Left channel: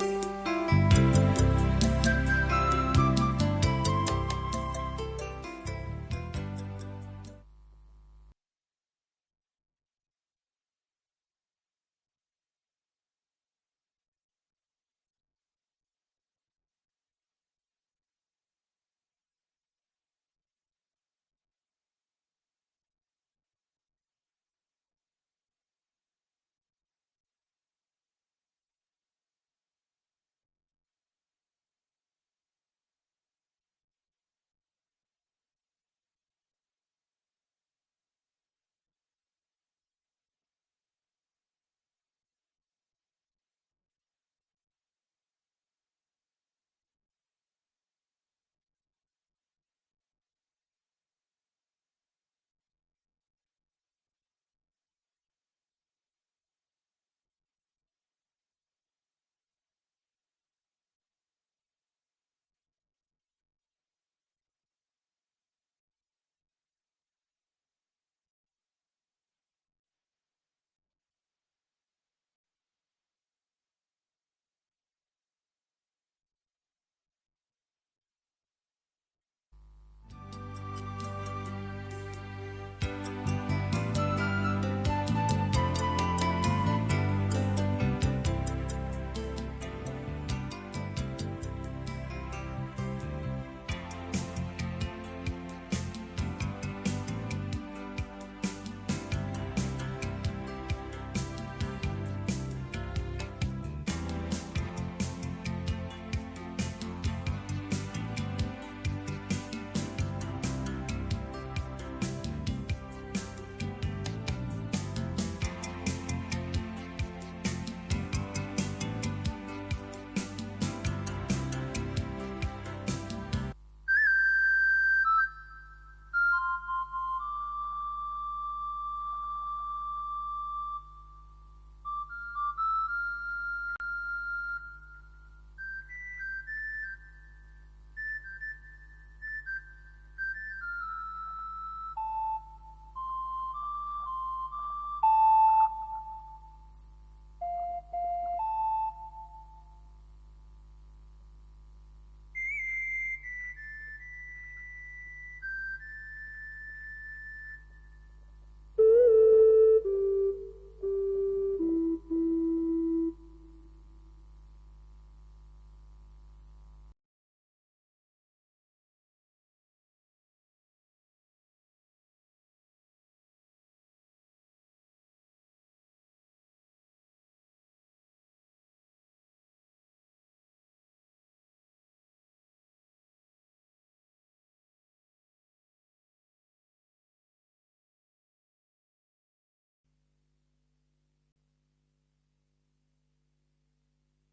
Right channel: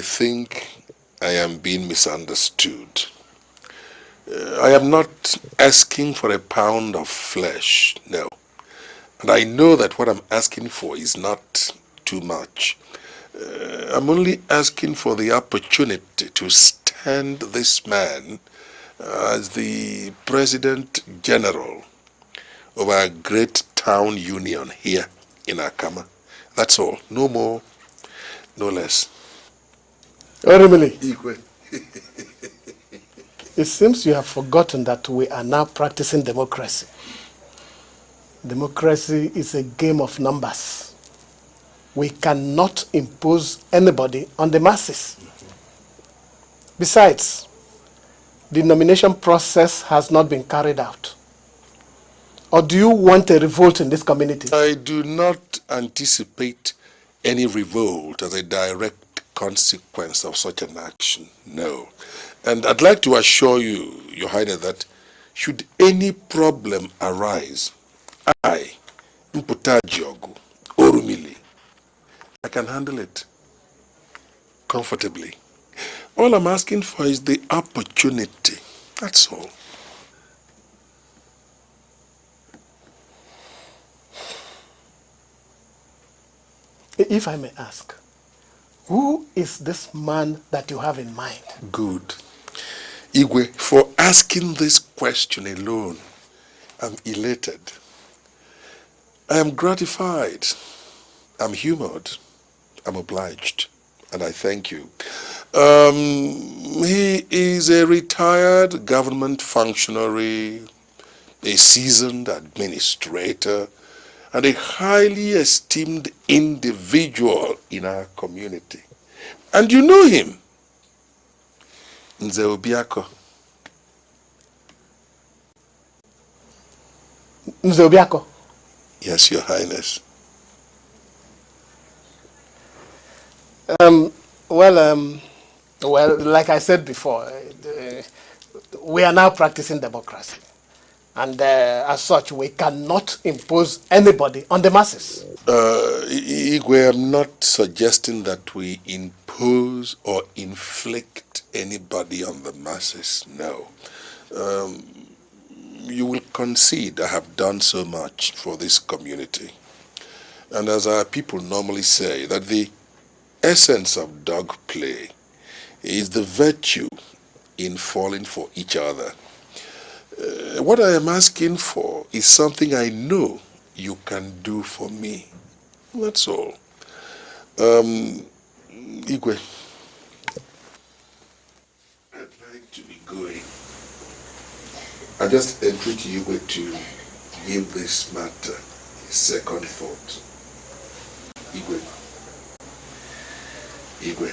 think I am being misunderstood. I am not asking for a pound of flesh, no. And I know that what I'm asking for is not too much. I'm only asking for the opportunity to stand this man as the President General of our great town union here in Akama. That's all. No more, no less. Orimili, it seems you have forgotten that we are now practicing democracy. Democracy is a game of numbers. We cannot impose anybody on the masses. Besides, the nomination process has not been carried out. Or do you want a revolt in this community? I do not anticipate any revolt as a direct consequence of such an action, no. And I'd like to assure you, Your Highness, that should any problem arise, I, Mputajogu, Orumili, I can handle it comfortably. All I'm asking for is the opportunity, that's all. If I may ask, who is this man that you have in mind? Good. Igwe, for asking this question alone, I'm elated. I am gratified. I'm humored. I'm obliged. And I thank you. He is a retired government functionary, a seasoned administrator, and a highly esteemed individual in our community. And you know him, Nze Obiako. Nze Obiako? Yes, Your Highness. Well, like I said before, we are now practicing democracy. And as such, we cannot impose anybody on the masses. Igwe, I'm not suggesting that we impose or inflict anybody on the masses, no. You will concede I have done so much for this community. And as our people normally say, that the essence of dog play is the virtue in falling for each other. What I am asking for is something I know you can do for me. That's all. Igwe, I'd like to be going. I just entreat Igwe to give this matter a second thought. Igwe. Igwe.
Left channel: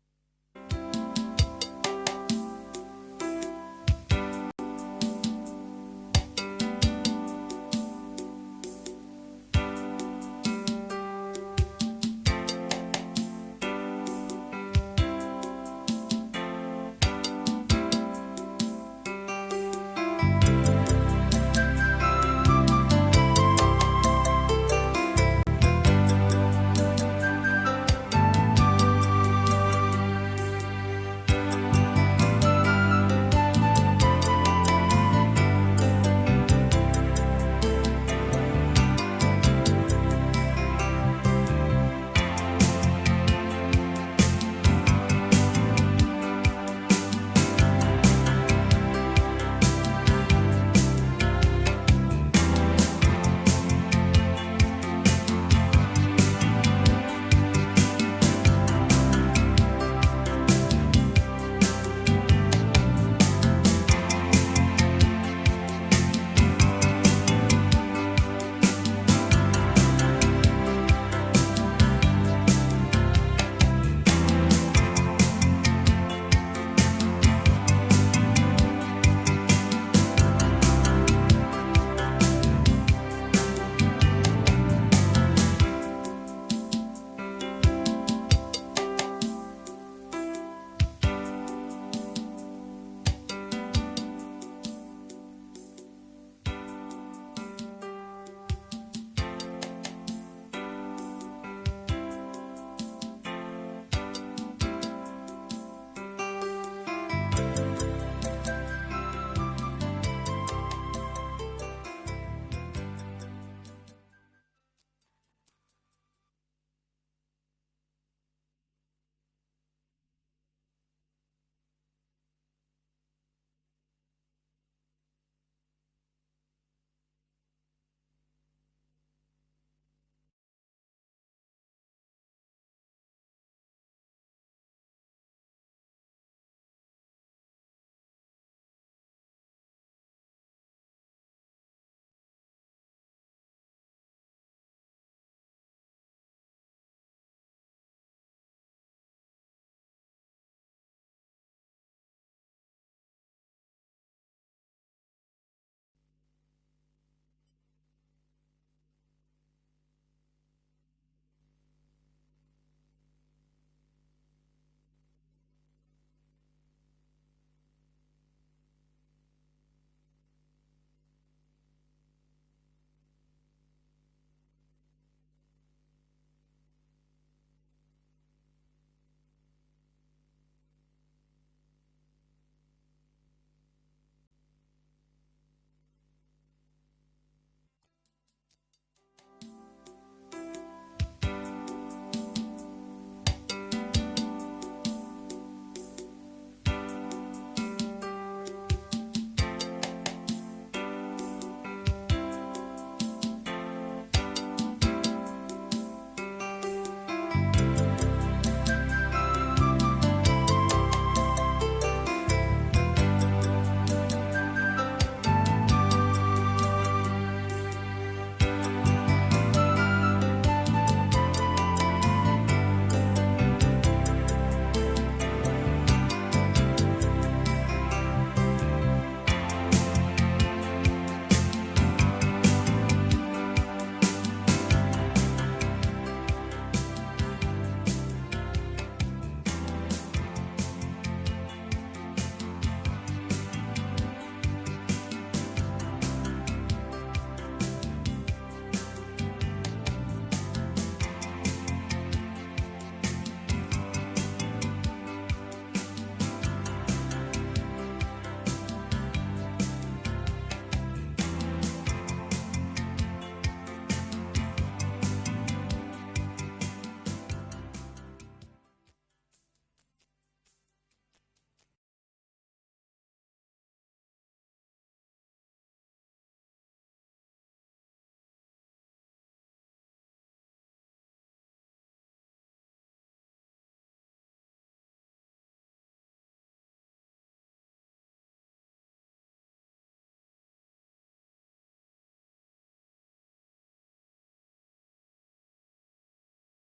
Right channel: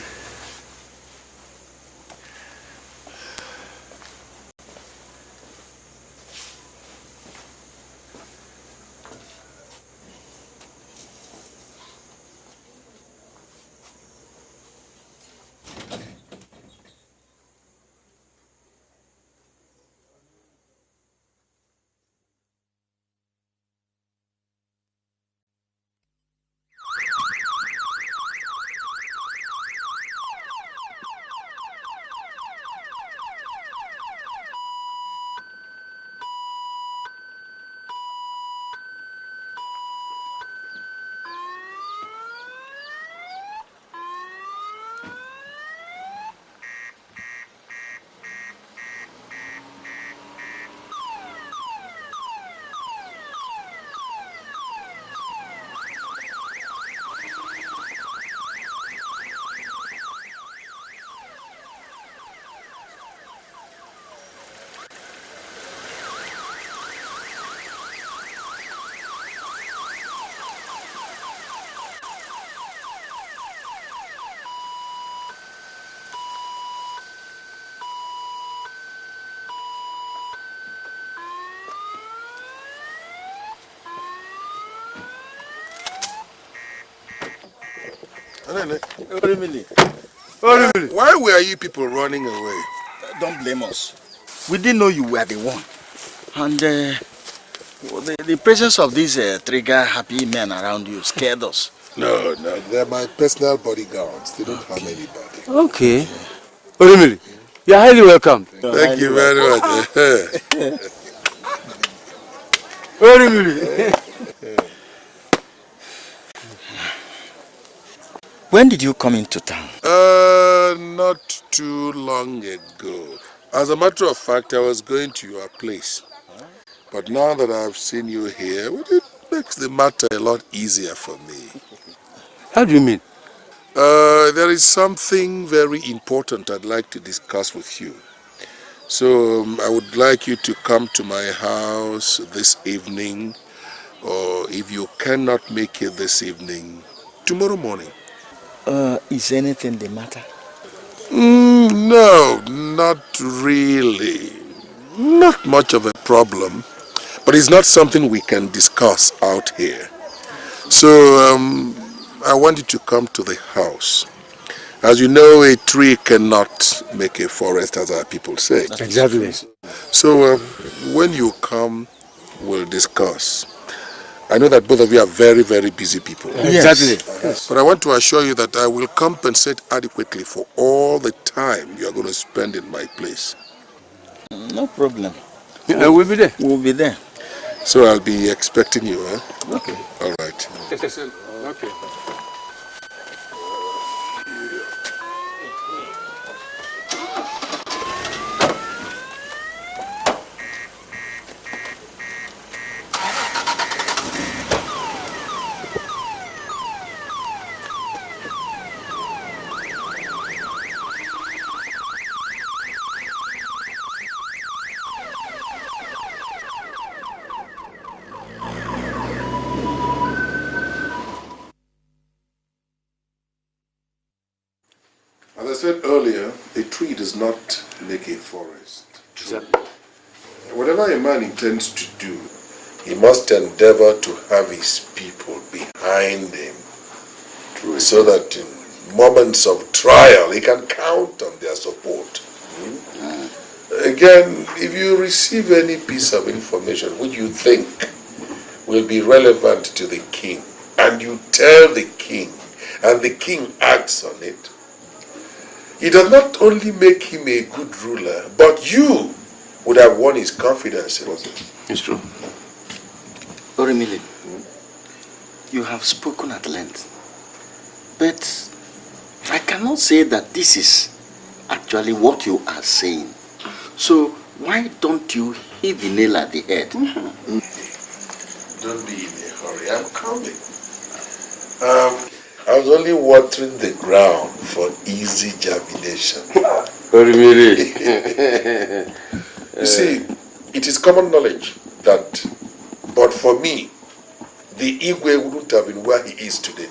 Why were you people running away? Don't blame us. We didn't know you were the one. And the presence of these trigger-happy men around you scared us. No, they're my personal bodyguards. They don't harm anybody. Okay. Orimiri, you're highly welcome. Thank you very much. Orimiri. When did you come into town? Not too long ago. As a matter of fact, I was going to your place. But now that I've seen you here, well, it makes the matter a lot easier for me. How do you mean? There is something very important I'd like to discuss with you. So I would like you to come to my house this evening, or if you cannot make it this evening, tomorrow morning. Is anything the matter? No, not really. Not much of a problem, but it's not something we can discuss out here. So I want you to come to the house. As you know, a tree cannot make a forest, as our people say. Exactly. So when you come, we'll discuss. I know that both of you are very, very busy people. Exactly. Yes. But I want to assure you that I will compensate adequately for all the time you are going to spend in my place. No problem. We'll be there. We'll be there. So I'll be expecting you, huh? Okay. All right. Okay. As I said earlier, a tree does not make a forest. Whatever a man intends to do, he must endeavor to have his people behind him, so that in moments of trial he can count on their support. Again, if you receive any piece of information which you think will be relevant to the king, and you tell the king, and the king acts on it, it does not only make him a good ruler, but you would have won his confidence in him. It's true. Orimili, you have spoken at length, but I cannot say that this is actually what you are saying. So why don't you hit the nail at the head? Don't be in a hurry, I'm coming. I was only watering the ground for easy germination. You see, it is common knowledge that, but for me, the Igwe wouldn't have been where he is today.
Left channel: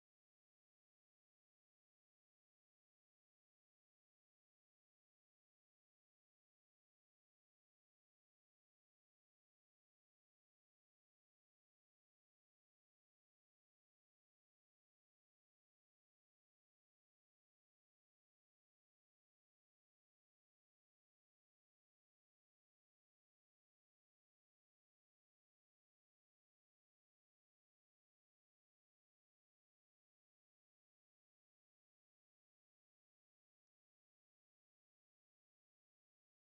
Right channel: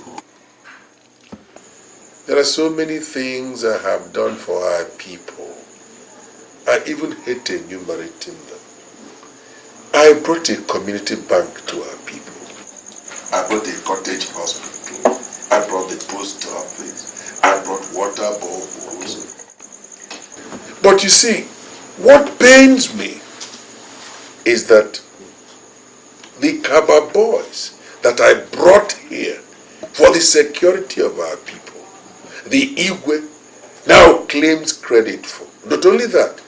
There are so many things I have done for our people. I even hate enumerating them. I brought a community bank to our people. I brought a cottage hospital. I brought the post office. I brought water boreholes. But you see, what pains me is that the Kaba boys that I brought here for the security of our people, the Igwe now claims credit for. Not only that,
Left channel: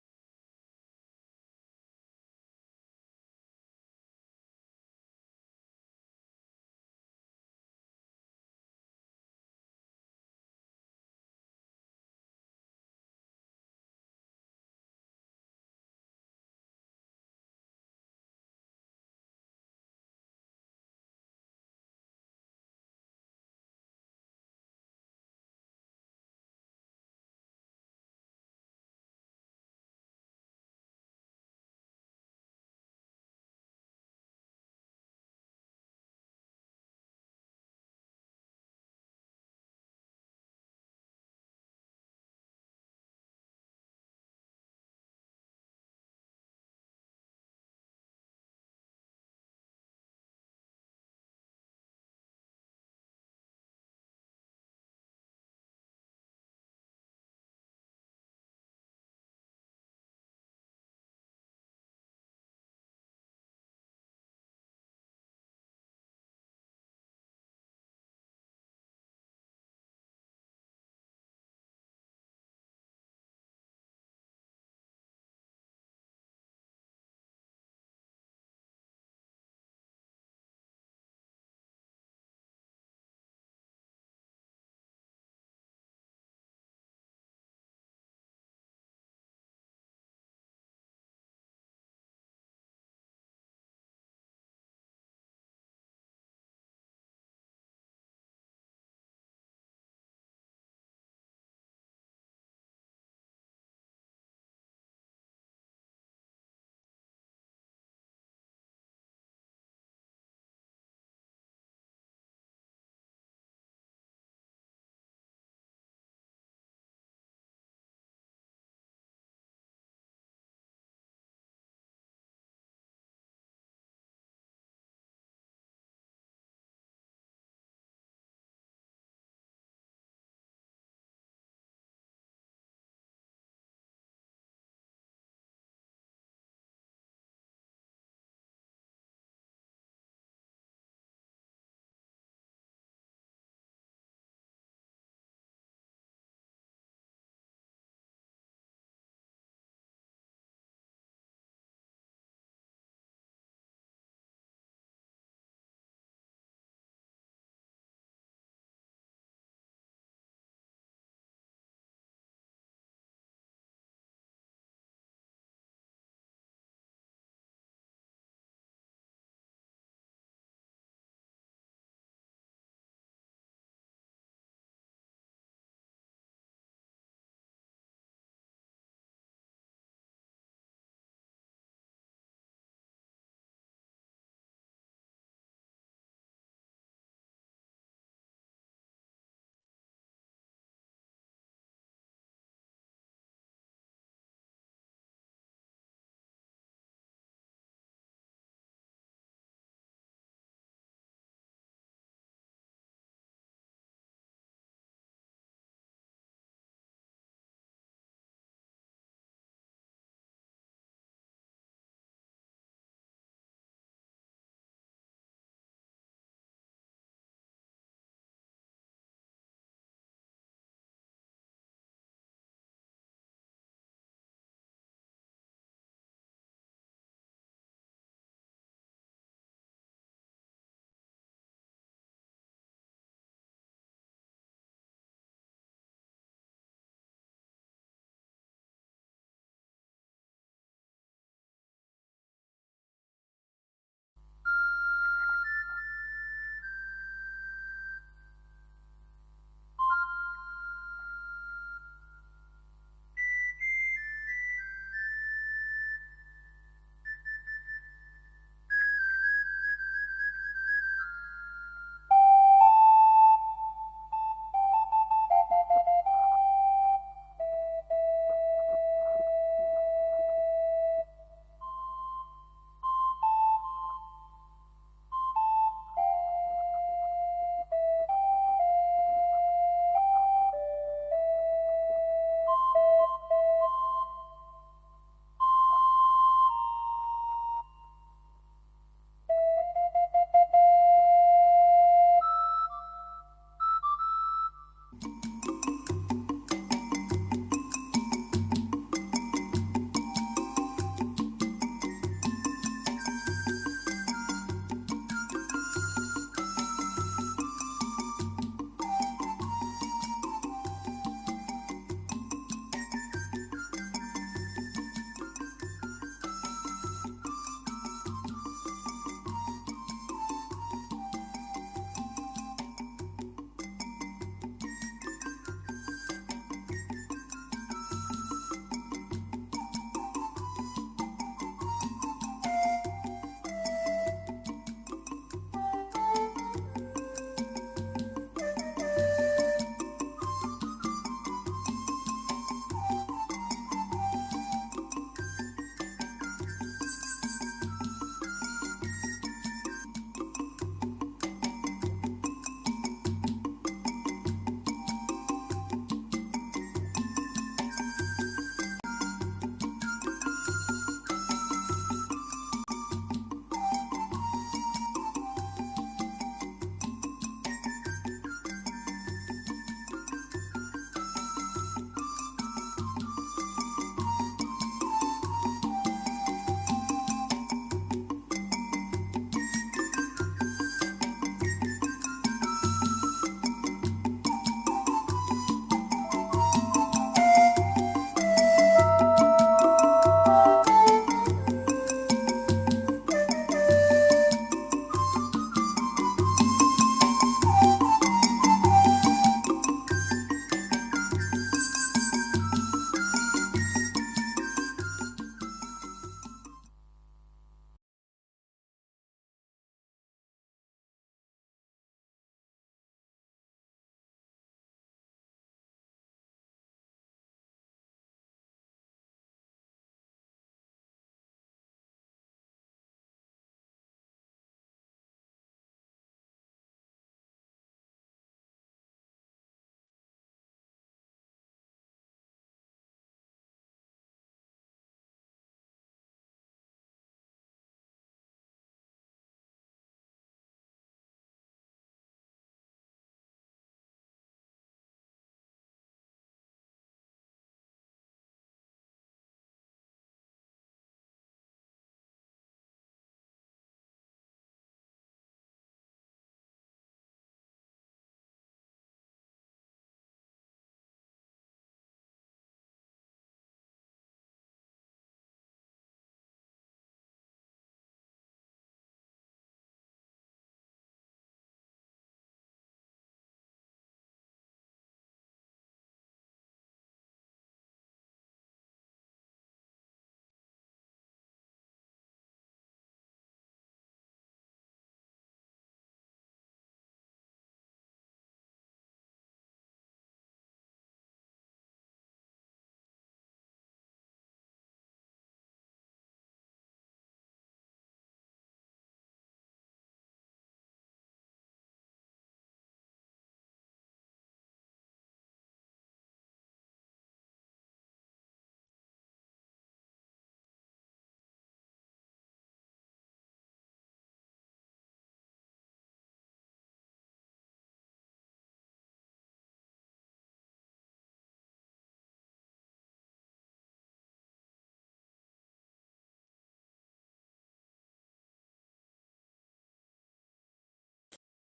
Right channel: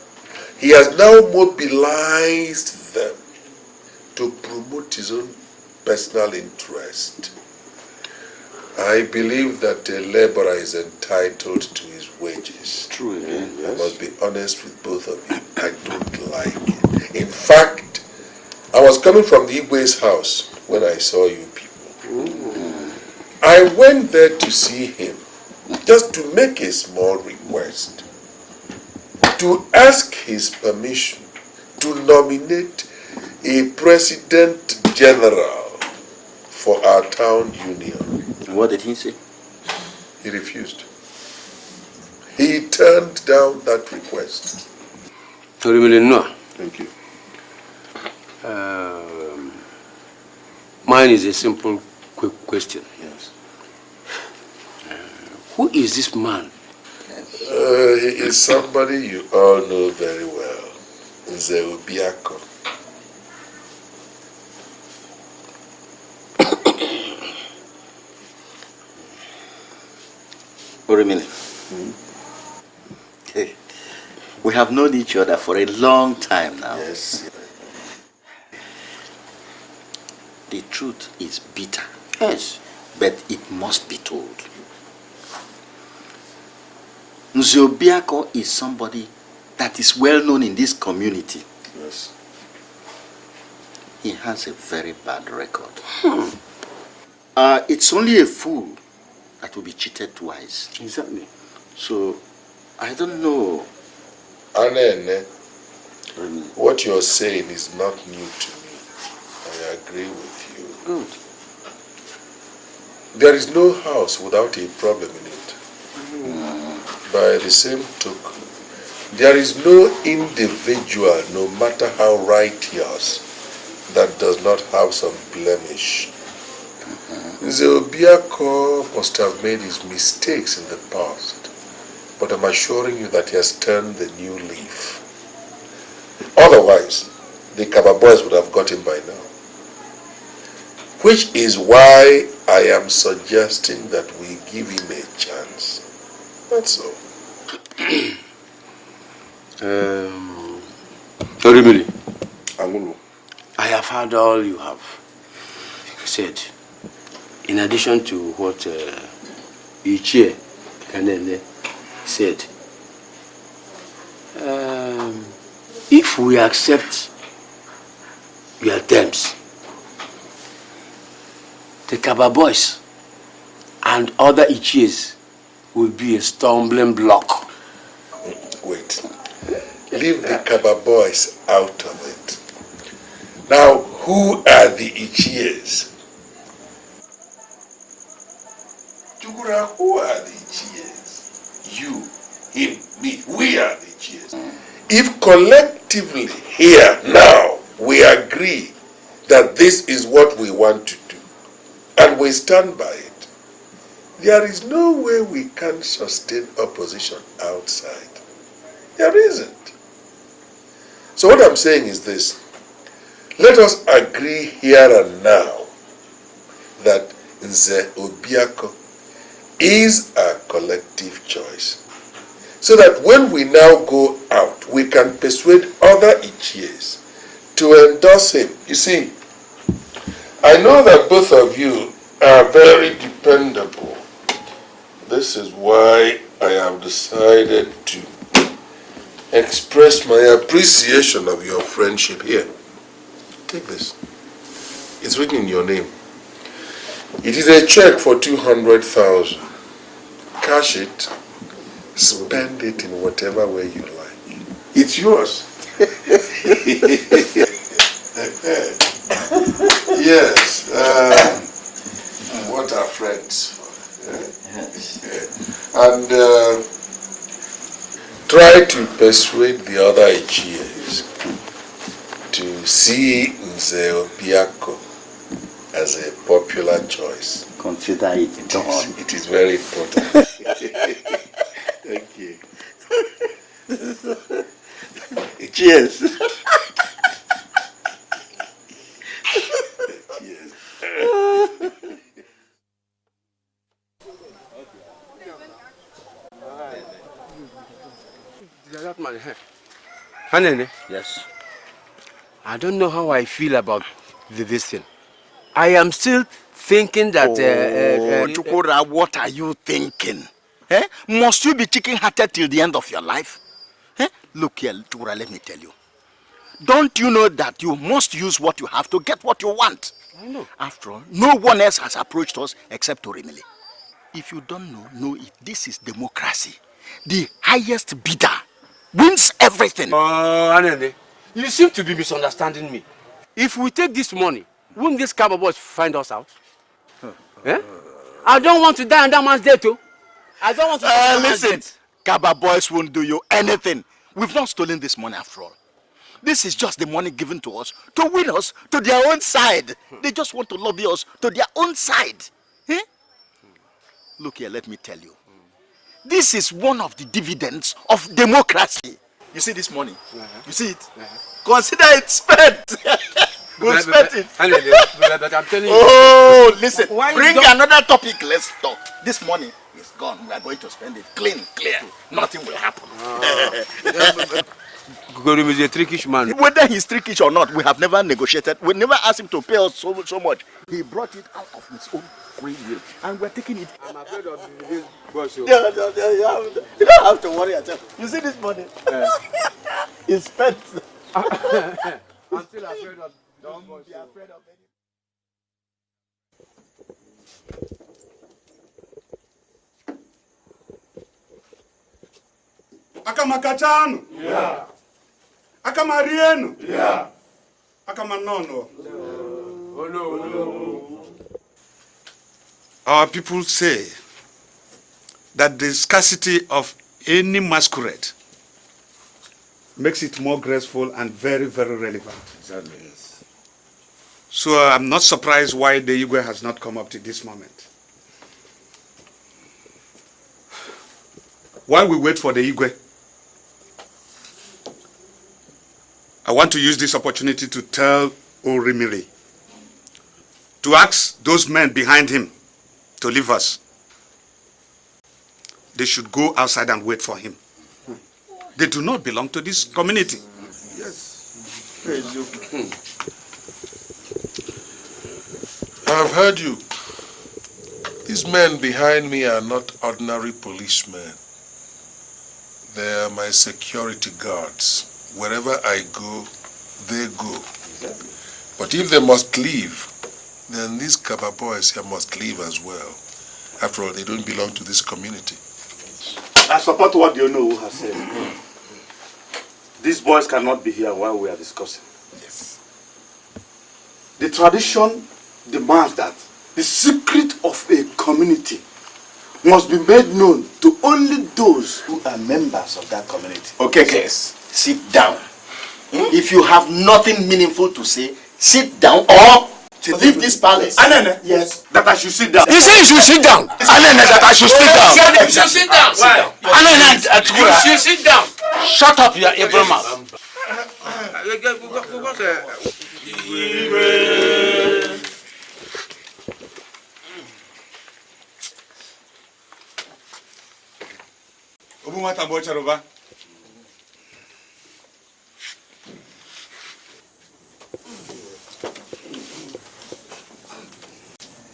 he has now mobilized them to promote his own personal interest. I believe that a laborer is entitled to his wages. True again, yes. I must be honest with both of you. I don't like it. In fact, I was coming from the Igwe's house when I saw you people. I went there to see him, just to make a small request, to ask his permission to nominate a president general for our town union. What did he say? He refused. He turned down that request. No. Thank you. Mine is a simple, quick question. Yes. Who is this man? He is somebody you all know very well. Zeubiako. Orimili, We have known each other for a long time now. Yes. The truth is bitter. Yes. But it must be told. Nze Obiako is somebody that is well known in this community. Yes. He has a very bad record. It's only a fool that will be cheated twice. Exactly. So, I don't know. Anene, what you're saying is not new to me. I agree with you. Good. There is no house without a problem in it. By the same token, there is no individual, no matter how righteous, that does not have some blemish. Nze Obiako must have made his mistakes in the past, but I'm assuring you that he has turned the new leaf. Otherwise, the Kaba boys would have got him by now. Which is why I am suggesting that we give him a chance. That's all. Orimiri, Angulu. I have heard all you have said. In addition to what Ichie Kanene said, if we accept your terms, the Kaba boys and other Ichies will be a stumbling block. Wait. Leave the Kaba boys out of it. Now, who are the Ichies? Chukura, who are the Ichies? You, him, me, we are the Ichies. If collectively here, now, we agree that this is what we want to do, and we stand by it, there is no way we can sustain opposition outside. There isn't. So what I'm saying is this. Let us agree here and now that Nze Obiako is a collective choice. So that when we now go out, we can persuade other Ichies to endorse him. You see, I know that both of you are very dependable. This is why I have decided to express my appreciation of your friendship here. Take this. It's written in your name. It is a check for 200,000. Cash it. Spend it in whatever way you like. It's yours. Yes. What are friends for? And try to persuade the other Ichies to see Nze Obiako as a popular choice. Consider it done. It is very important. Thank you. Cheers. Hanene, Yes. I don't know how I feel about this thing. I am still thinking that... Chukura, what are you thinking? Eh? Must you be chicken-hearted till the end of your life? Eh? Look here, Chukura, let me tell you. Don't you know that you must use what you have to get what you want? No. After all, no one else has approached us except Orimili. If you don't know it. This is democracy. The highest bidder wins everything. Hanene, you seem to be misunderstanding me. If we take this money, won't these Kaba boys find us out? Eh? I don't want to die on that man's death, too. I don't want to Listen, Kaba boys won't do you anything. We've not stolen this money after all. This is just the money given to us to win us to their own side. They just want to lobby us to their own side. Eh? Look here, let me tell you. This is one of the dividends of democracy. You see this money? You see it? Consider it spent. We'll spend it. I'm telling you. Oh, listen. Why Bring don't- another topic. Let's talk. This money is gone. We are going to spend it clean, clear. Nothing will happen. Gorim is a trickish man. Whether he's trickish or not, we have never negotiated. We never asked him to pay us so much. He brought it out of his own free will, and we're taking it. Yeah. You don't have to worry at all. You see this money? It's spent. Akamakatano. Yeah. Akamarieno. Yeah. Akamanono. Oh no. Our people say that the scarcity of any masquerade makes it more graceful and very, very relevant. Exactly. So I'm not surprised why the Igwe has not come up to this moment. While we wait for the Igwe, I want to use this opportunity to tell Orimiri to ask those men behind him to leave us. They should go outside and wait for him. They do not belong to this community. Yes. Praise you. I've heard you. These men behind me are not ordinary policemen. They are my security guards. Wherever I go, they go. Exactly. But if they must leave, then these Kaba boys here must leave as well. After all, they don't belong to this community. I support what you know has said. These boys cannot be here while we are discussing. Yes. The tradition demands that the secret of a community must be made known to only those who are members of that community. Okay, Kes, sit down. If you have nothing meaningful to say, sit down or leave this palace. Anene, yes. that I should sit down. He said you should sit down. Anene, that I should sit down. You should sit down. Why? You should sit down. Shut up, your evil mouth.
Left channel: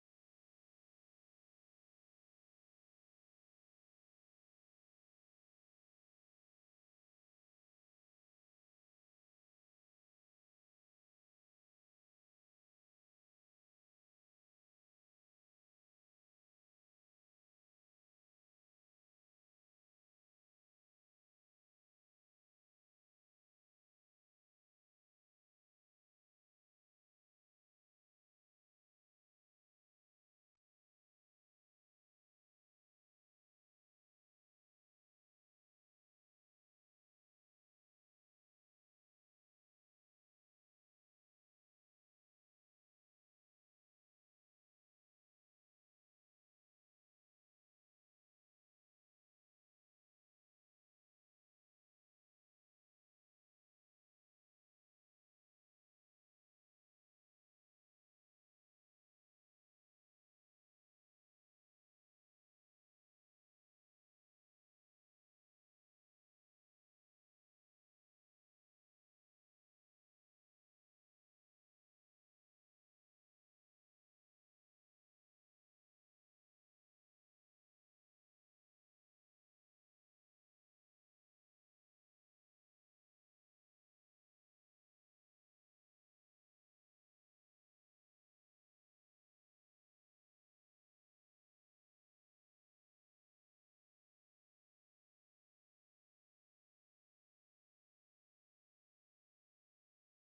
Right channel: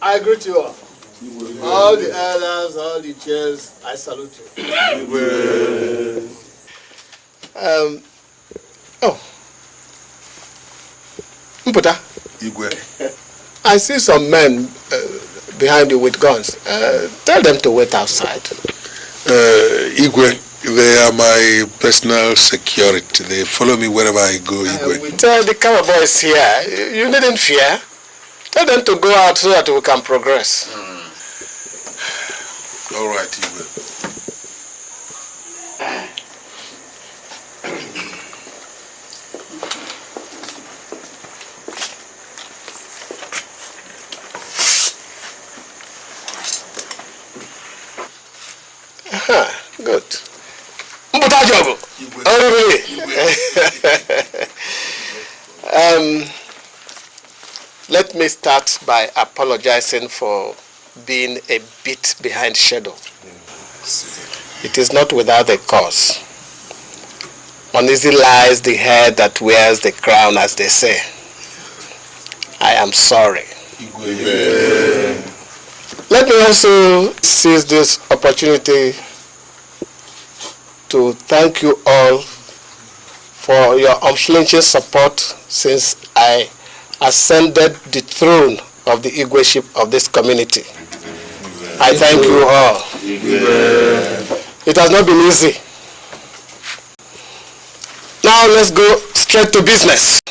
I greet you all. All the elders, all the chairs, I salute you. Mputa, Igwe. I see some men behind you with guns. Tell them to wait outside. Igwe, they are my personal security. They follow me wherever I go, Igwe. Tell the cover boys here, you needn't fear. Tell them to go out so that we can progress. All right, Igwe. Good. Mputa Jogo. Let me start by apologizing for being a bit behind schedule. It is not without a cause. Uneasy lies the head that wears the crown, as they say. I am sorry. Let me also seize this opportunity to thank you all for your unflinching support since I ascended the throne of the Igweship of this community. I thank you all. It has not been easy. Now let's go straight to business.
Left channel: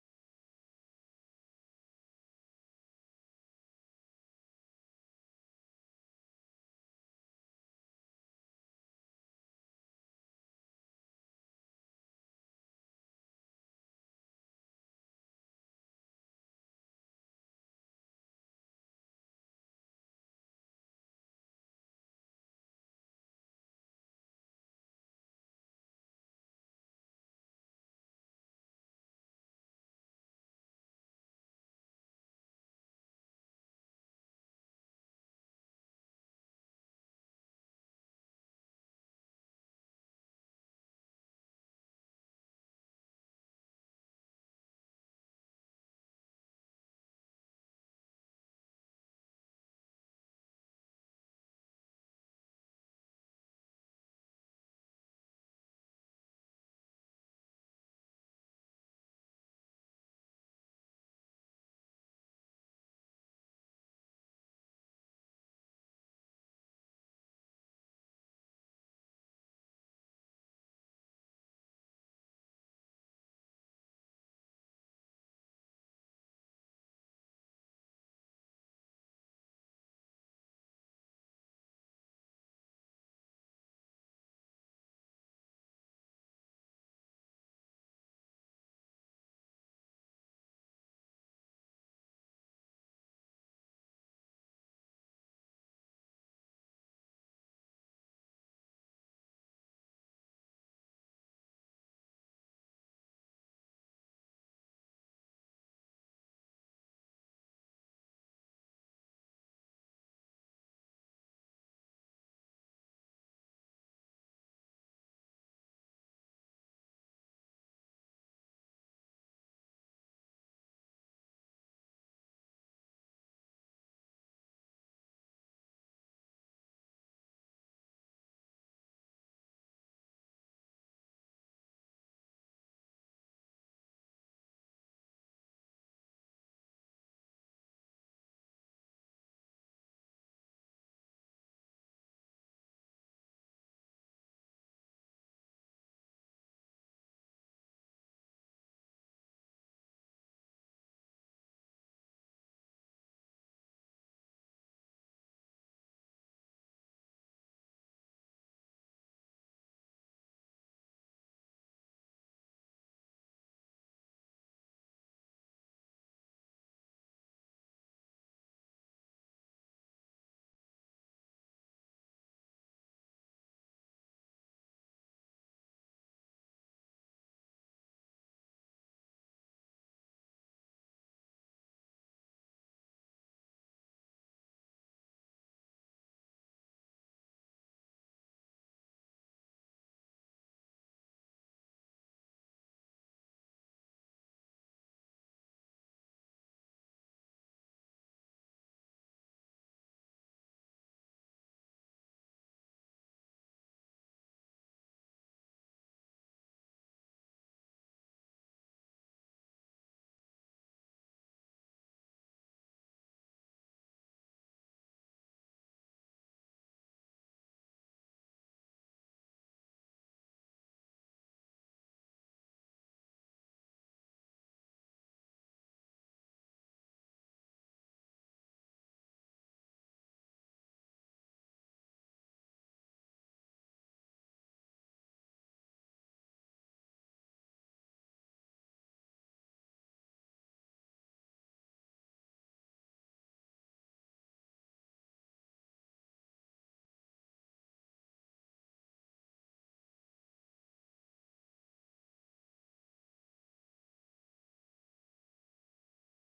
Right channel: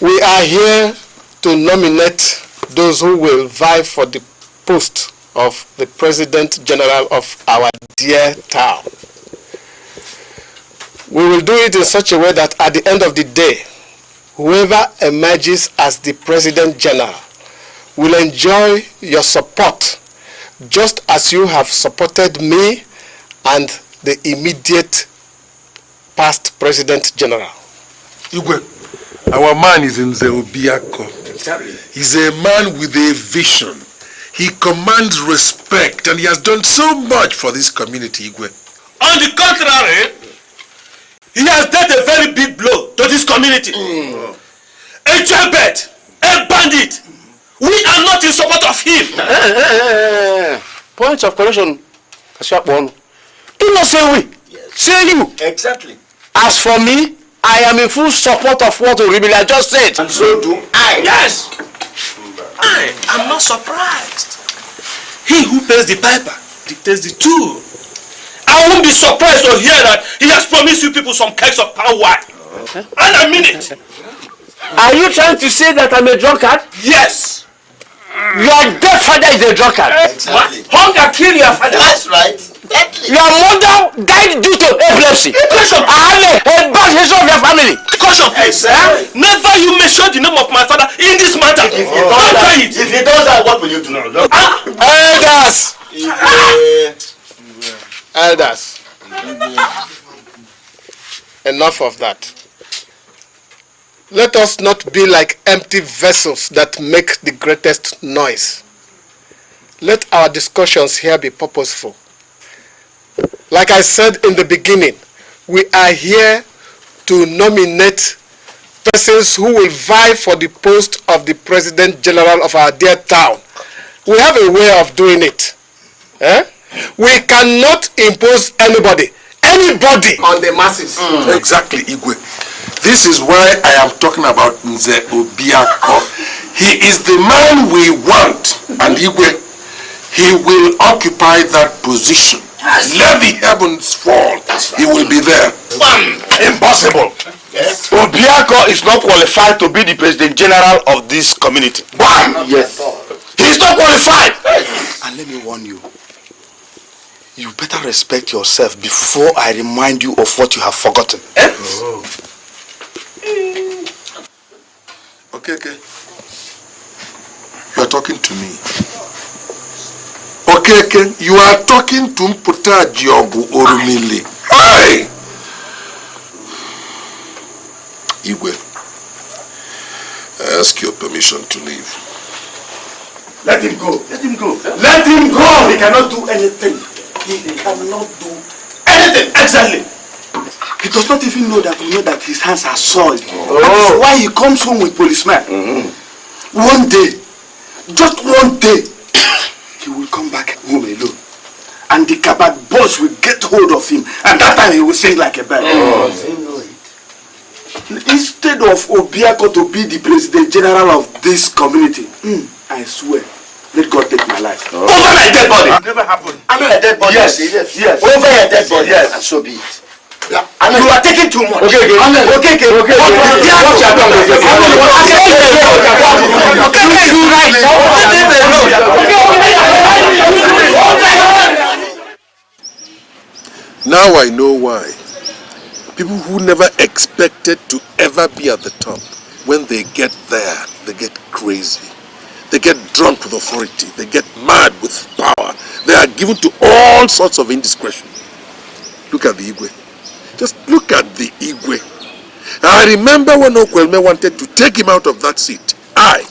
We are here to nominate those who will vie for the post of the President General of our dear town. We will do it in such a way that at the end of the day, whoever emerges as the President General will enjoy your support just as you have supported me and the immediate past President General. Igwe, our man is in Zeobiako. He's a man with a vision. He commands respect and he has done so much for this community, Igwe. On the contrary, he has dealt a very big blow to this community. A jailbird, a bandit. We are not in support of him. Point of correction. Do not say we. Yes. Say you. Exactly. As for me, I am in full support of what Oribili just said. And so do I. Yes. I am not surprised. He who pays the piper dictates the tune. I won't be surprised to hear that he has promised you people some kegs of palm wine. And I mean it. Are you trying to say that I'm a drunkard? Yes. Your dead father is a drunkard. Exactly. Hunger killed your father. That's right. Deadly. Your mother died due to epilepsy. I have a bad history of your family. Caution, please. Exactly. Never you mention the name of my father in this matter. If he does that, what will you do now? Elders! Elders. Enough of that. Let us not be like empty vessels that make the greatest noise. Let our discussions here be purposeful. Like I said in the beginning, we are here to nominate persons who will vie for the post of the President General of our dear town. We have a way of doing it. We cannot impose anybody on the masses. Exactly, Igwe. This is why I am talking about Nze Obiako. He is the man we want, and Igwe, he will occupy that position. Yes. Let the heavens fall. He will be there. Impossible. Yes. Obiako is not qualified to be the President General of this community. Why? Yes. He is not qualified. Yes. And let me warn you. You better respect yourself before I remind you of what you have forgotten. Oh. Okay. You are talking to me. Okay. You are talking to Mputa Jiogu Orumili. Aye. Igwe, I ask your permission to leave. Let him go. Let him go. Let him go. He cannot do anything. He cannot do anything. Exactly. He does not even know that his hands are soiled. That is why he comes home with policemen. One day, just one day, he will come back home alone. And the Kabad boss will get hold of him. And that time he will sing like a bird. Instead of Obiako to be the President General of this community, I swear, let God take my life. Over my dead body. Never happened. Under a dead body. Yes. Over a dead body. Yes. And so be it. Yeah. You are taking too much. Okay. Now I know why. People who never expected to ever be at the top, when they get there, they get crazy. They get drunk with authority. They get mad with power. They are given to all sorts of indiscretion. Look at the Igwe. Just look at the Igwe. I remember when Okwelme wanted to take him out of that seat. I,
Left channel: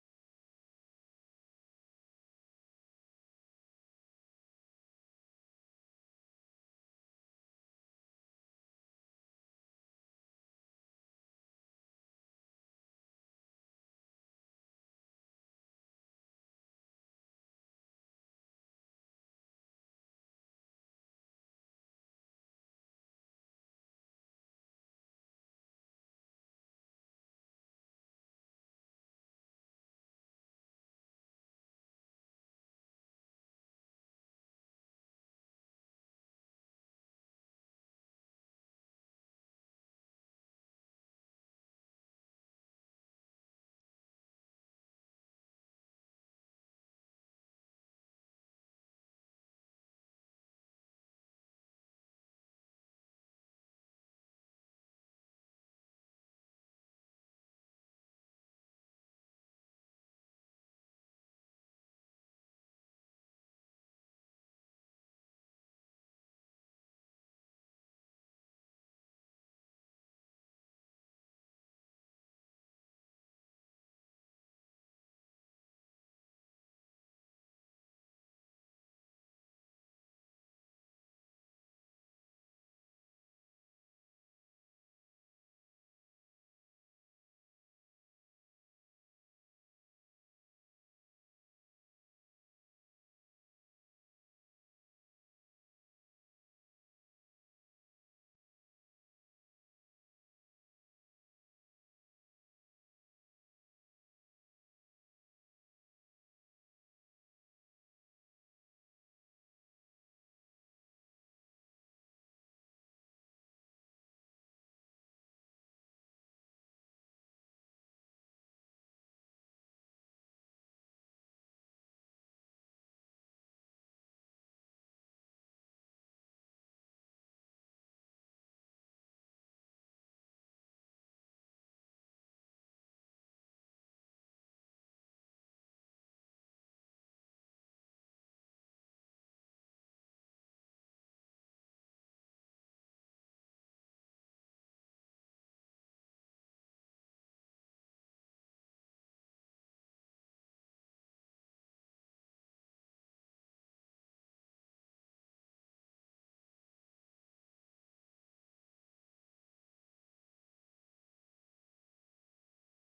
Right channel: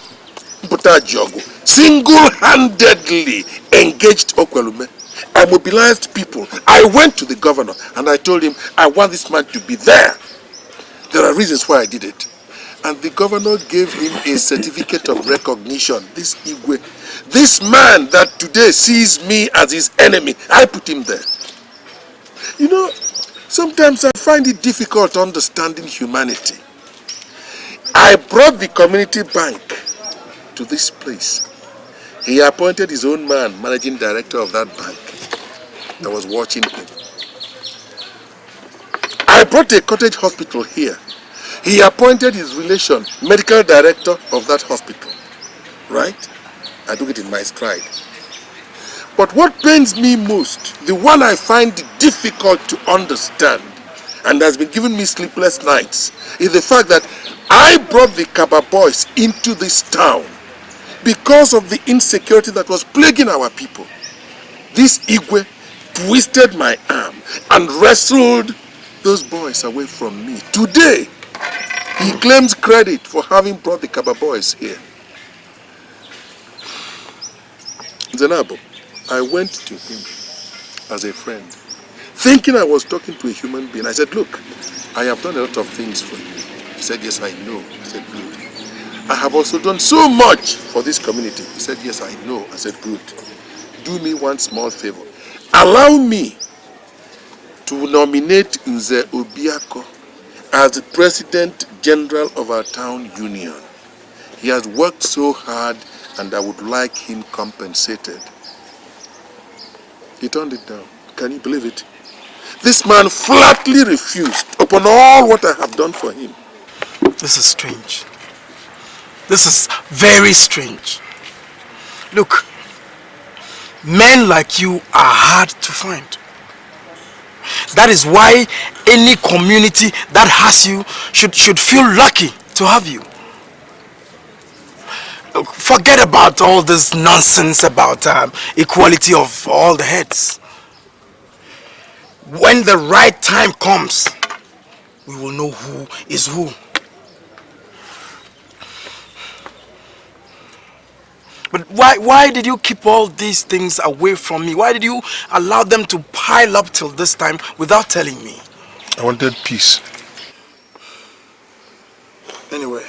Mputa Jiogu, single-handedly engaged Okwelme. I mobilized people. I went to the governor and I told him, I want this man to be there. There are reasons why I did it. And the governor gave him a certificate of recognition. This Igwe, this man that today sees me as his enemy, I put him there. You know, sometimes I find it difficult understanding humanity. I brought the community bank to this place. He appointed his own man, managing director of that bank, that was watching him. I brought a cottage hospital here. He appointed his relation, medical director of that hospital. Right? I took it in my stride. But what pains me most, the one I find difficult to understand, and has been giving me sleepless nights, is the fact that I brought the Kaba boys into this town because of the insecurity that was plaguing our people. This Igwe twisted my arm and wrestled those boys away from me. Today, he claims credit for having brought the Kaba boys here. Zenabo, I went to him as a friend, thinking I was talking to a human being. I said, look, I have done a lot of things for you. He said, yes, I know. I said, good. I have also done so much for this community. He said, yes, I know. I said, good. Do me one small favor. Allow me to nominate Nze Obiako as the President General of our town union. He has worked so hard and I would like him compensated. He turned it down. Can you believe it? This man flatly refused upon all what I have done for him. This is strange. This is very strange. Look, men like you are hard to find. That is why any community that has you should feel lucky to have you. Forget about all this nonsense about equality of all the heads. When the right time comes, we will know who is who. But why did you keep all these things away from me? Why did you allow them to pile up till this time without telling me? I wanted peace. Anyway,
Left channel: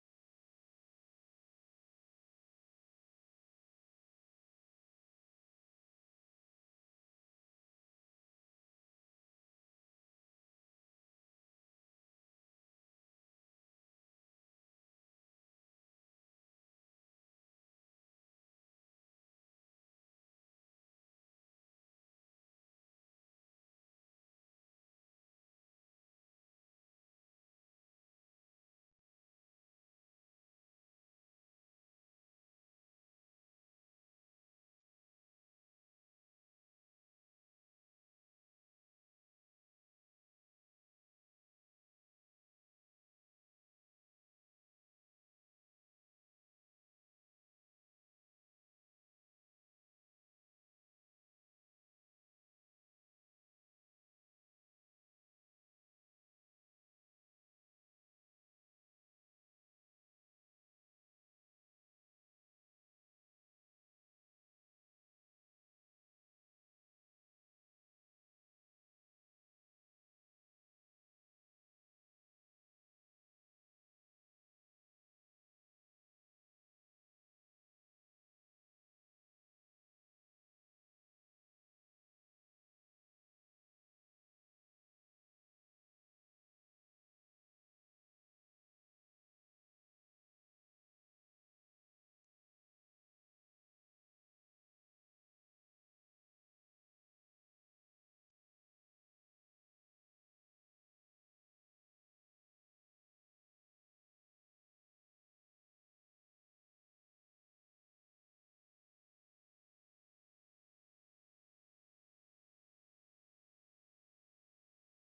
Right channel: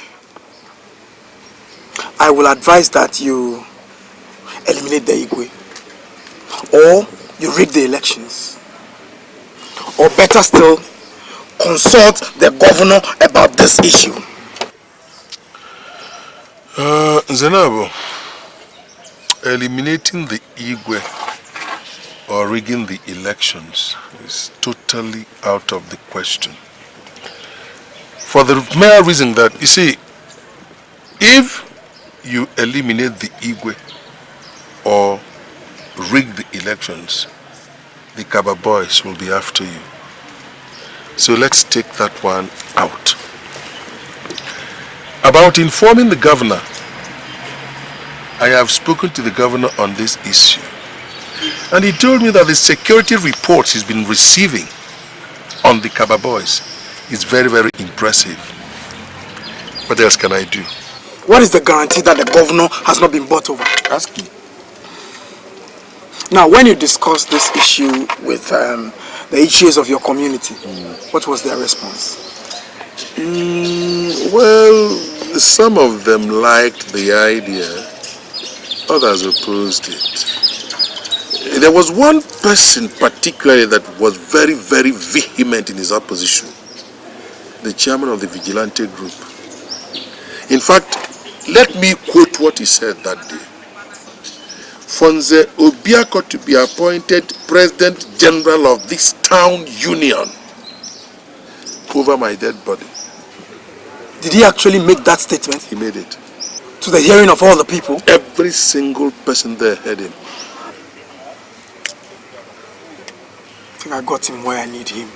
I will advise that you eliminate the Igwe, or you rig the elections, or better still, consult the governor about this issue. Zenabo, eliminating the Igwe or rigging the elections is totally out of the question. For the mere reason that, you see, if you eliminate the Igwe or rig the elections, the Kaba boys will be after you. So let's take that one out. About informing the governor, I have spoken to the governor on this issue, and he told me that the security reports he's been receiving on the Kaba boys is very, very impressive. What else can I do? What is the guarantee that the governor has not been bought over? Ask him. Now, when you discussed this issue with the issues of your community, what was their response? Well, some of them liked the idea, others opposed it. There was one person particularly that was very, very vehement in his opposition, the chairman of the vigilante group. In fact, let me quote what he said that day. For Nze Obiako to be appointed President General of this town union over my dead body. Did he actually make that statement? He made it. To the hearing of all the people? Every single person there heard him. I think I got him where I need him.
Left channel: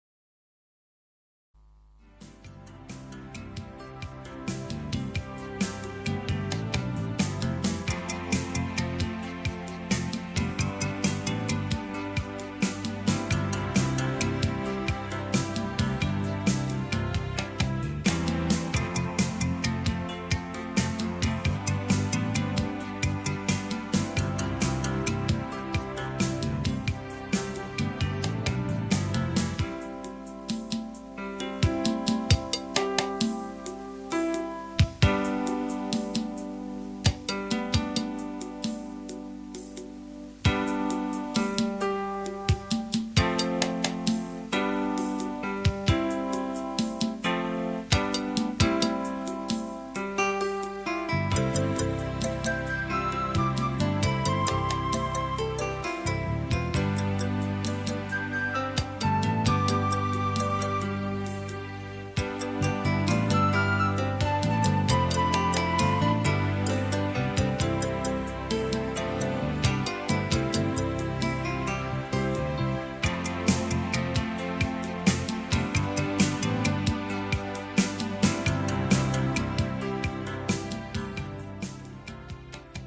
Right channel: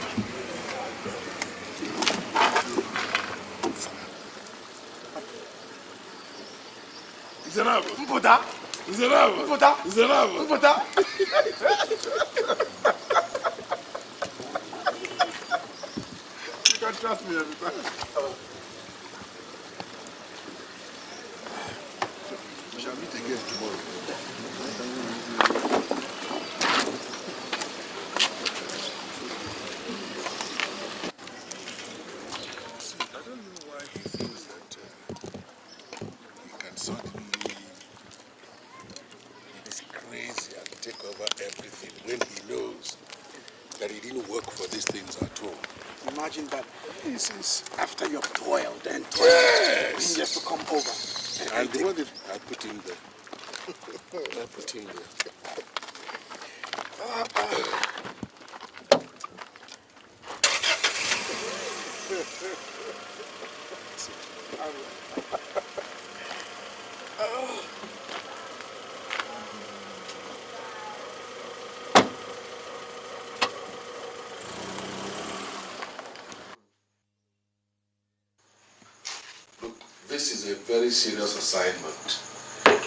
Very serious assignment,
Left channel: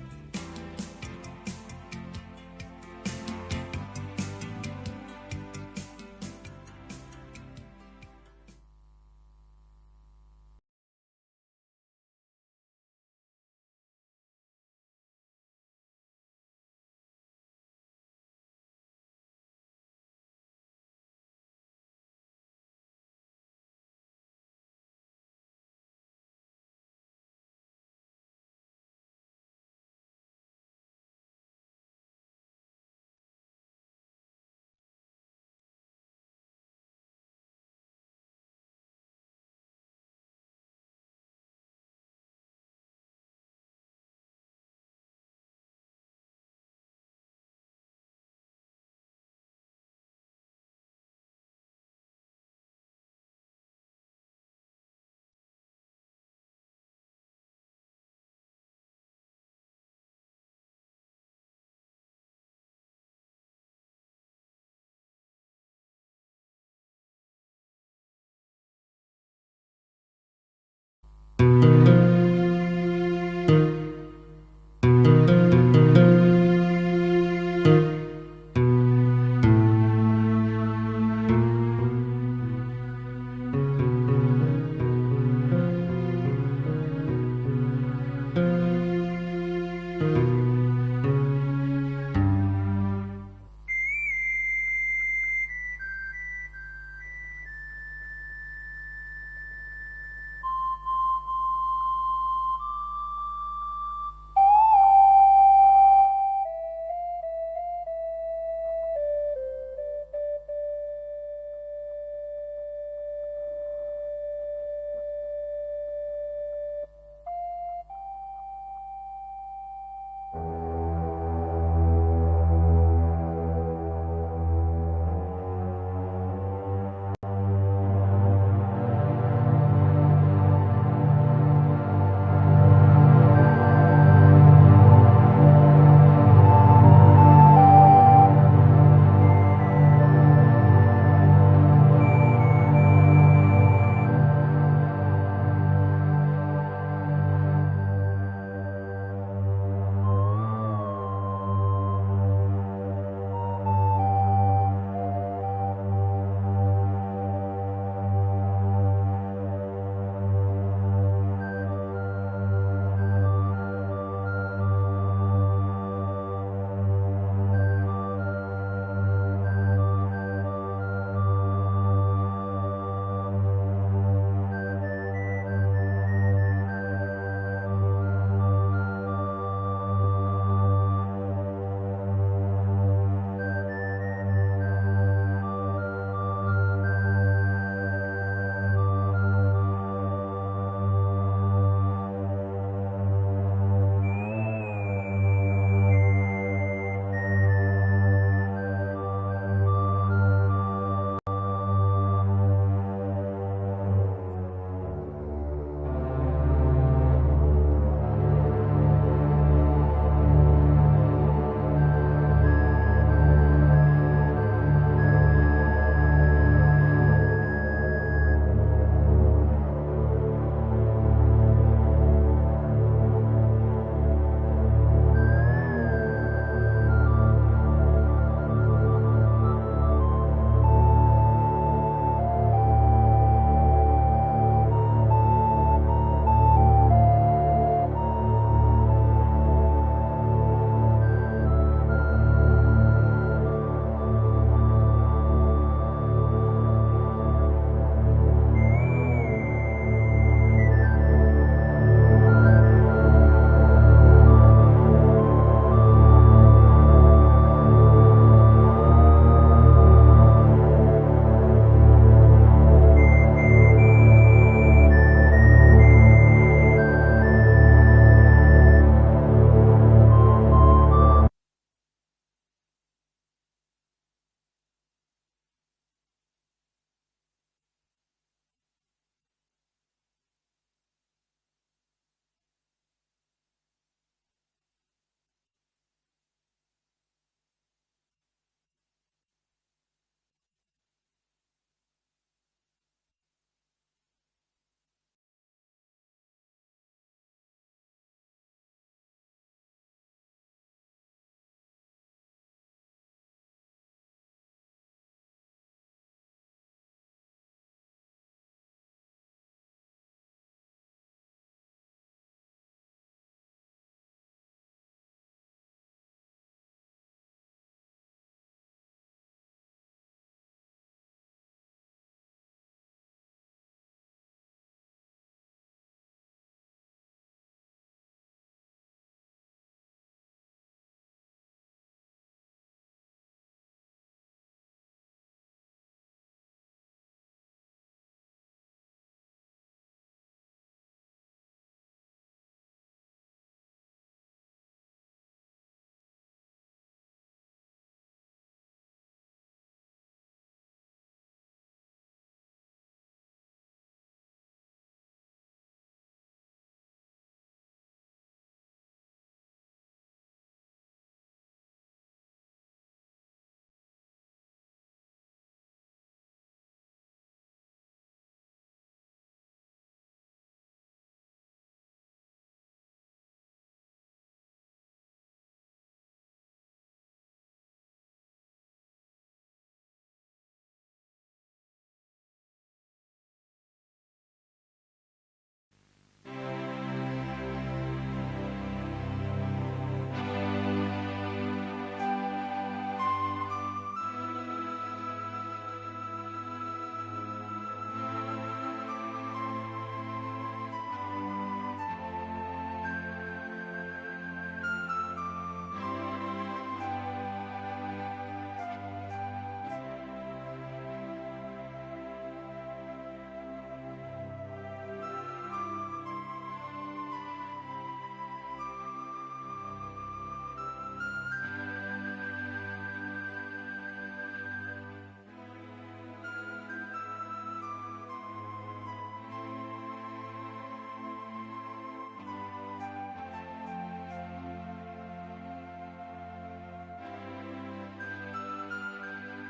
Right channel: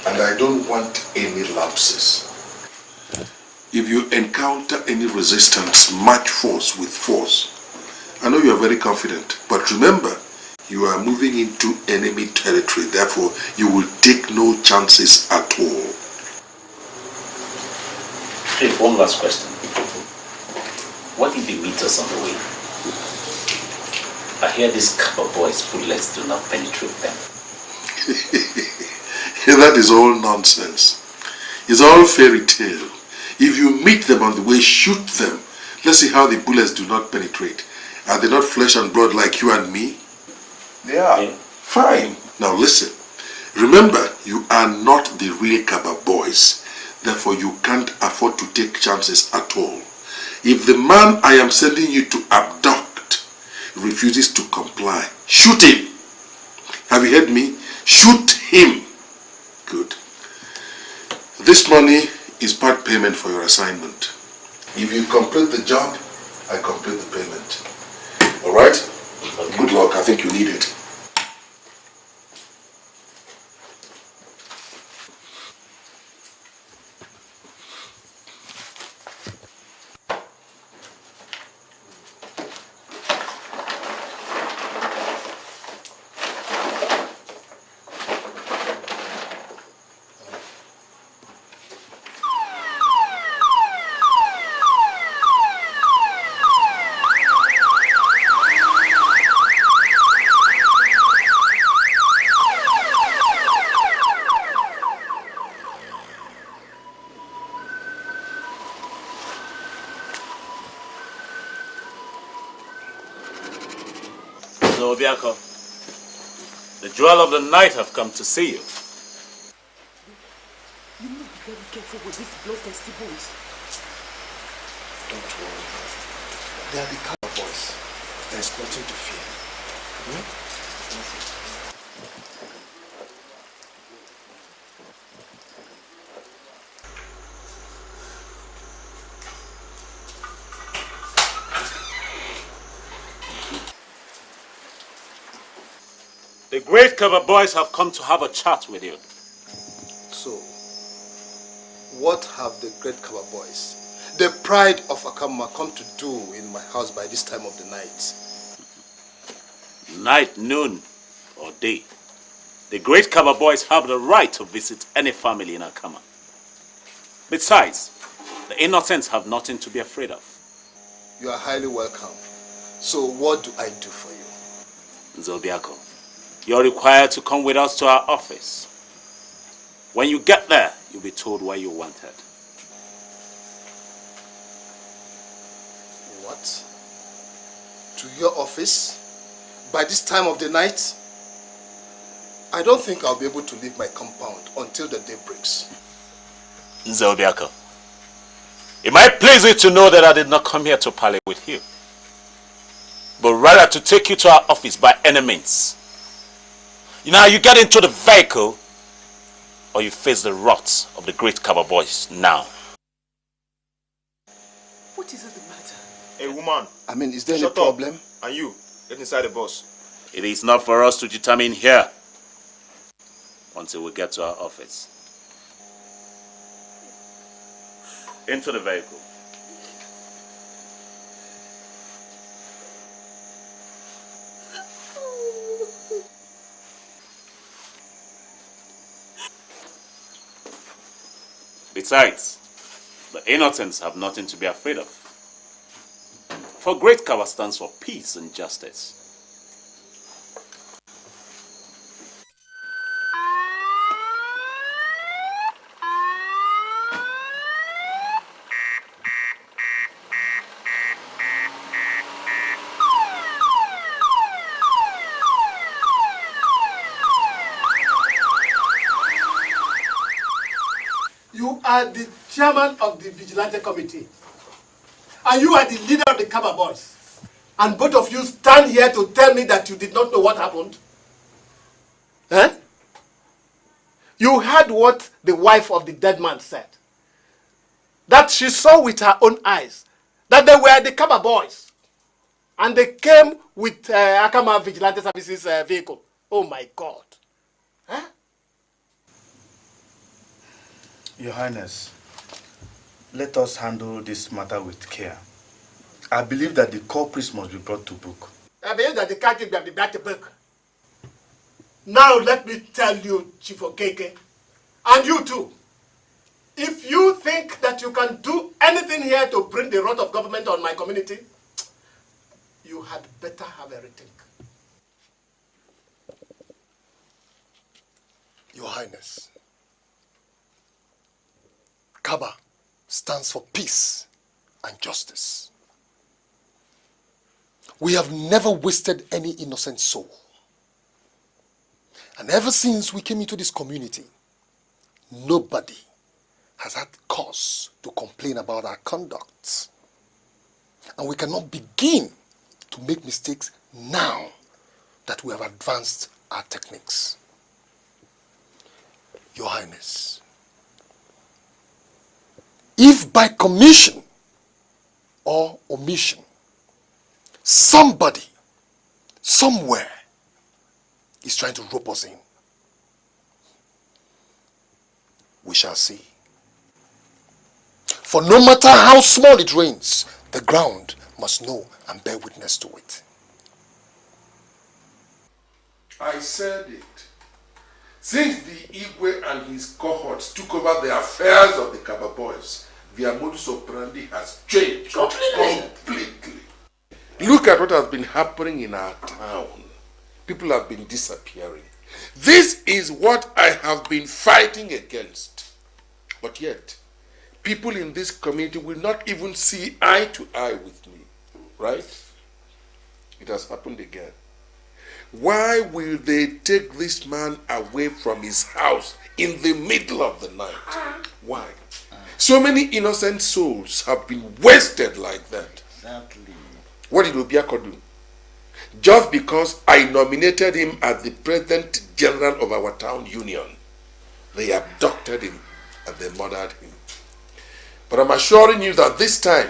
and I don't want any lapses. If you encounter any resistance, match force with force. I know you are very confident, but remember, you are moving into enemy territory. Therefore, you will take no chances at all. Hey, one last question. What if he meets us on the way? I hear these copper boys' bullets do not penetrate them. That is all nonsense. It's all fairy tale. If you meet them on the way, shoot them. Let's see how the bullets do not penetrate. Are they not flesh and blood like you and me? They are. Yeah. Fine. Now listen. Remember, you are not the real Kaba boys. Therefore, you can't afford to take chances at all. If the man I am sending you to abduct refuses to comply, shoot him. Have you heard me? Shoot him. Good. This money is part payment for your assignment. If you complete the job, I complete the payment. All right? Good luck. I think you need it. Obiako, the jewel of the night have come to see you. They are the cowboys. There's nothing to fear. The great cover boys have come to have a chat with you. So, what have the great cover boys, the pride of Akama, come to do in my house by this time of the night? Night, noon, or day, the great cover boys have the right to visit any family in Akama. Besides, the innocents have nothing to be afraid of. You are highly welcome. So what do I do for you? Zobiako, you're required to come with us to our office. When you get there, you'll be told where you're wanted. What? To your office? By this time of the night? I don't think I'll be able to leave my compound until the day breaks. Zobiako, it might please you to know that I did not come here to parley with you, but rather to take you to our office by any means. Now you get into the vehicle, or you face the wrath of the great cover boys now. What is it? Hey woman, I mean, is there a shut up. problem? And you, get inside the bus. It is not for us to determine here until we get to our office. Into the vehicle. Besides, the innocents have nothing to be afraid of. For great cover stands for peace and justice. You are the chairman of the Vigilante Committee. And you are the leader of the Kaba Boys. And both of you stand here to tell me that you did not know what happened? Eh? You heard what the wife of the dead man said. That she saw with her own eyes that they were the Kaba Boys. And they came with Akama Vigilante Services vehicle. Oh my God. Huh? Your Highness, let us handle this matter with care. I believe that the culprits must be brought to book. I believe that the captive will be brought to book. Now let me tell you, Chief Okeke, and you too, If you think that you can do anything here to bring the wrath of government on my community, you had better have a rethink. Your Highness, Kaba stands for peace and justice. We have never wasted any innocent soul. And ever since we came into this community, nobody has had cause to complain about our conduct. And we cannot begin to make mistakes now that we have advanced our techniques. Your Highness, if by commission or omission, somebody, somewhere, is trying to rope us in, we shall see. For no matter how small it rains, the ground must know and bear witness to it. I said it. Since the Igwe and his cohorts took over the affairs of the Kaba boys, their modus operandi has changed completely. Look at what has been happening in our town. People have been disappearing. This is what I have been fighting against. But yet, people in this community will not even see eye to eye with me. Right? It has happened again. Why will they take this man away from his house in the middle of the night? Why? So many innocent souls have been wasted like that. Exactly. What did Obiako do? Just because I nominated him as the President General of our town union, they abducted him and they murdered him. But I'm assuring you that this time,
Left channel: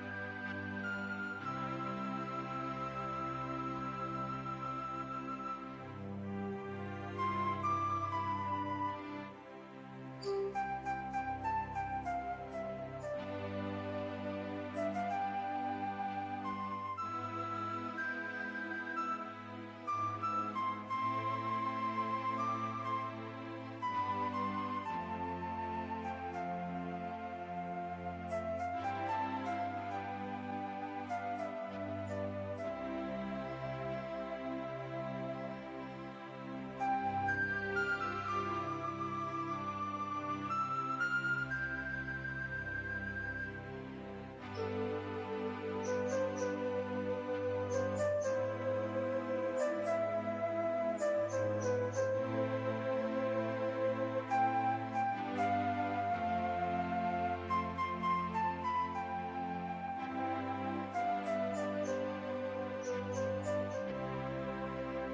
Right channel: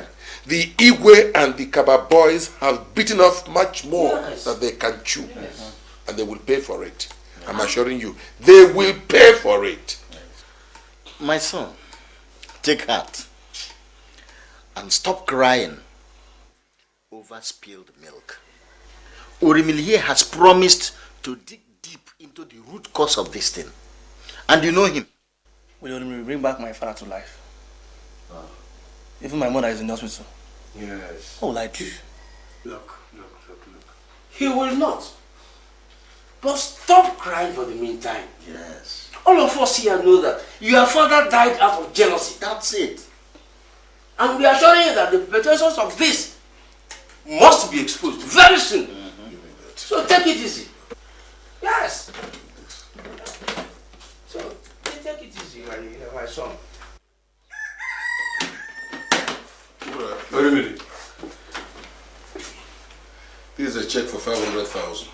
the Igwe and the Kaba boys have bitten off much more than they can chew. And they will pay for it. I'm assuring you, they will pay for it. My son, take heart and stop crying over spilled milk. Orimilie has promised to dig deep into the root cause of this thing. And you know him. Will you bring back my father to life? Even my mother is in the hospital. Yes. What will I do? Look. He will not. But stop crying for the meantime. Yes. All of us here know that your father died out of jealousy. That's it. And we are showing you that the perpetrators of this must be exposed very soon. So take it easy. Yes. So take it easy, my son. Wait a minute. Here's a check for 500,000.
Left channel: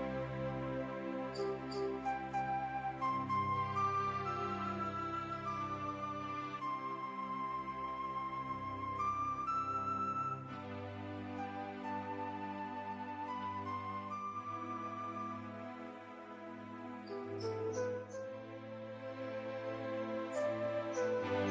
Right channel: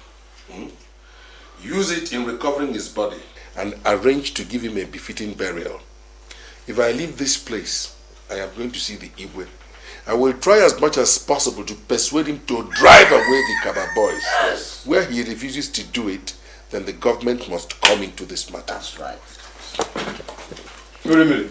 Use it in recovering his body and arrange to give him a befitting burial. If I leave this place, I am going to see the Igwe. I will try as much as possible to persuade him to drive away the Kaba boys. Yes. Where he refuses to do it, then the government must come into this matter. That's right. Wait a minute.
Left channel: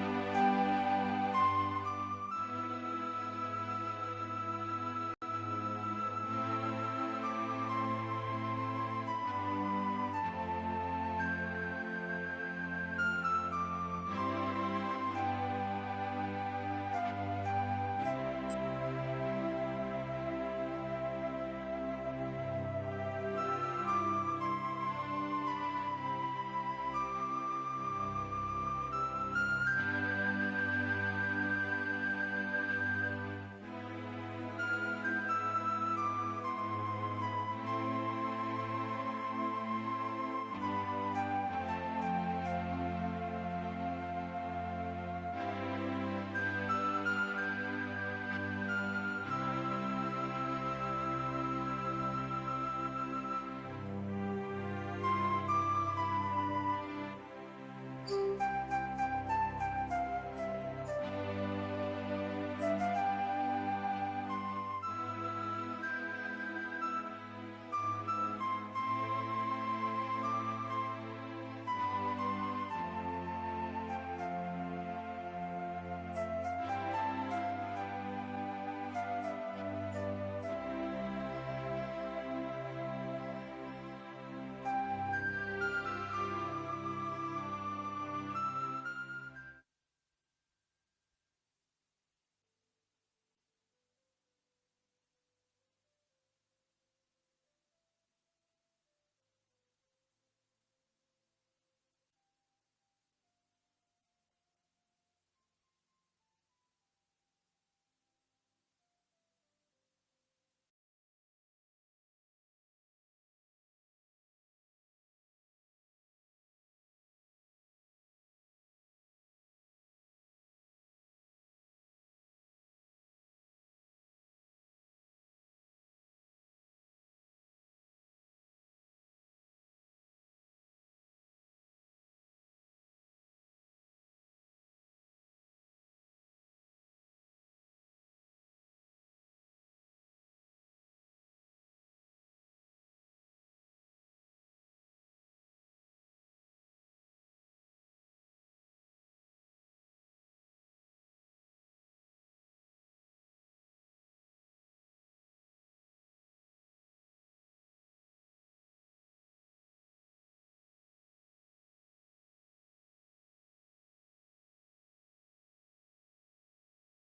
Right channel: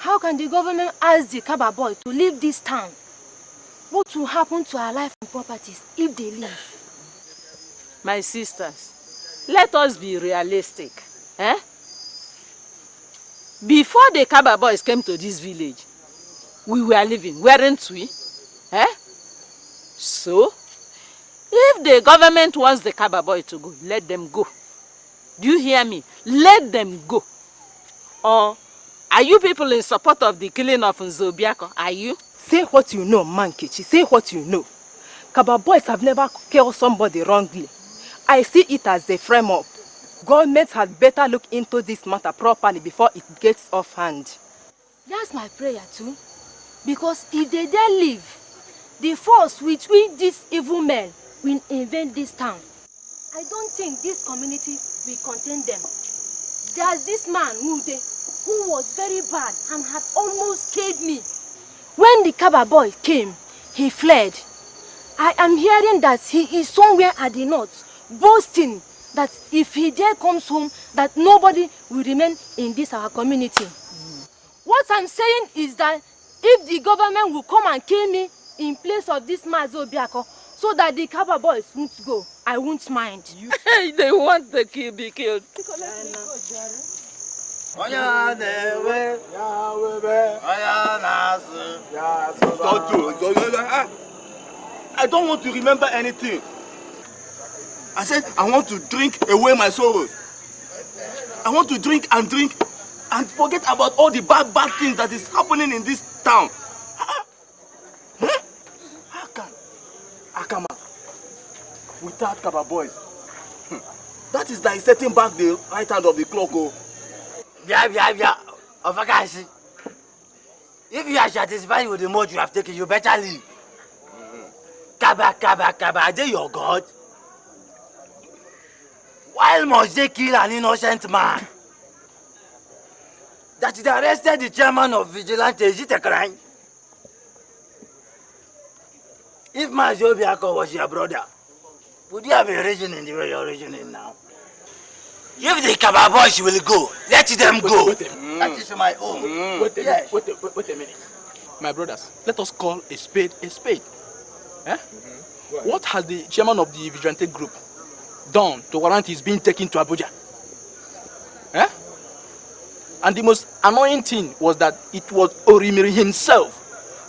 How can the government ask the Kaba boy to leave this town? What will happen to our life and properties if they leave? My sisters, let us be realistic. Eh? Before the Kaba boys came to this village, we were living, weren't we? Eh? So, if the government wants the Kaba boy to go, let them go. Do you hear me? Let them go. Or are you people in support of the killing of Nzobiako? Are you? Say what you know, Mankechi. Say what you know. Kaba boys have never killed somebody wrongly. I see it as a frame-up. Government had better look into this matter properly before it gets off hand. That's my prayer too. Because if they dare leave, the force with which these evil men will invade this town, I don't think this community will contain them. There's this man, Mude, who was very bad and had almost killed me. When the Kaba boy came, he fled. I am hearing that he is somewhere at the north, boasting that if he there comes home, that nobody will remain in this our community. What I'm saying is that if the government will come and kill me in place of this Mazo Biako, so that the Kaba boys won't go, I won't mind. They want the kid be killed. I don't want to remember anything. I said I want to drink away my sorrows. I want to drink and forget about all the bad things that is happening in this town. How can Akama without Kaba boys? That is like setting back the right hand of the clock. Oh. If you are satisfied with the mode you have taken, you better leave. Kaba, are they your God? Why must they kill an innocent man? That they arrested the chairman of Vigilante, is it a crime? If Mazo Biako was your brother, would you have a reason in the way you're reasoning now? If the Kaba boys will go, let them go. That is my own. Wait a minute. My brothers, let us call a spade a spade. Eh? What has the chairman of the vigilante group done to warrant his being taken to Abuja? Eh? And the most annoying thing was that it was Orimiri himself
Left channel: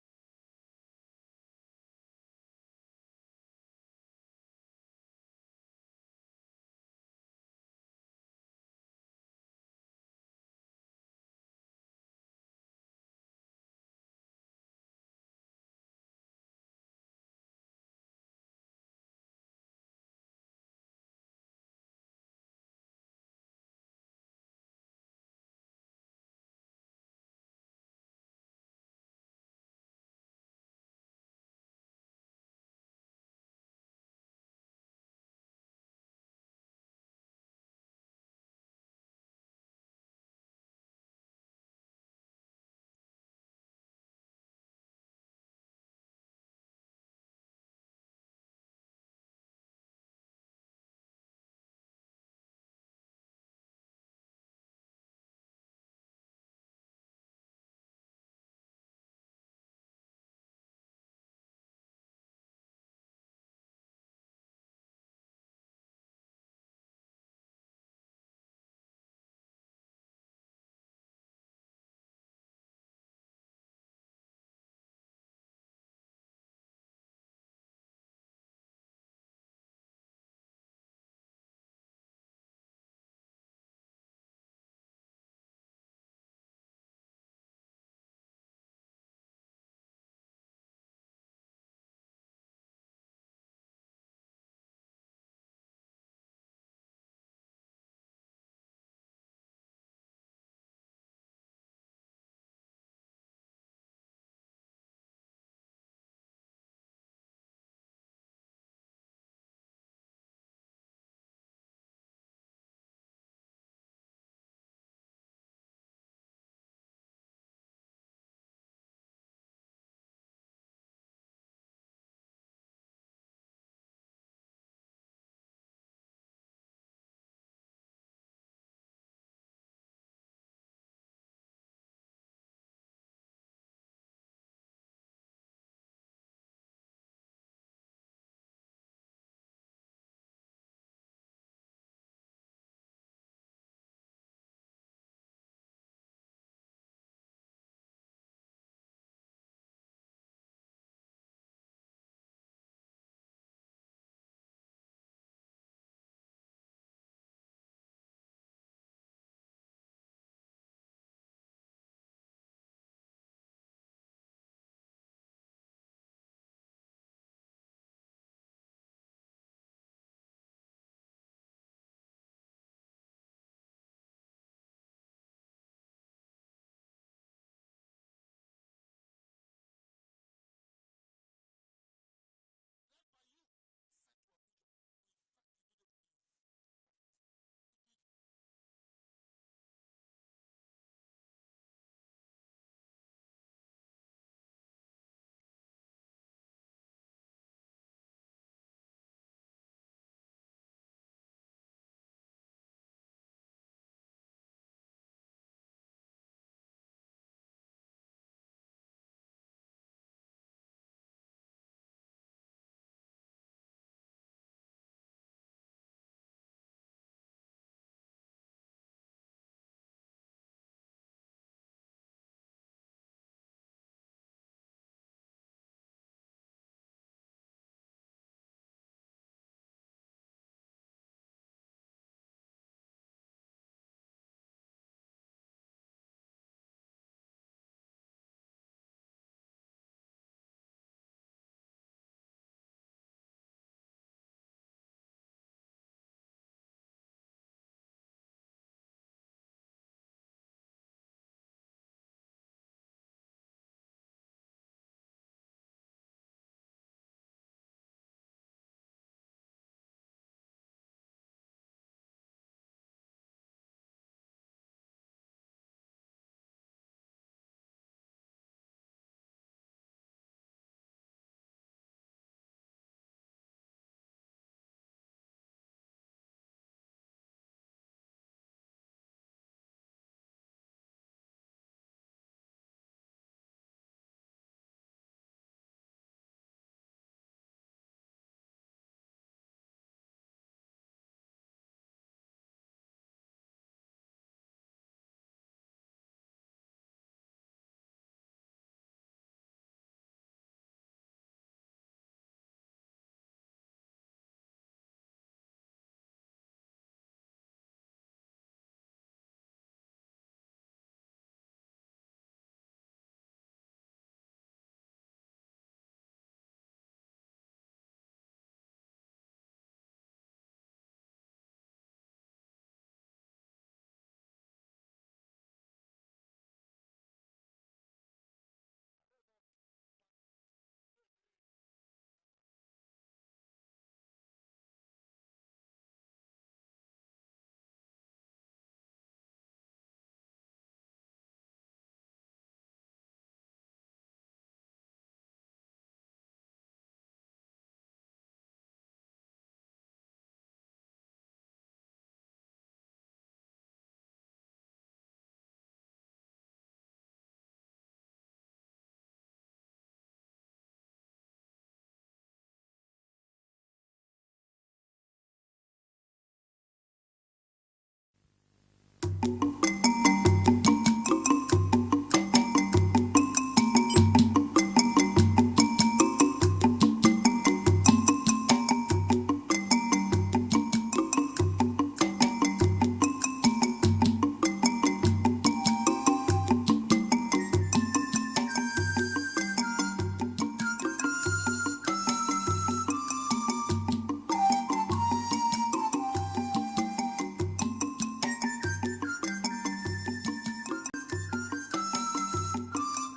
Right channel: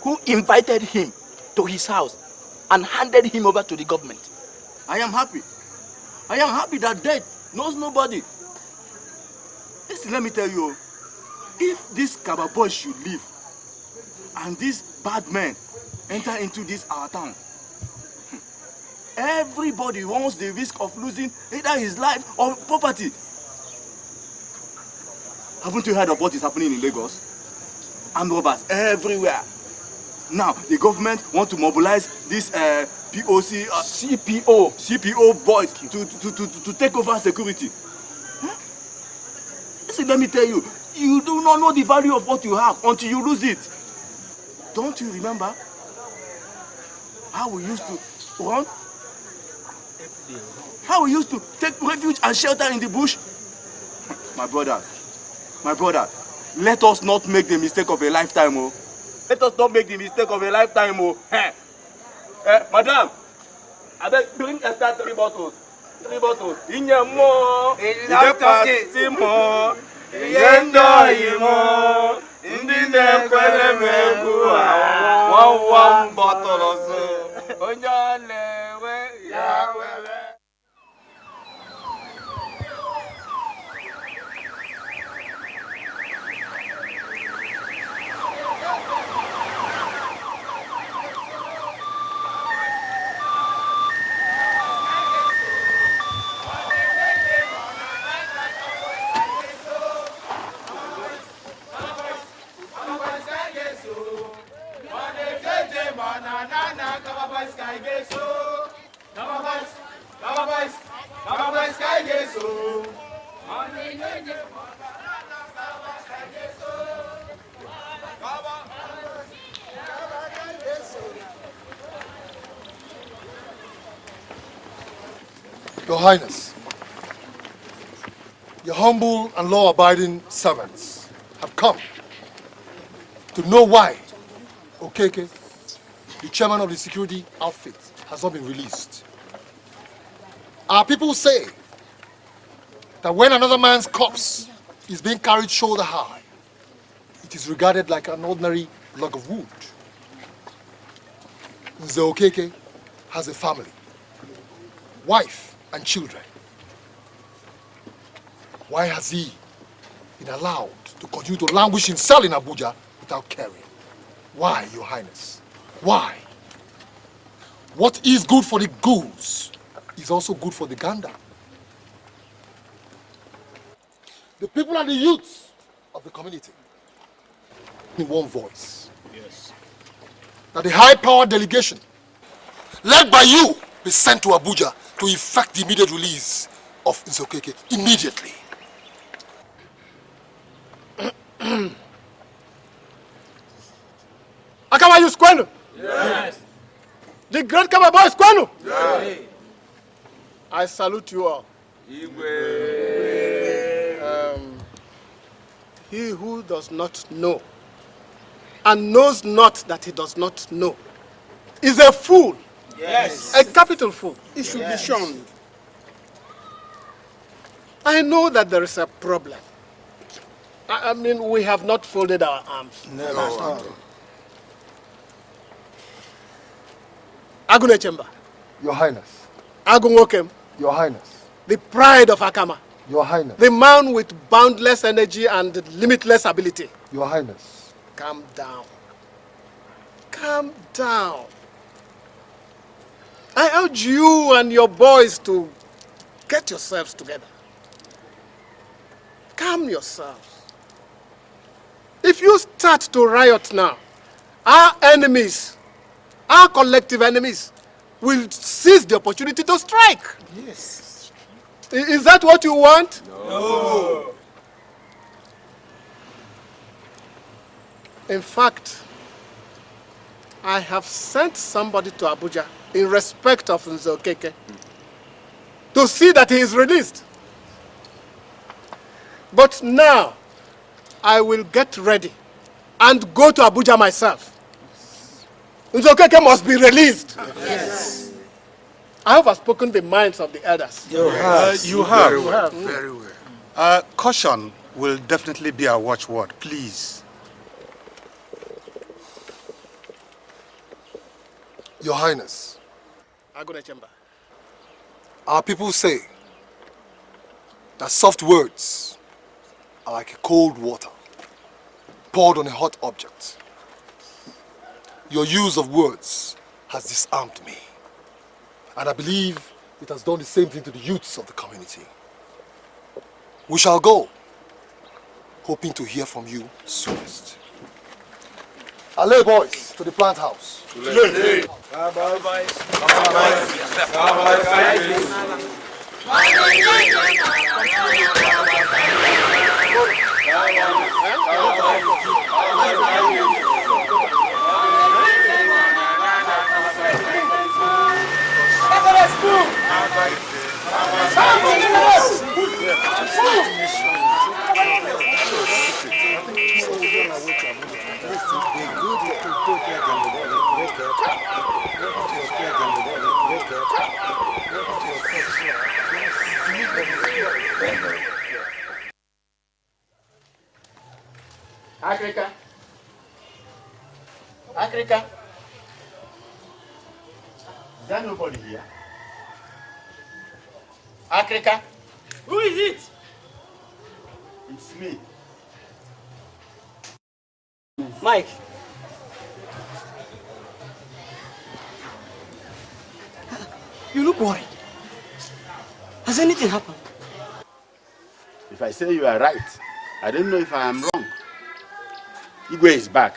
who invited him to his house and handed him over to the government. I am happy. I am happy that death knows nobody. Listen, let me tell you, if this Kaba boy should leave and these bad men enter into this our town, everybody wants the risk of losing either his life or property. Haven't you heard of what is happening in Lagos? Armed robbers everywhere. Now, the government want to mobilize this CPO boys to take over security. Huh? Listen, let me tell you, you do not know the value of what you have until you lose it. Don't you remember how we used to run? How we used to take refuge and shelter in the bush? My brother, let us not make the mistake of a lifetime, oh. Let us not make the mistake of a lifetime, oh. Madam, I beg, bring extra 3 bottles. 3 bottles. Inyamo, Ijepatimo, Iyendo Imo, Indine Kwelemebu, 1 bottle or so. Onyalewe, Yahweh. Your Highness, your humble and law-abiding servants have come to know why Okeke, the chairman of the security outfit, has not been released. Our people say that when another man's corpse is being carried shoulder high, it is regarded like an ordinary log of wood. Nze Okeke has a family, wife, and children. Why has he been allowed to continue to languish in cell in Abuja without caring? Why, Your Highness? Why? What is good for the goose is also good for the gander. The people and the youths of the community, in one voice, yes, that the high-powered delegation, led by you, be sent to Abuja to effect the immediate release of Nzokeke immediately. Akama, you squano? Yes. The great Kaba boy squano? Yes. I salute you all. He who does not know and knows not that he does not know is a fool. Yes. A capital fool. He should be shunned. I know that there is a problem. I mean, we have not folded our arms. Never. Agune Chamber. Your Highness. Agunwokem. Your Highness. The pride of Akama. Your Highness. The man with boundless energy and limitless ability. Your Highness. Calm down. Calm down. I urge you and your boys to get yourselves together. Calm yourselves. If you start to riot now, our enemies, our collective enemies, will seize the opportunity to strike. Yes. Is that what you want? No. In fact, I have sent somebody to Abuja in respect of Nzokeke to see that he is released. But now, I will get ready and go to Abuja myself. Nzokeke must be released. Yes. I have spoken the minds of the elders. You have. Very well. Caution will definitely be our watchword, please. Your Highness. Agune Chamber. Our people say that soft words are like a cold water poured on a hot object. Your use of words has disarmed me. And I believe it has done the same thing to the youths of the community. We shall go, hoping to hear from you soonest. Allez, boys, to the plant house. Africa. Africa. Africa. Who is it? Mike. You look worried. Has anything happened? If I say you are right, I don't know if I am wrong. Igwe is back.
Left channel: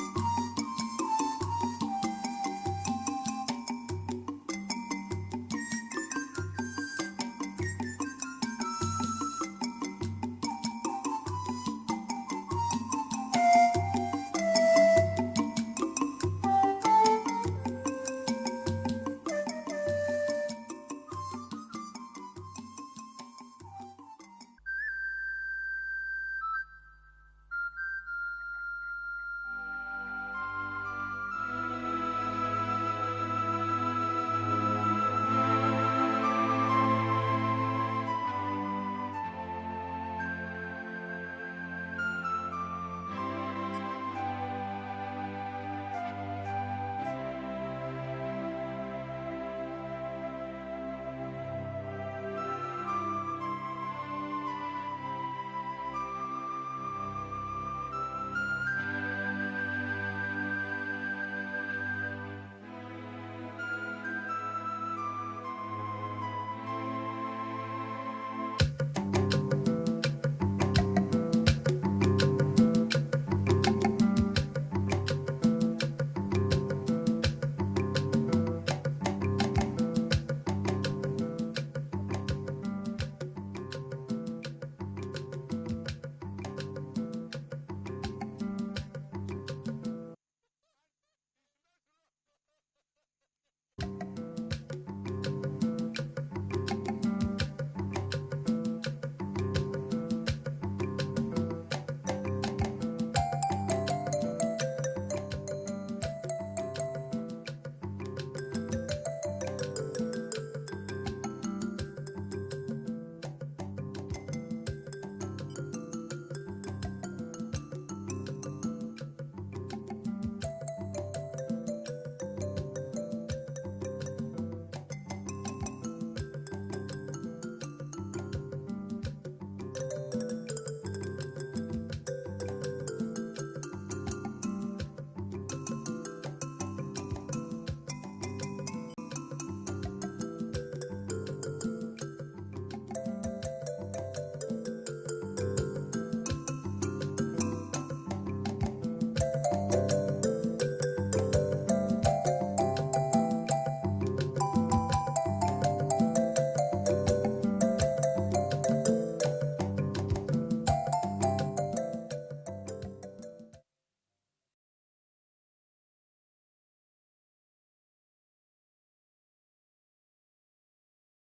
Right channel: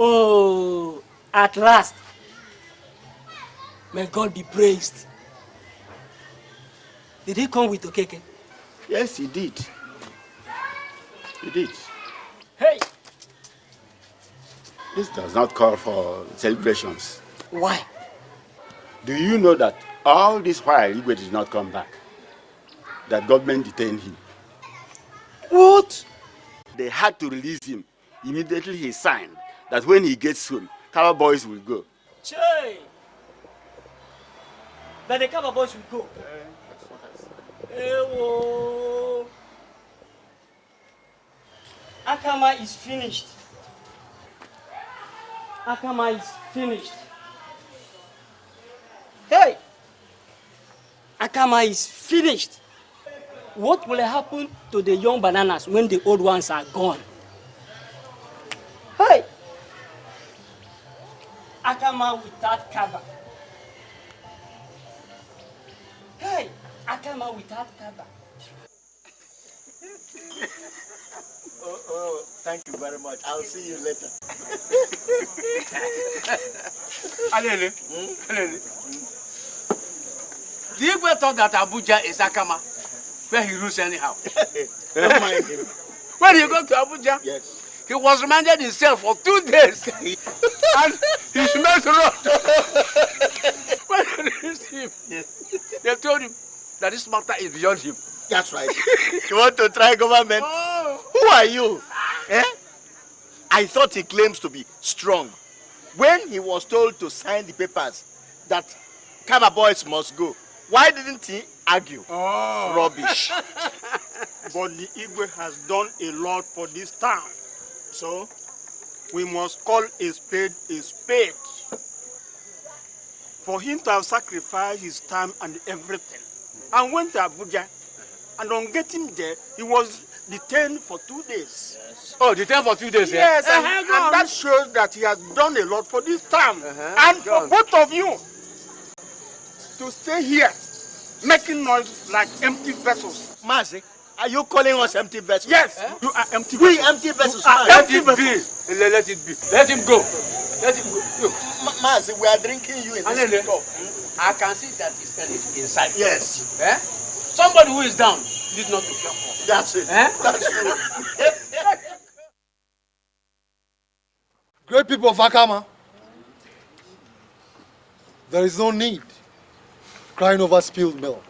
Oh, at last. May God be praised. Did he come with Okeke? Yes, he did. He did. Hey! This does not call for celebrations. Why? Do you know that all this while Igwe did not come back? That government detained him. What? They had to release him. Immediately he signed that when he gets home, Cover Boys will go. Che! That the Cover Boys will go. Ewo. Akama is finished. Akama is finished. Hey! Akama is finished. What will happen to the young bananas when the old ones are gone? Hey! Akama without cover. Hey! Akama without cover. Oh, thank you very much. I'll see you later. Alele. Do you ever thought that Abuja is Akama? Where he rules anyhow. Don't mind him. When he got to Abuja, Yes. he was remanded himself for 2 days. And he smelled rough. When convinced him. They told him that this matter is beyond him. That's right. You want to try government? Oh. Who are you? Eh? I thought he claims to be strong. When he was told to sign the papers that Kaba boys must go, why didn't he argue? Oh. Rubbish. But the Igwe has done a lot for this town. So, we must call a spade a spade. For him to have sacrificed his time and everything, and went to Abuja, and on getting there, he was detained for 2 days. Oh, detained for 2 days, Yes, yeah? and that shows that he has done a lot for this town. And for both of you to stay here, making noise like empty vessels. Mazi, are you calling us empty vessels? Yes, you are empty vessels. We empty vessels. Let it be. Let it be. Let him go. Let him go. Mazi, we are drinking you in this cup. I can see that his pen is inside. Yes. Eh? Somebody who is down is not to be up. That's it. Eh? That's true. Great people of Akama, there is no need crying over spilled milk.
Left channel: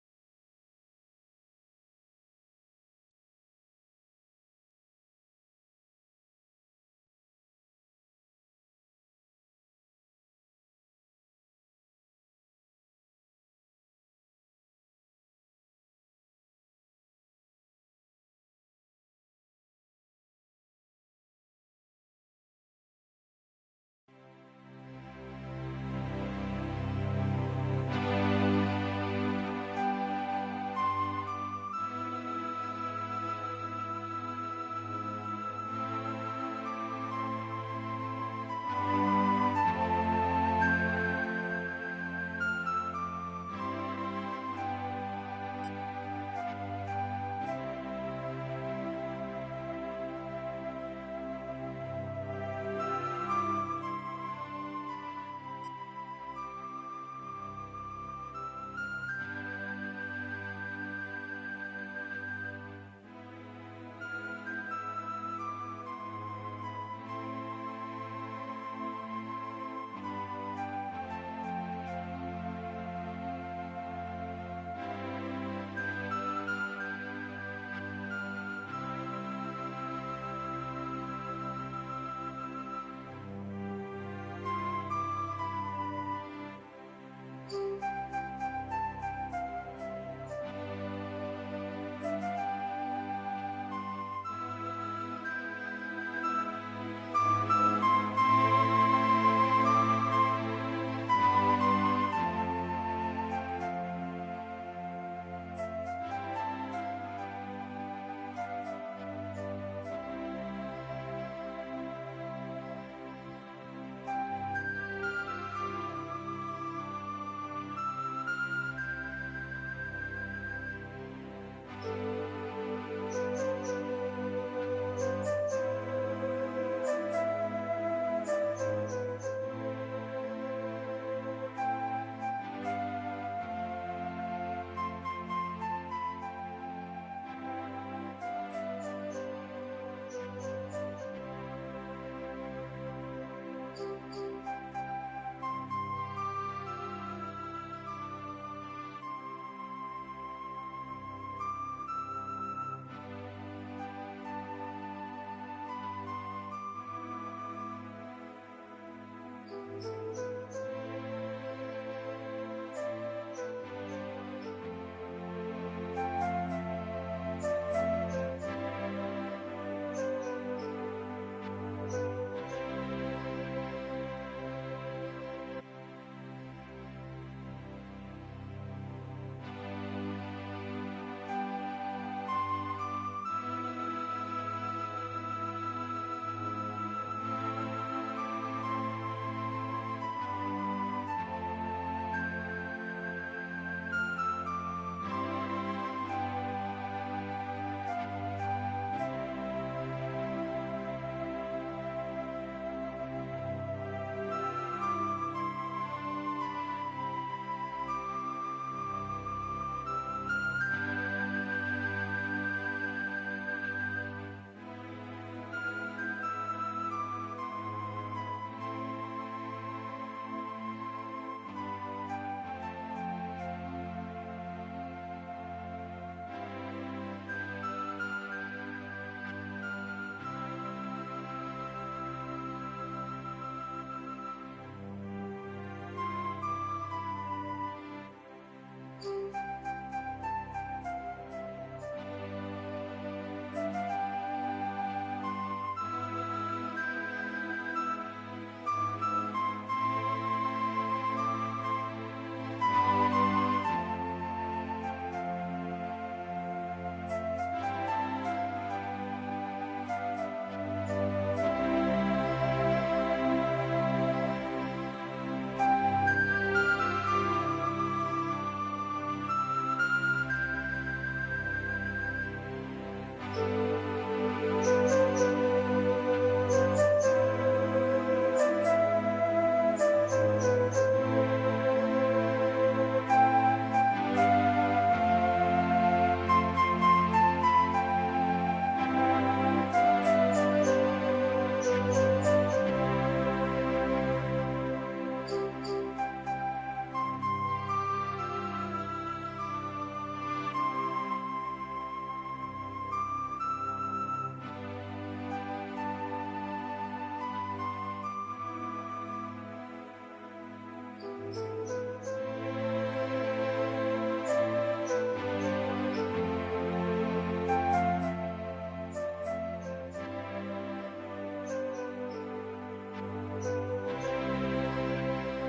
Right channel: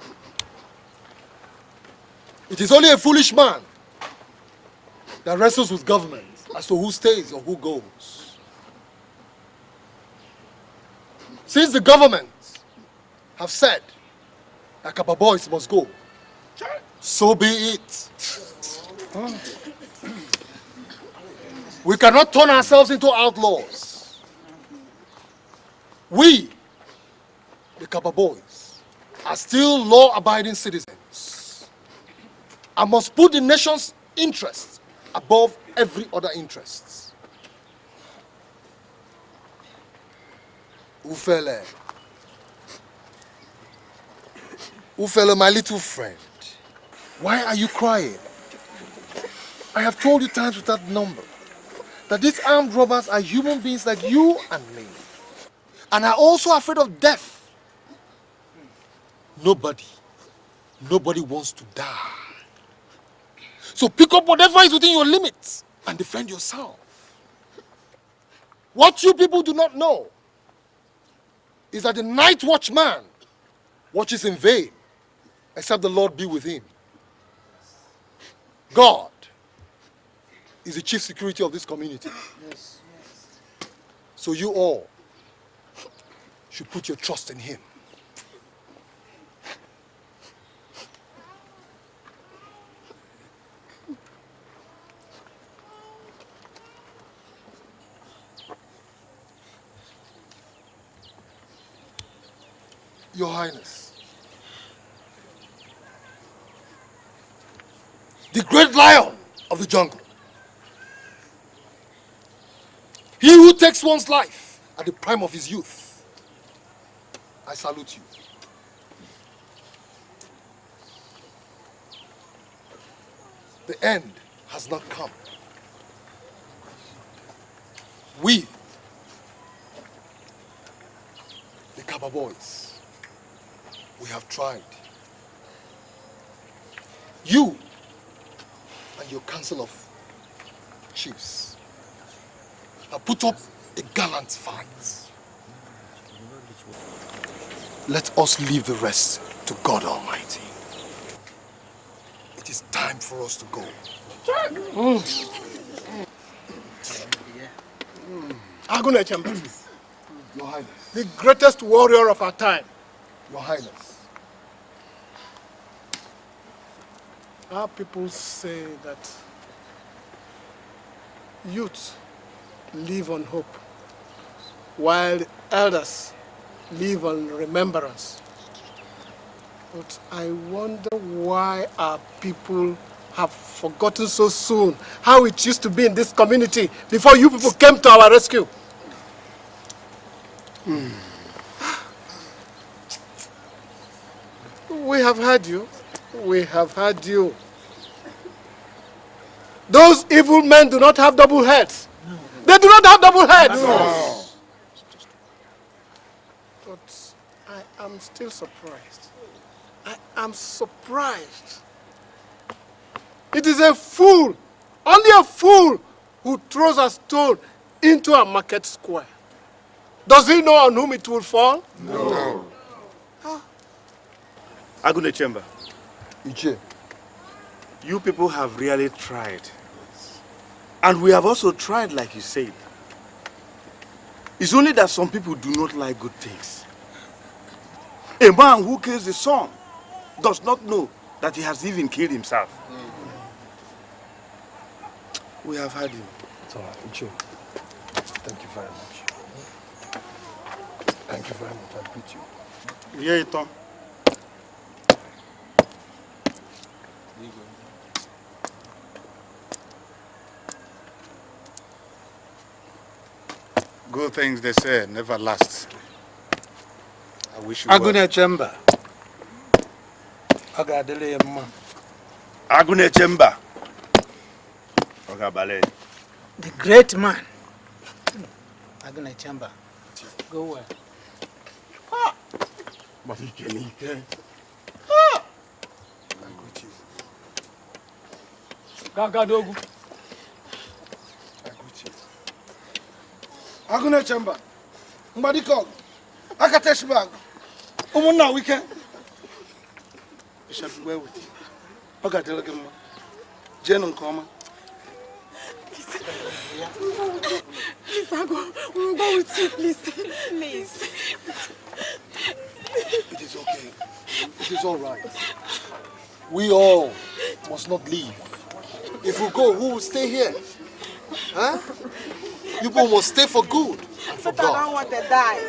It is only a foolish man that wrestles with government as to who stays or who goes. Since the government have said that Kaba boys must go, so be it. We cannot turn ourselves into outlaws. We, the Kaba boys, are still law-abiding citizens and must put the nation's interests above every other interest. Ufele, my little friend, why are you crying? I have told you times without number that these armed robbers are human beings like you and me, and are also afraid of death. Nobody wants to die. So pick up whatever is within your limits and defend yourself. What you people do not know is that the night watchman watches in vain, except the Lord be with him. God is the chief security of this community. Yes. So you all should put your trust in him. Your Highness, the great lion of the jungle, he who takes one's life at the prime of his youth, I salute you. The end has not come. We, the Kaba boys, we have tried. You and your council of chiefs have put up a gallant fight. Let us leave the rest to God Almighty. It is time for us to go. Agune Chamber, Your Highness, the greatest warrior of our time. Your Highness. Our people say that youth live on hope, while the elders live on remembrance. But I wonder why our people have forgotten so soon how it used to be in this community before you people came to our rescue. We have heard you. We have heard you. Those evil men do not have double heads. They do not have double heads. No. But I am still surprised. I am surprised. It is a fool, only a fool, who throws a stone into a market square. Does he know on whom it will fall? No. Agune Chamber. Iche. You people have really tried. And we have also tried, like you said. It's only that some people do not like good things. A man who kills his son does not know that he has even killed himself. We have had him. Iche. Thank you very much. Thank you very much. Yeah, Tom. Good things, they say, never last. I wish you Agune Chamber. Agadele man. Agune Chamber. Ogabale. The great man. Agune Chamber. Agune Chamber. Madiko. Akatesh bag. Umuna weekend. Shall we with you? Ogadele gemo. Jenum koma. Please, Ago, we'll go with you, please. Please. It is all right. We all must not leave. If we go, who will stay here? Huh? You people must stay for good. For But I don't want to die.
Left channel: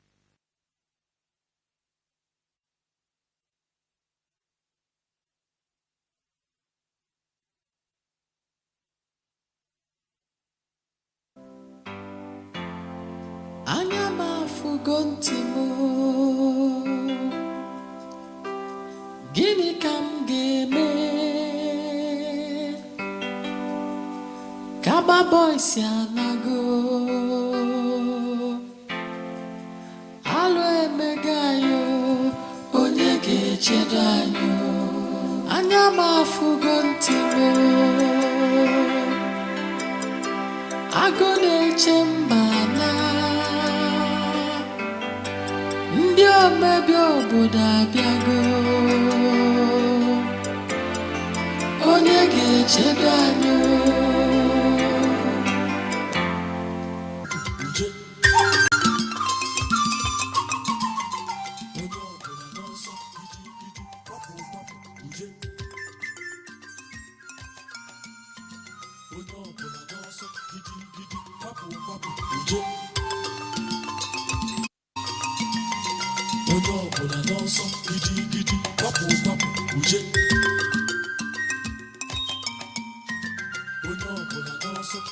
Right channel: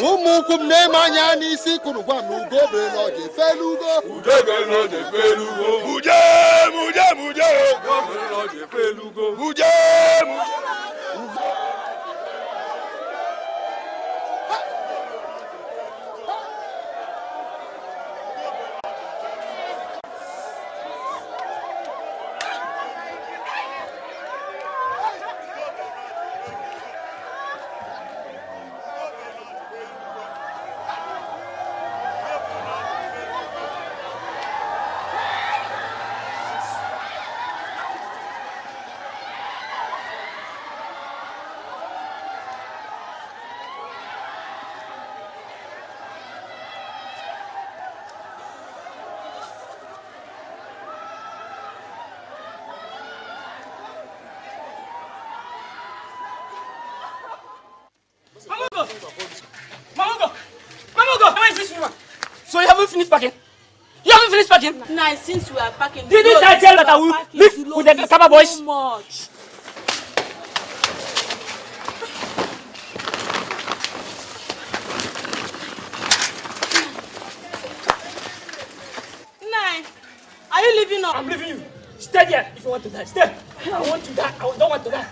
Umukum ne manya ni si kunu kwa nugo be no je felugo. Uje no je felugo. Uje go be no je felugo. Uje. Anyama fugontimu. Gini kam geme. Kaba boys yanago. Alwe megayo. Onyege chedano. Anyama fugontimu. Agone chembana. Ndio mebyo boda biago. Onyege chedano. So you haven't finished packing? You haven't finished packing? Now, since we are packing... Didn't I tell that I will leave with the Kaba boys? Much. Are you leaving now? I'm leaving you. Stay there if you want to die. Stay. I want to die. I don't want to die.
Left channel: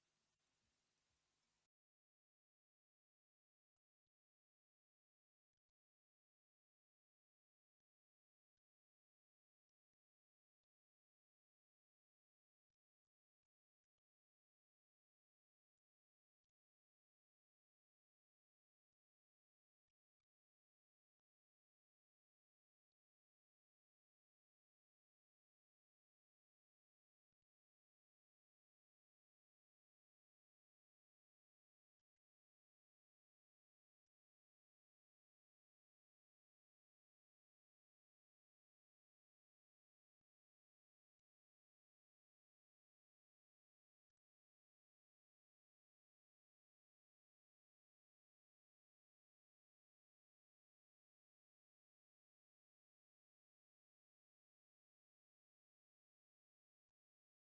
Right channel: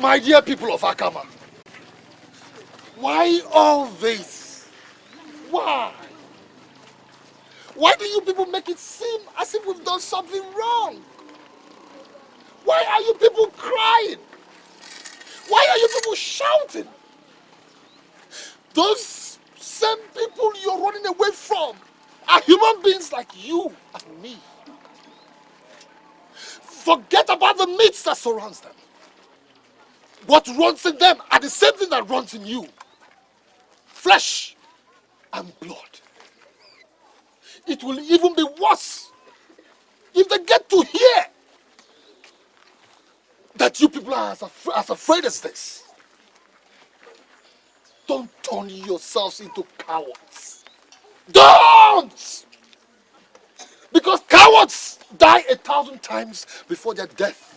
My dear people of Akama, why all this? Why? Why do you people make it seem as if we've done something wrong? you people crying? Why are you people shouting? Those same people you're running away from are human beings like you and me. Forget about the myths that surrounds them. What runs in them are the same thing that runs in you. Flesh and blood. It will even be worse if they get to hear that you people are as afraid as this. Don't turn yourselves into cowards. Don't! Because cowards die 1,000 times before their death.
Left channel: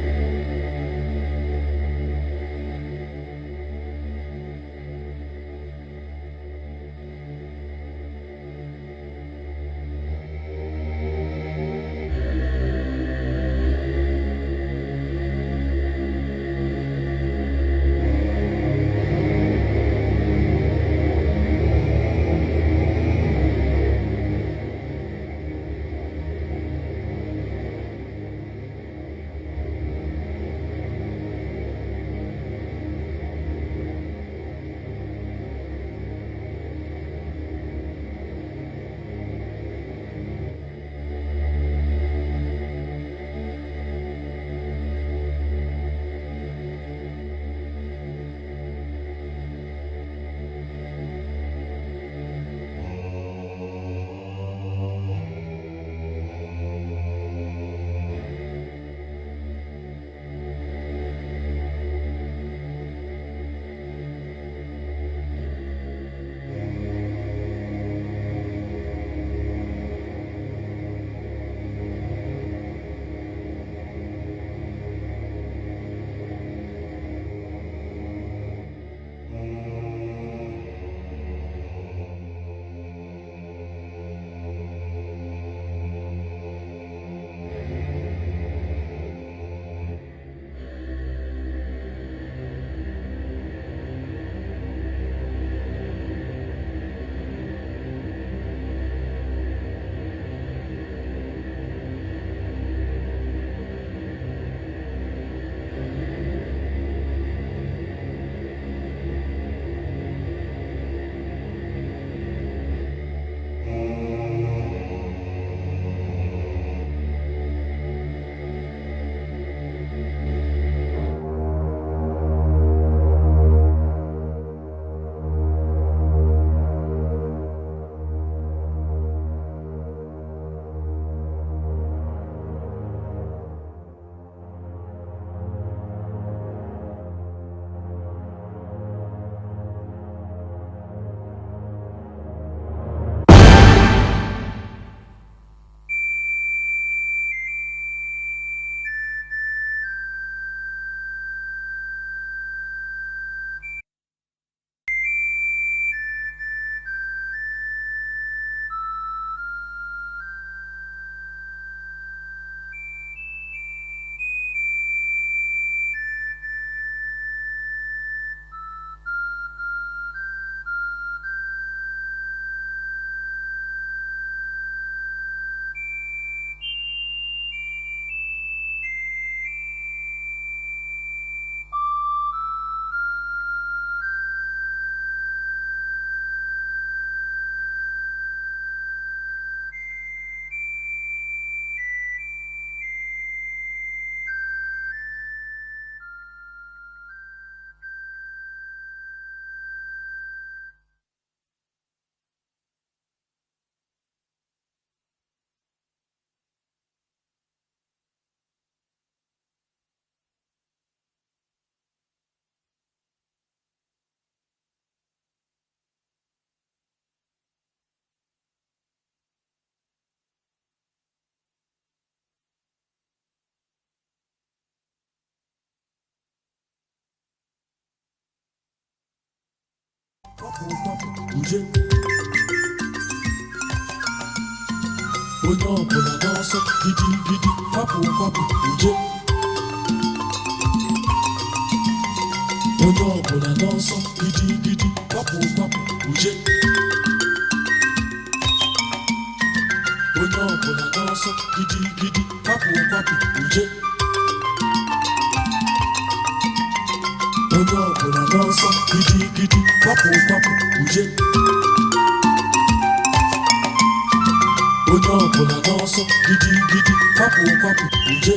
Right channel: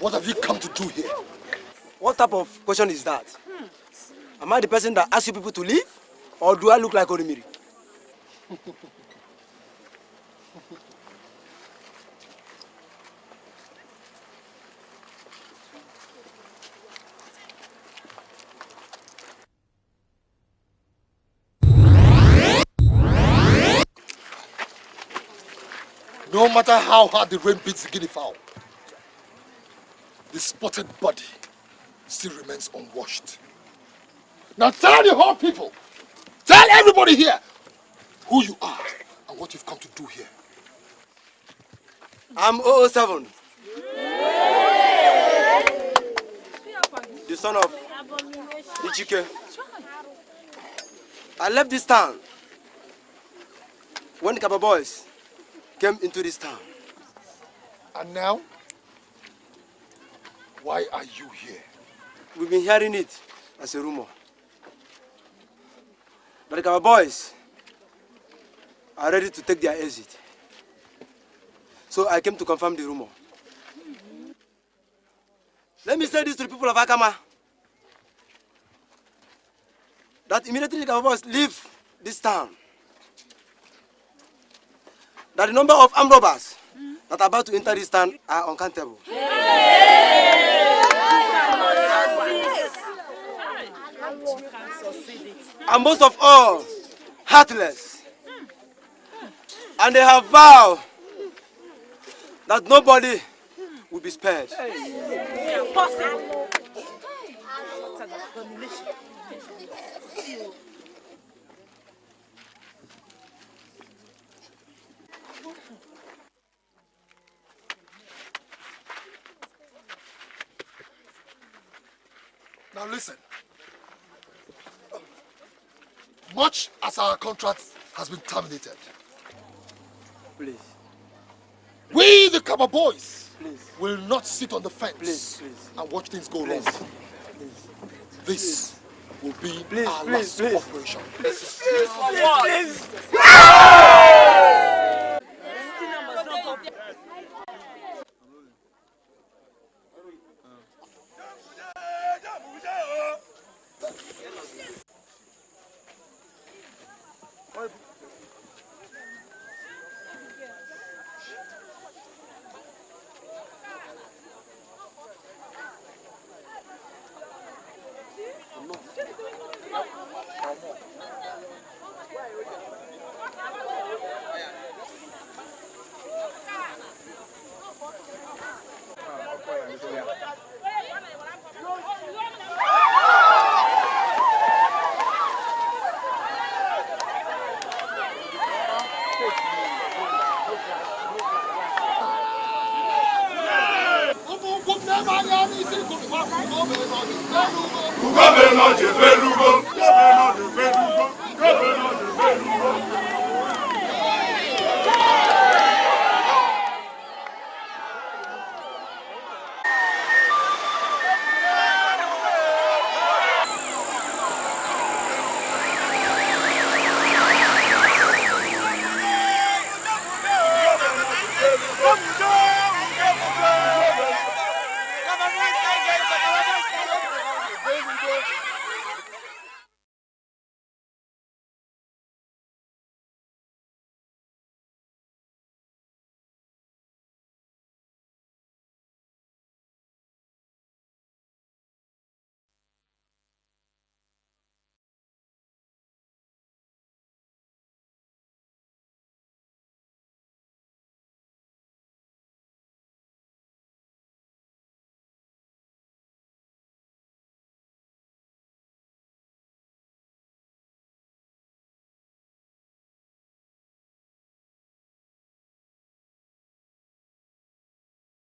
What have you come to do here? What type of question is that? Am I the person that asks you people to leave? Or do I look like Orimiri? No matter how hard the rain beats the guinea fowl, the spotted body still remains unwashed. Now tell the whole people, tell everybody here who you are and what you've come to do here. I'm 007. The son of Ichike. I left this town when the Kaba boys came into this town. And now, why are you here? We've been hearing it as a rumor. But the Kaba boys are ready to take their exit. So I came to confirm the rumor. Let me say this to the people of Akama. That immediately the Kaba boys leave this town, that the number of armed robbers that are about to enter this town are uncountable. And most of all, heartless. And they have vowed that nobody will be spared. Now listen. Much as our contract has been terminated, we, the Kaba boys, will not sit on the fence and watch things go wrong. This will be our last operation. Onye ọbụla n'ọsọ gidigidi kwapụ kwapụ uje. Onye ọbụla n'ọsọ gidigidi kwapụ kwapụ uje. Onye ọbụla n'ọsọ gidigidi kwapụ kwapụ uje. Onye ọbụla n'ọsọ gidigidi kwapụ kwapụ uje. Onye ọbụla n'ọsọ gidigidi kwapụ kwapụ uje.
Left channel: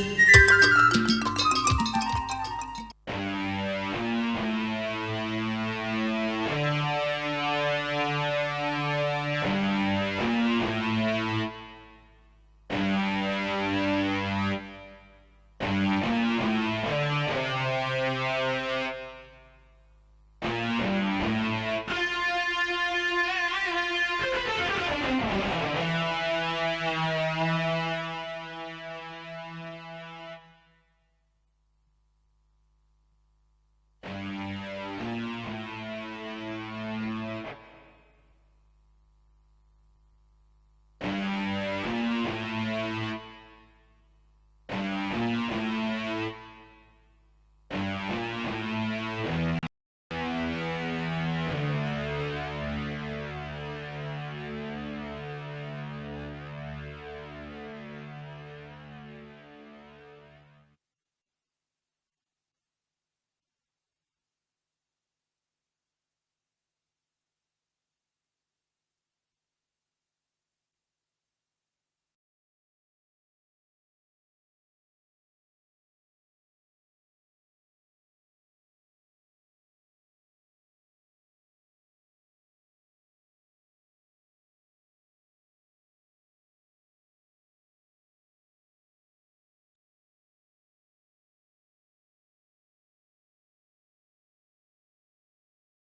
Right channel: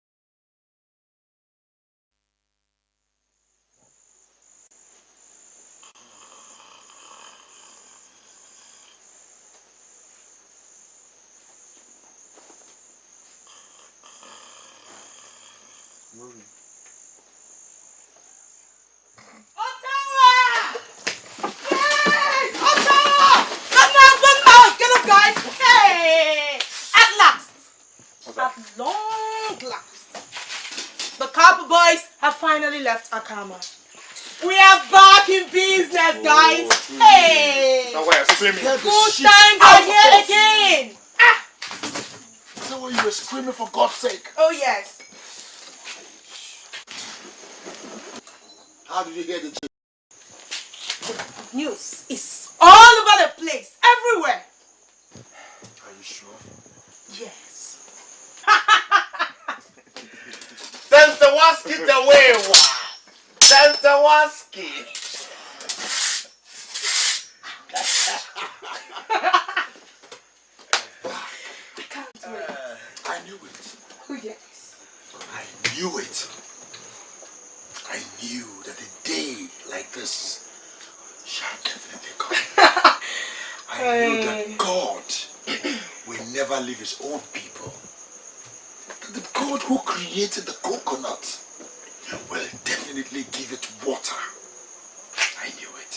Left Akama. We are back in business, guys. Hey! Good times are here again. So you were screaming for God's sake. Oh yes. How did you hear the news is all over the place, everywhere. Yes. Send the wasket away, Santawaski. I knew it. Oh yes. I knew it. I knew that a day like this shall definitely come. I knew that God will never leave his own people. That the God who created the coconut will definitely give it water. I knew it.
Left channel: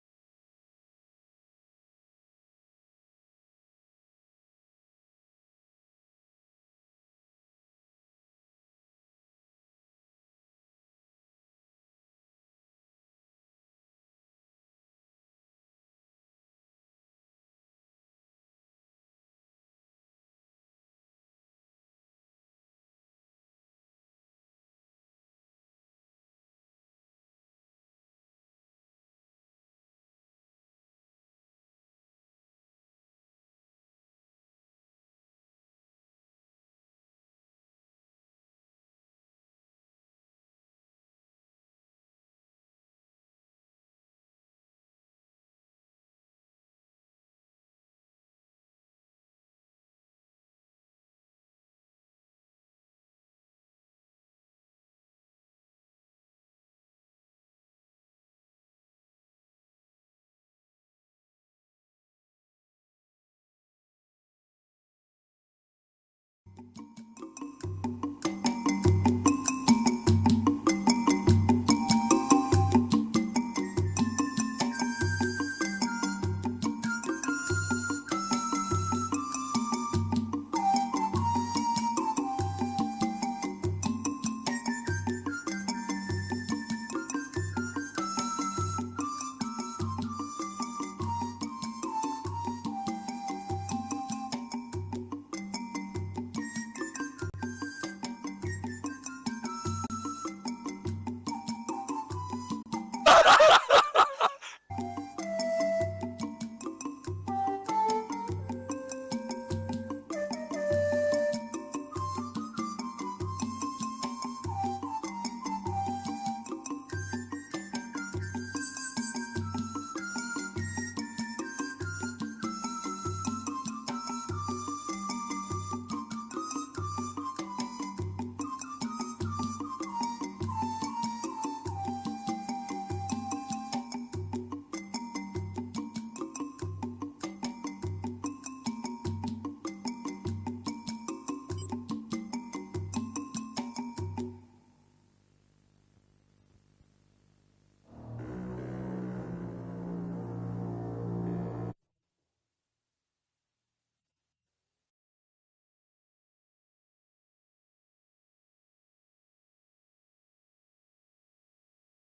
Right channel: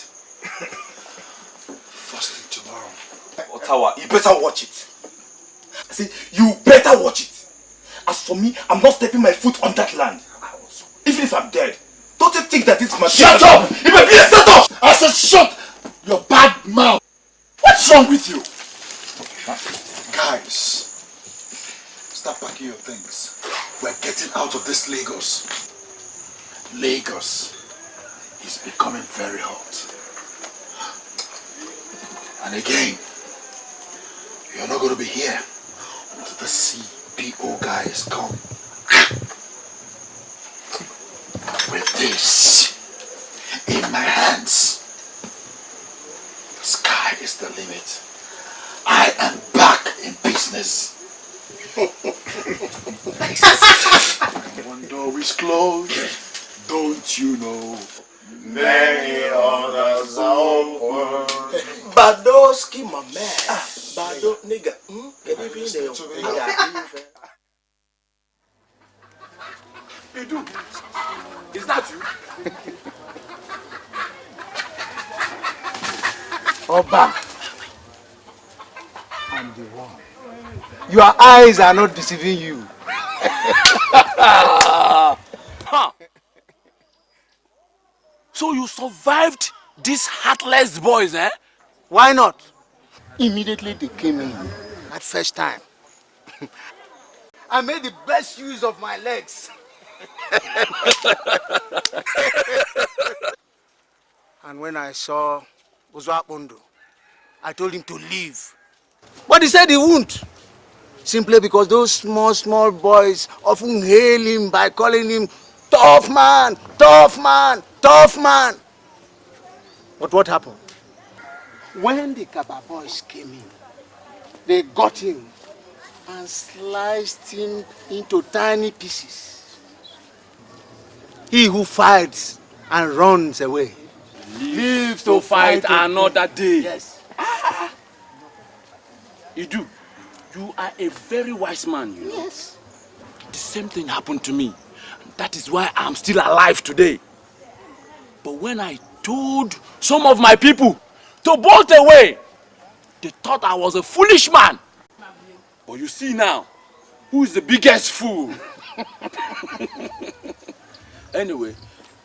First thing tomorrow. Ottawa, you better watch it. I say, you better watch it. As for me, I'm not stepping my foot on that land. Even if I'm dead, don't you think that it's my... Shut up! You may be a setup! I said shut your bad mouth. What's wrong with you? Guys, start packing your things. We're getting out of this Lagos. Lagos is becoming very hot. And again, you're not going to be here until the CPO guys come. With this in my hands, the sky is the limit. I am back in business. One door is closed. Don't you know? Many others are open. Badoski, my man. Bado, nigga. Get even there. Is that? Oba. Your eyes are not deceiving you. So you survived these heartless boys, eh? Why not? Immediately they came in at first time. I made the best use of my legs. And when I saw Uzwabondo, I told him to leave. But he said he won't. Simply because those small boys often hail him by calling him tough man, tough man, tough man. But what happened? When the Kaba boys came in, they got him and sliced him into tiny pieces. He who fights and runs away live to fight another day. Yes. Idu, you are a very wise man. Yes. The same thing happened to me. That is why I'm still alive today. But when I told some of my people to bolt away, they thought I was a foolish man. But you see now, who is the biggest fool? Anyway,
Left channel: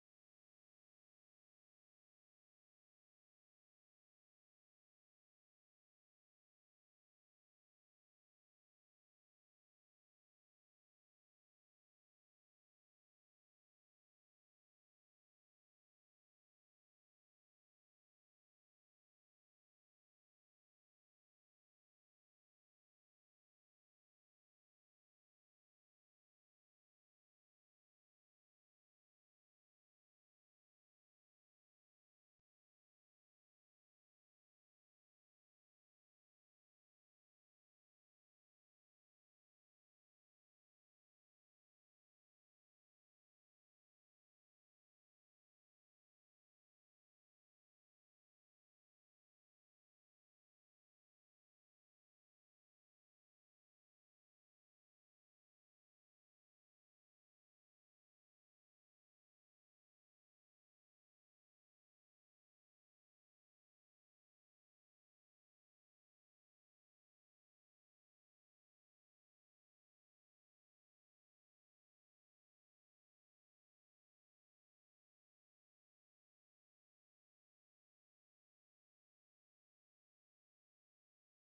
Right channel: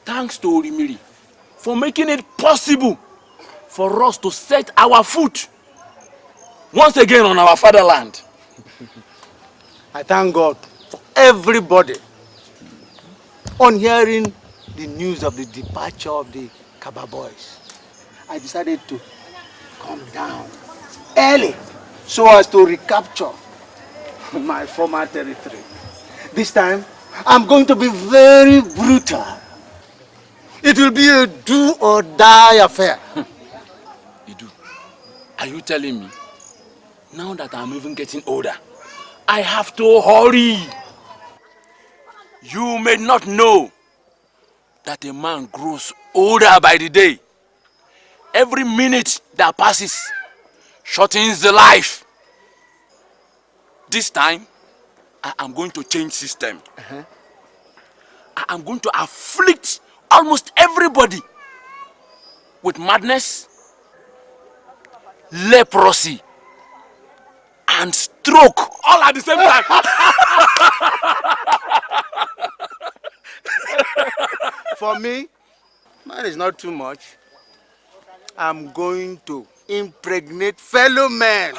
thanks to Orimiri for making it possible for us to set our foot once again on our fatherland. I thank God for everybody on hearing the news of the departure of the Kaba boys. I decided to come down early so as to recapture my former territory. This time, I'm going to be very brutal. It will be a do or die affair. Idu, are you telling me, now that I'm even getting older, I have to hurry? You may not know that a man grows older by the day. Every minute that passes shortens the life. This time, I am going to change system. I am going to afflict almost everybody with madness, leprosy, and stroke all at the same time. For me, mine is not too much. I'm going to impregnate fellow men.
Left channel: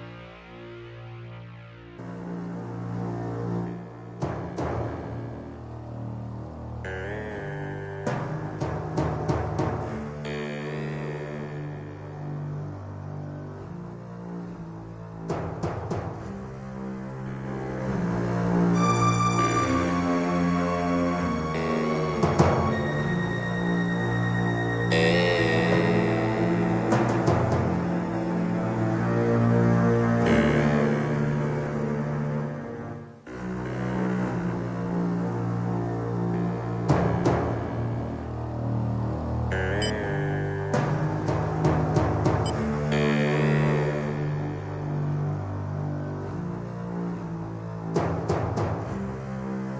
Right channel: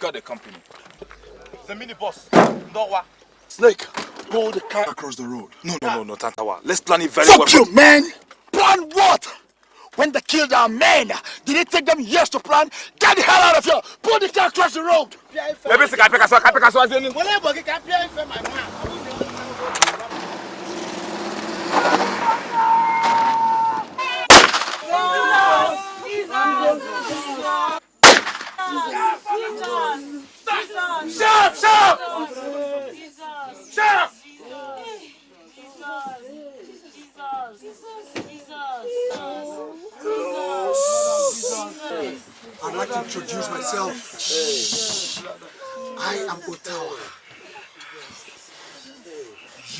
Got the company. The mini boss. Noah. Snake, pull the car across the road. No, Tantawa. Let's plan it very well. Fuck you, man! Plan what? When they killed our men, did it take them years to plan? Get the hell out of here! Pull the car across the road! Stop! I'd like to introduce myself. Shh. I am Otawa.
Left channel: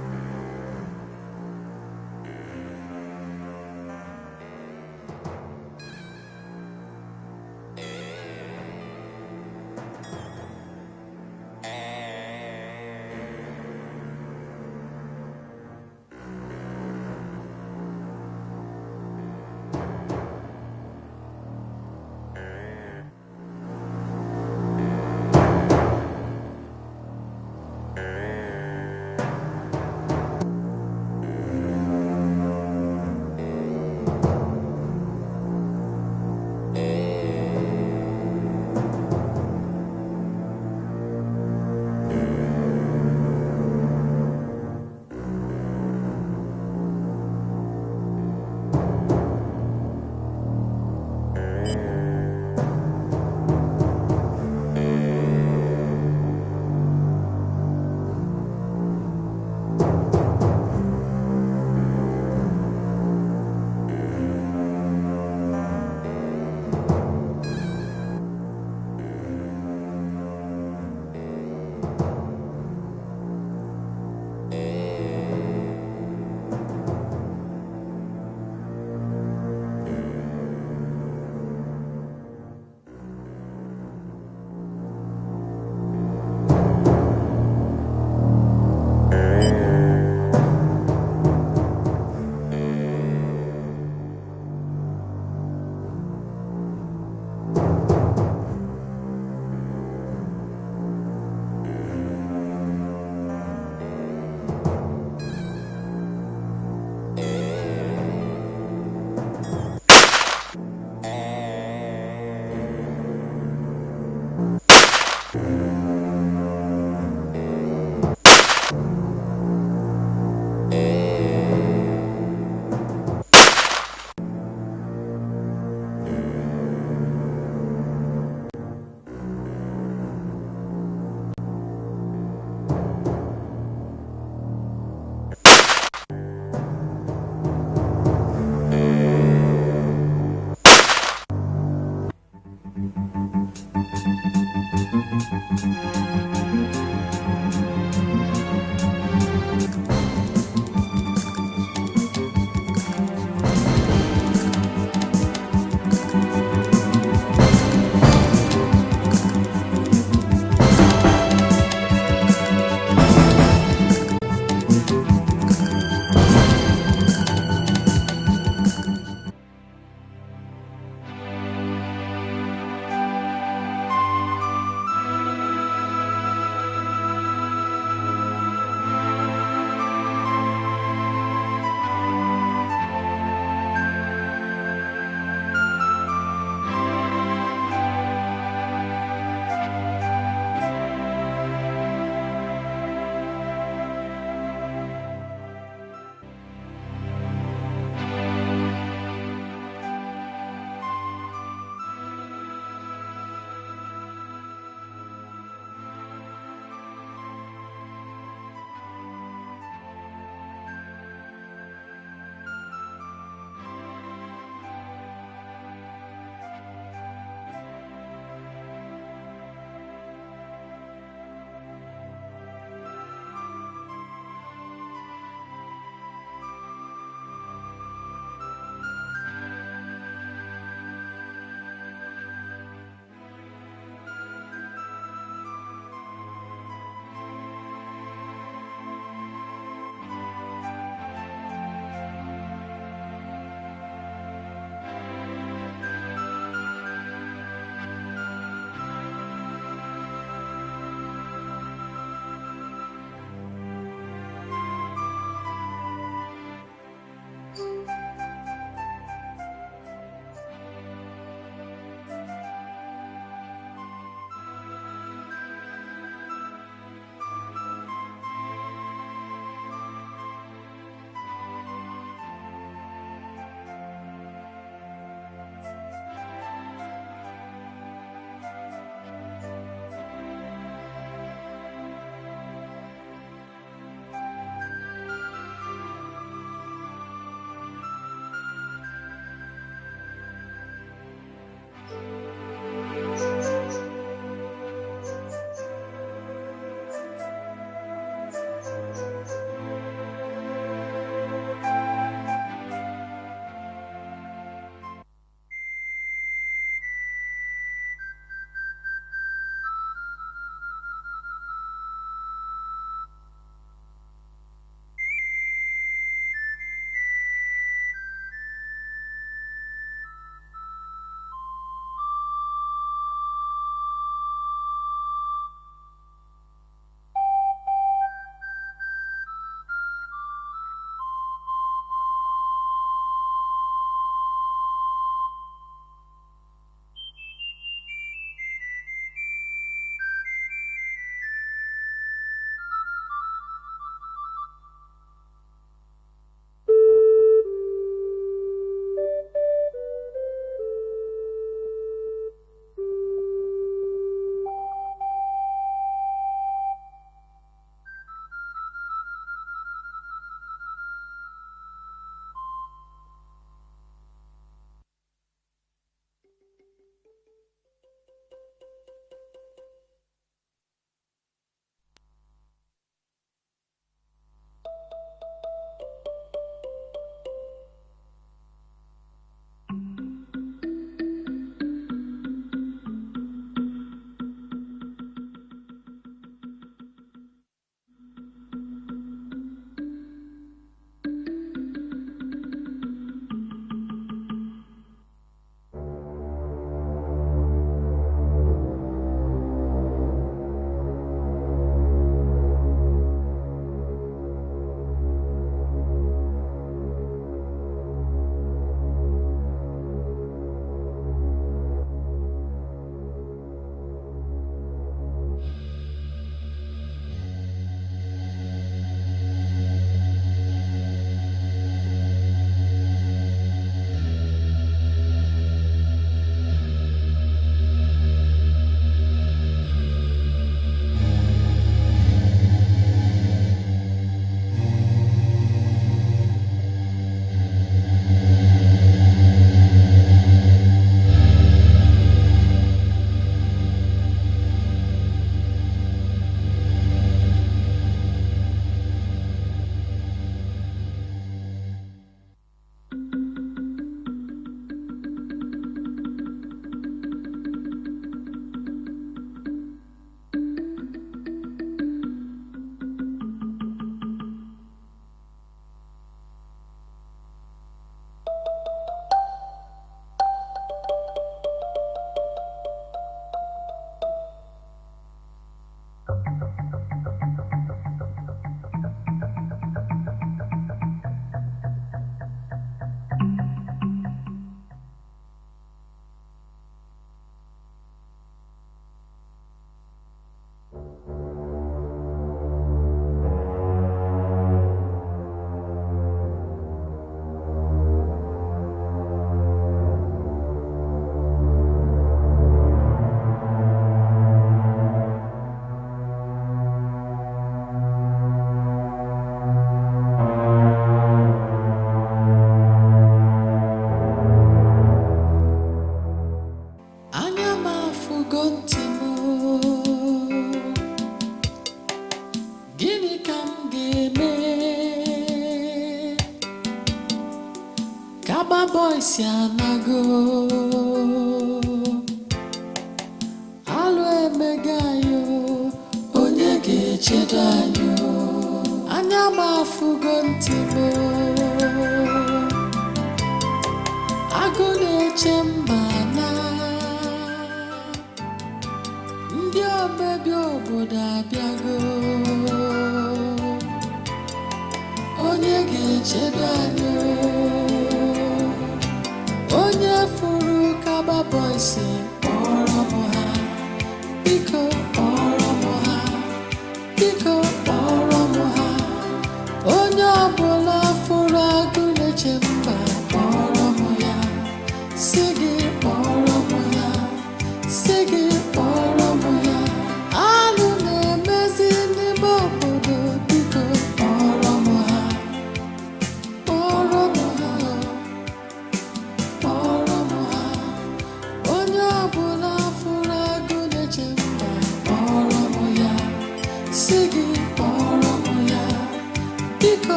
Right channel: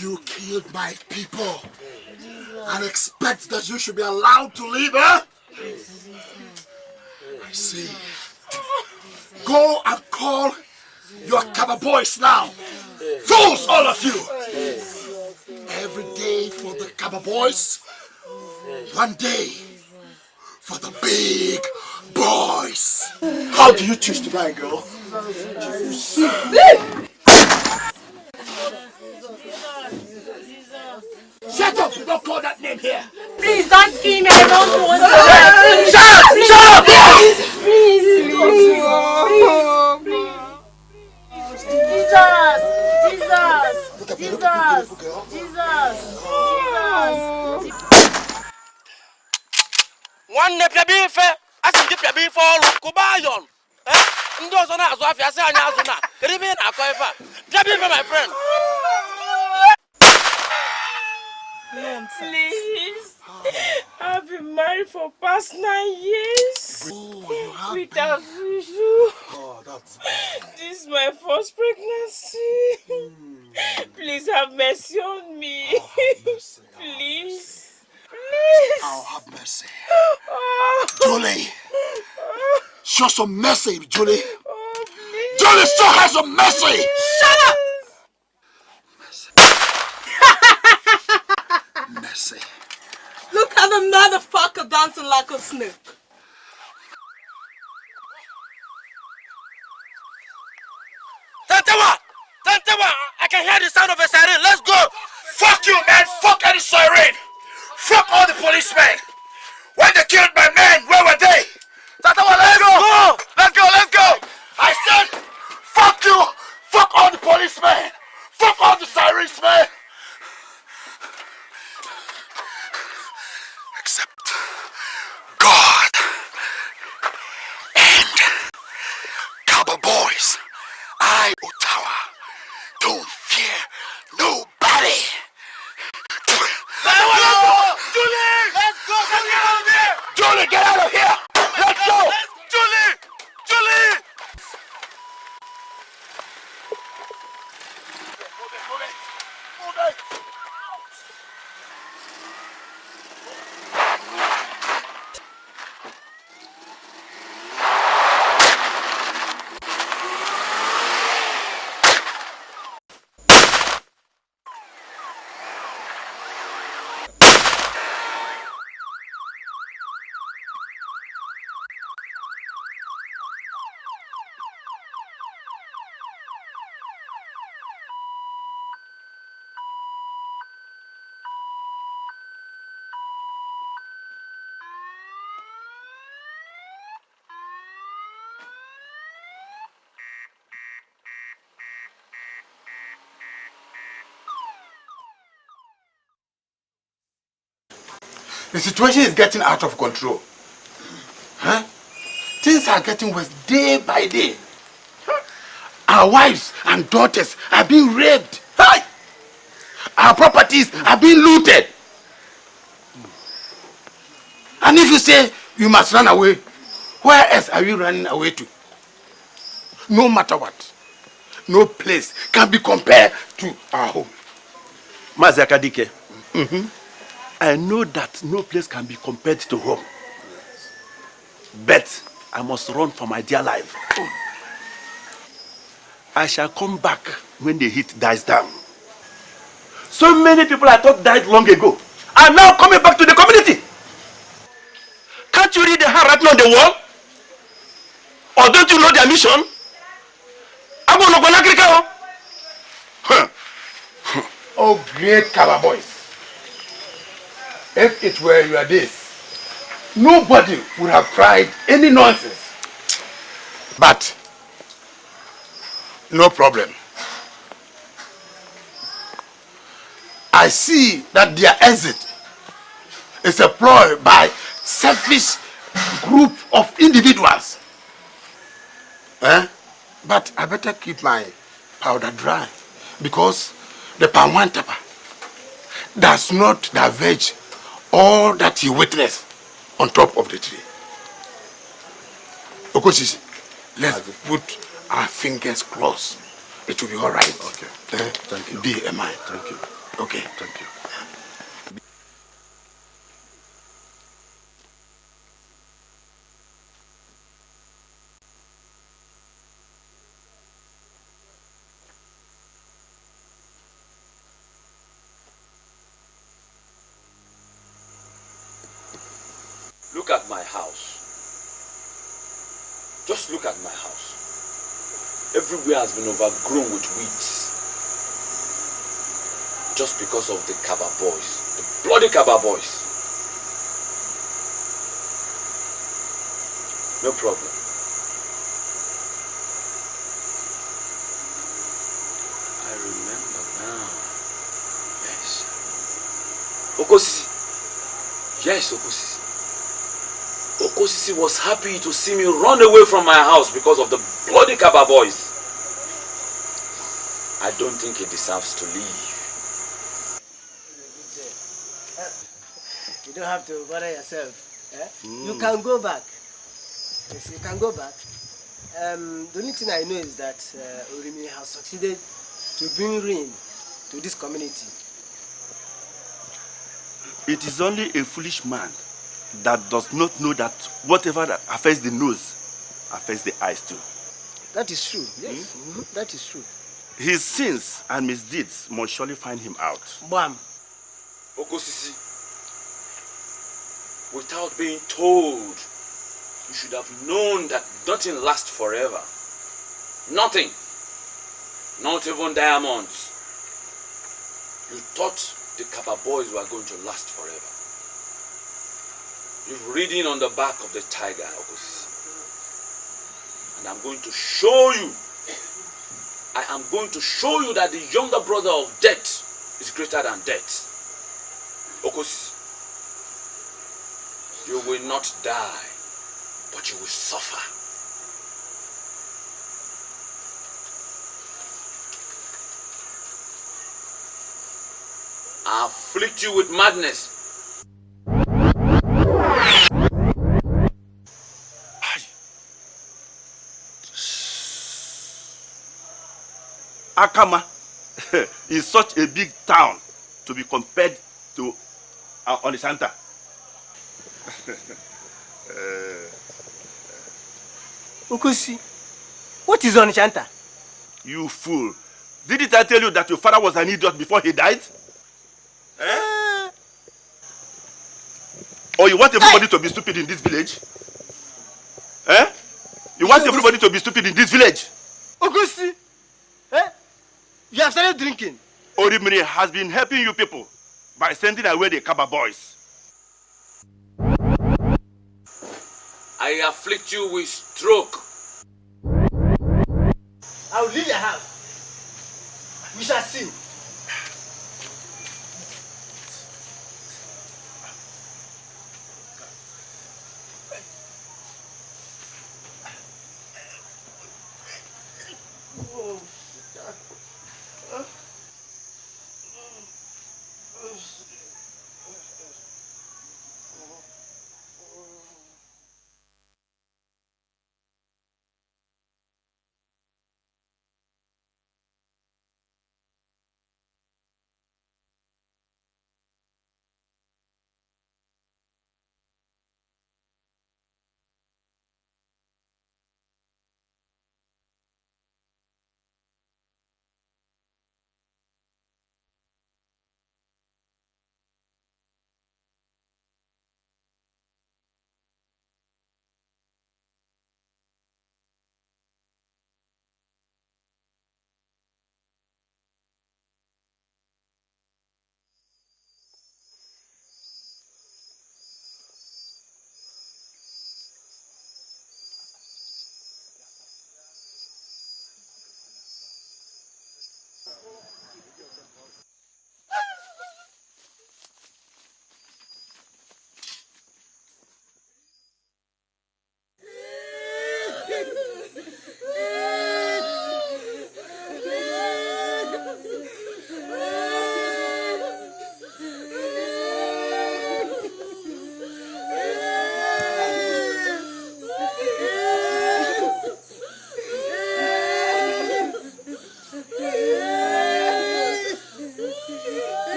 You killed my people and expect that you should be allowed to live, huh? I see. Go and call your Kaba boys now. Fools, all of you! Every day for the Kaba boys, one day for the big boys. How do you choose to die, girl? Shut up! Don't call that name here! Please don't kill me. I don't want to. Shut up! Please. One nip ya beef, I can give ya beef all Kubayon. my friend. I've been married for past 9 years without issue. This is my first pregnancy. Please have mercy on me. Please. Please. I'll have mercy. Julie. Show some mercy, Julie. Julie, show her some mercy. Shut up! Look at the motherfucker dancing like a snake. Tantawa! I can hear the sound of a siren. Let's go! Fuck you, man! Fuck any siren! Fuck all the policemen! When you killed my men, where were they? Tantawa, let's go! Let's go, let's go! I said, fuck you! Fuck all the policemen! Fuck all the sirens, man! God and Cabo Boys, I, Ottawa, don't fear nobody. Julie! Let's go! Get out of here! Julie, get out of here! Let's go! Julie! Julie! The situation is getting out of control. Huh? Things are getting worse day by day. Our wives and daughters are being raped. Hi! Our properties are being looted. And if you say you must run away, where else are you running away to? No matter what, no place can be compared to our home. Mazakadike. I know that no place can be compared to home. But I must run for my dear life. I shall come back when the heat dies down. So many people I thought died long ago are now coming back to the community. Can't you read the hand written on the wall? Or don't you know their mission? Oh, great Kaba boys. If it were your days, nobody would have tried any nonsense. But, no problem. I see that their exit is a ploy by selfish group of individuals. But I better keep my powder dry because the Pamwantapa does not diverge all that he witnessed on top of the tree. Okosis, let's put our fingers crossed. It will be all right. Okay. Thank you. Be a man. Thank you. Okay. Thank you. Look at my house. Just look at my house. Everywhere has been overgrown with weeds. Just because of the Kaba boys. The bloody Kaba boys. No problem. I remember now. Yes. Okosi. Yes, Okosi. Okosisi was happy to see me run away from my house because of the bloody Kaba boys. I don't think he deserves to leave. You don't have to bother yourself. You can go back. Yes, you can go back. The only thing I know is that Orimi has succeeded to bring rain to this community. It is only a foolish man that does not know that whatever that affects the nose affects the eyes too. That is true. Yes, that is true. His sins and misdeeds must surely find him out. Bam. Okosisi, without being told, you should have known that nothing lasts forever. Nothing. Not even diamonds. You thought the Kaba boys were going to last forever. You've ridden on the back of the tiger, Okosisi. And I'm going to show you. I am going to show you that the younger brother of death is greater than death. Okosisi, you will not die, but you will suffer. I afflict you with madness. Akama is such a big town to be compared to Onisanta. Okusi, what is Onishanta? You fool. Didn't I tell you that your father was an idiot before he died? Or you want everybody to be stupid in this village? You want everybody to be stupid in this village? Okusi, you have started drinking. Orimiri has been helping you people by sending away the Kaba boys. I afflict you with stroke. I will leave your house. We shall see.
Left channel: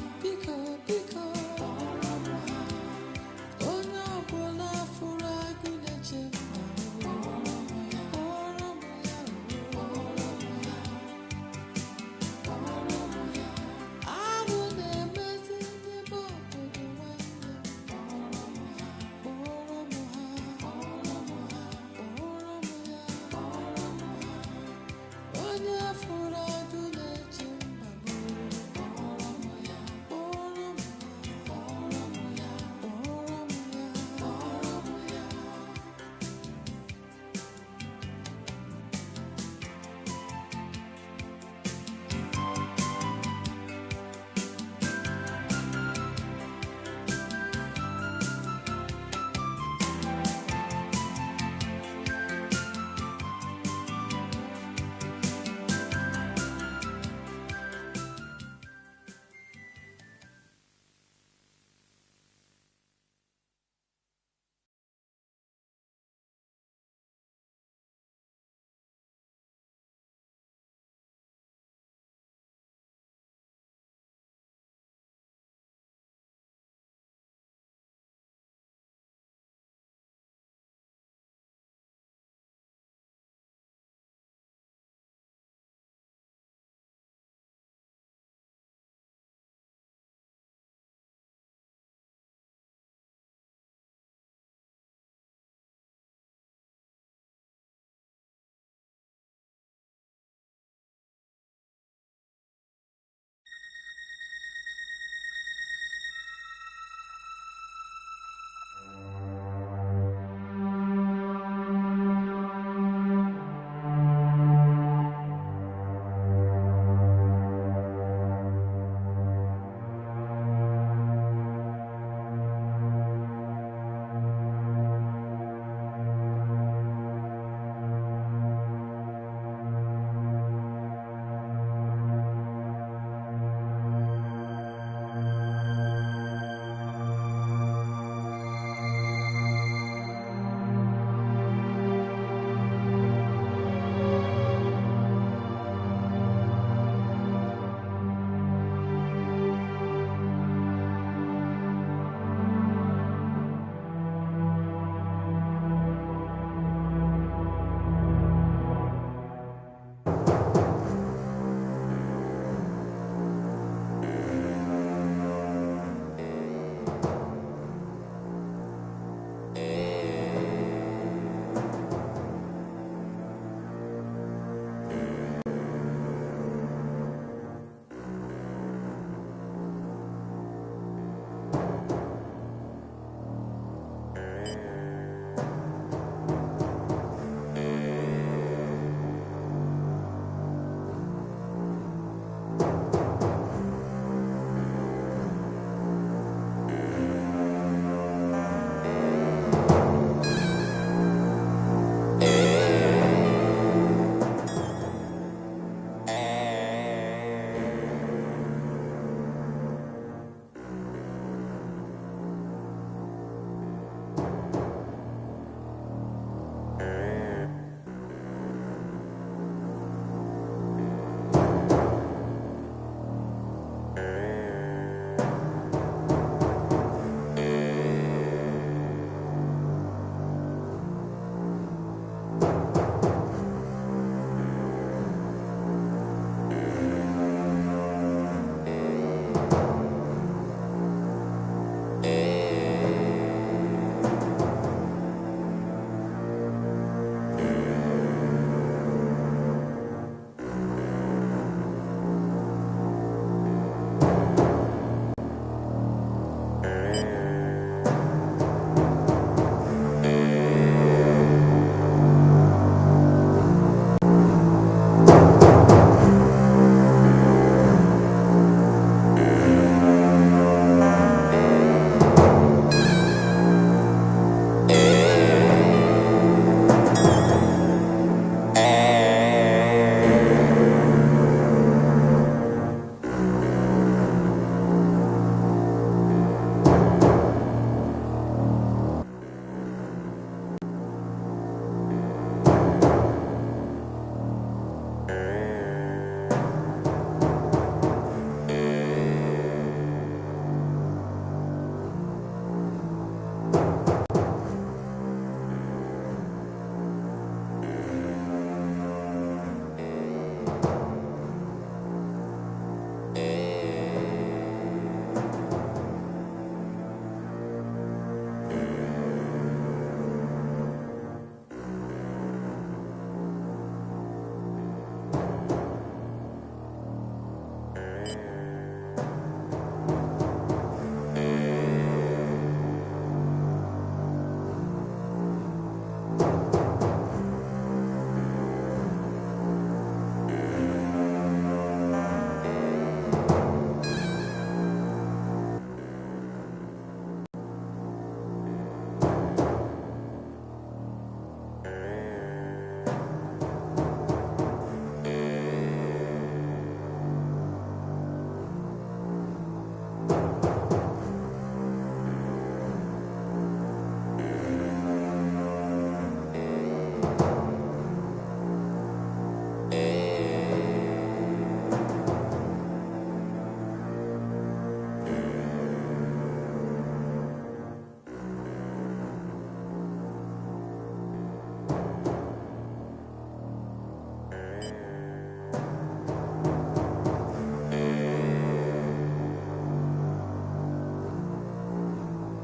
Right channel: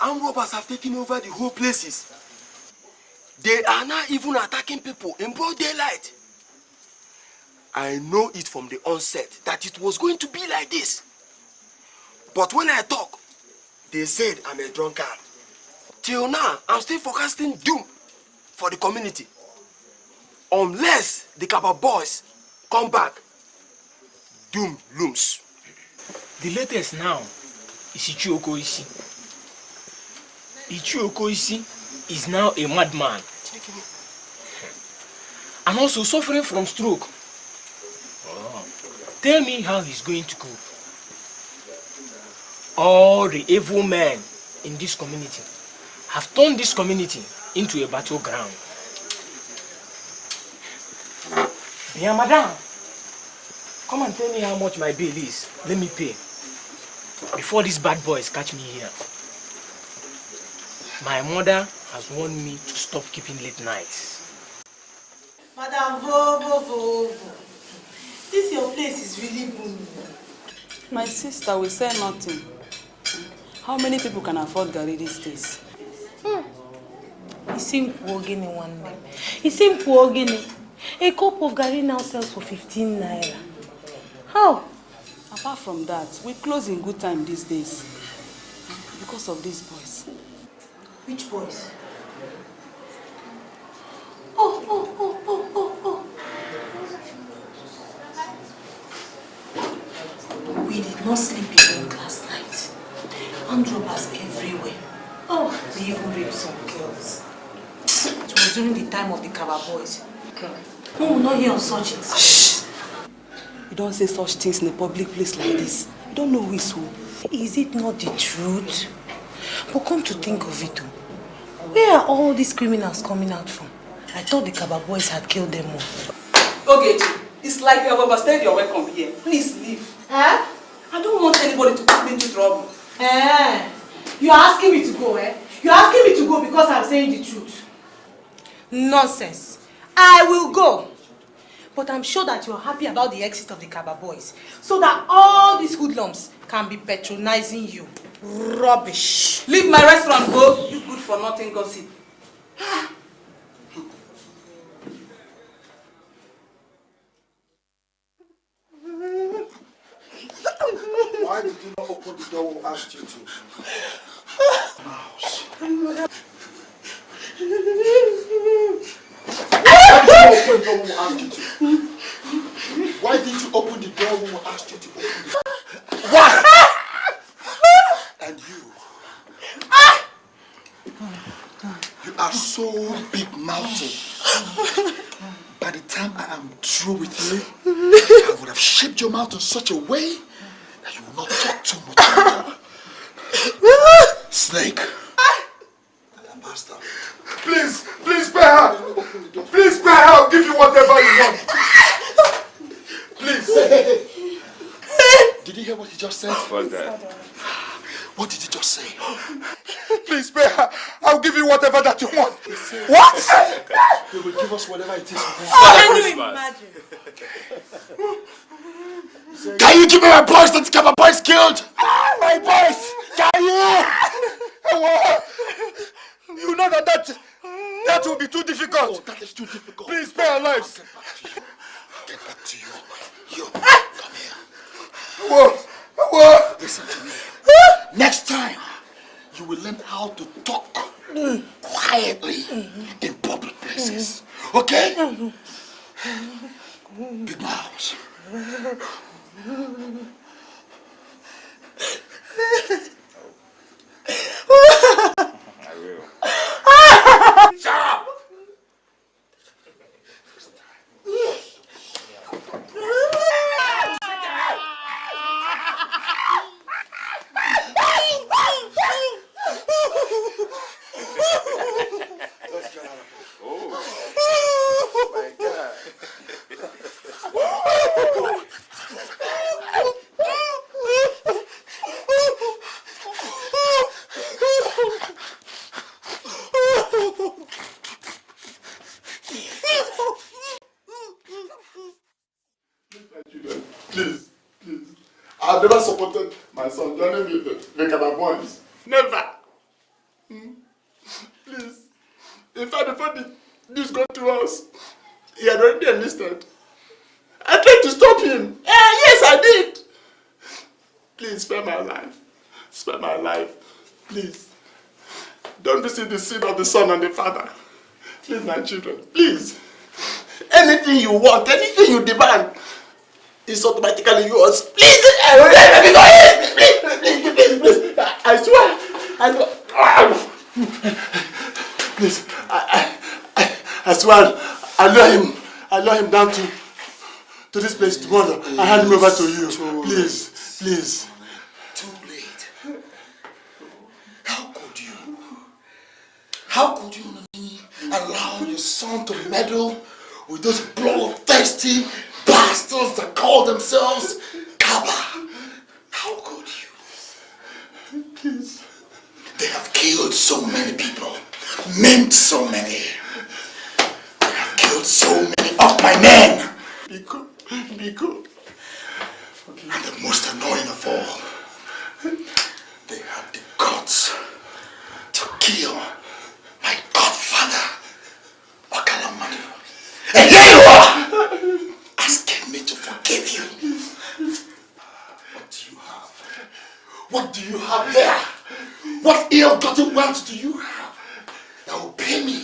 Armed robbers have taken over the whole places. They are now even attacking people in broad daylight. I know it from the onset that it was going to be like this. But when I talk, they said I'm a drunkard. Till now, I'm still forecasting doom for the community. Unless the Kaba boys come back, doom looms. The latest now is Ichioku Isi. Ichioku Isi is now a madman and also suffering from stroke. Tell me how he's going to go. All the evil men in this community have turned this community into a battleground. Yeah, madam, come and tell me how much my bill is. Let me pay. Before these bad boys catch me here. My mother has warned me to stop keeping late nights. Madam, Vo. This your place is really booming. My sister will say nothing. How many people can afford Gary these days? It's simple, Ogini one day. It's simple, Ogini. A cup of Gary now sells for 15 naira. How? Apart from that, we close in good time these days. Because of these boys. Which boys? Oh. We did not sleep alone last night. And robbers everywhere. Oh, they even raped some girls. It was during the time of the Kaba boys. No, we will not hear of such things. Shh! You don't say such things in a public place like this. You don't know who is who. Is it not the truth? But come to think of it, where are all these criminals coming out from? I thought the Kaba boys had killed them all. Okay, it's like you have overstayed your welcome here. Please leave. Eh? I don't want anybody to put me into trouble. You're asking me to go, eh? You're asking me to go because I'm saying the truth. Nonsense. I will go. But I'm sure that you're happy about the exit of the Kaba boys, so that all these hoodlums can be patronizing you. Rubbish. Leave my restaurant, go. You good for nothing gossip. Why did you not open the door when I asked you to? Why didn't you open the door when we asked you to? Why? And you are so big-mouthed. By the time I am through with you, I would have shaped your mouth in such a way that you will not talk too much. Snake. Please spare her. Please spare her. I'll give you whatever you want. Please. Did you hear what he just said? What did he just say? Please spare her. I'll give you whatever that you want. What? You will give us whatever it is. Can you give me my boys that Kaba boys killed? My boys! Can you? You know that will be too difficult. That is too difficult. Please spare our lives. Get back to you. Come here. Whoa. Listen to me. Next time, you will learn how to talk quietly in public places. Okay? Be loud. I've never supported my son learning the Kaba boys. Never. Please. In fact, before this got to us, he had already enlisted. I tried to stop him. Yes, I did. Please spare my life. Spare my life. Please. Don't visit the sin of the son and the father. Please, my children, please. Anything you want, anything you demand, is automatically yours. Please, let me go. Please. I swear. Please, I swear, I lure him down to this place tomorrow. I hand him over to you. Please. How could you allow your son to meddle with those bloodthirsty bastards that call themselves Kaba? How could you? Please. They have killed so many people, maimed so many. They have killed so many of my men. Be good. And the most annoying of all, they had the guts to kill my godfather, Okalamadu. And here you are, asking me to forgive you. What do you have there? What ill-gotten wealth do you have that will pay me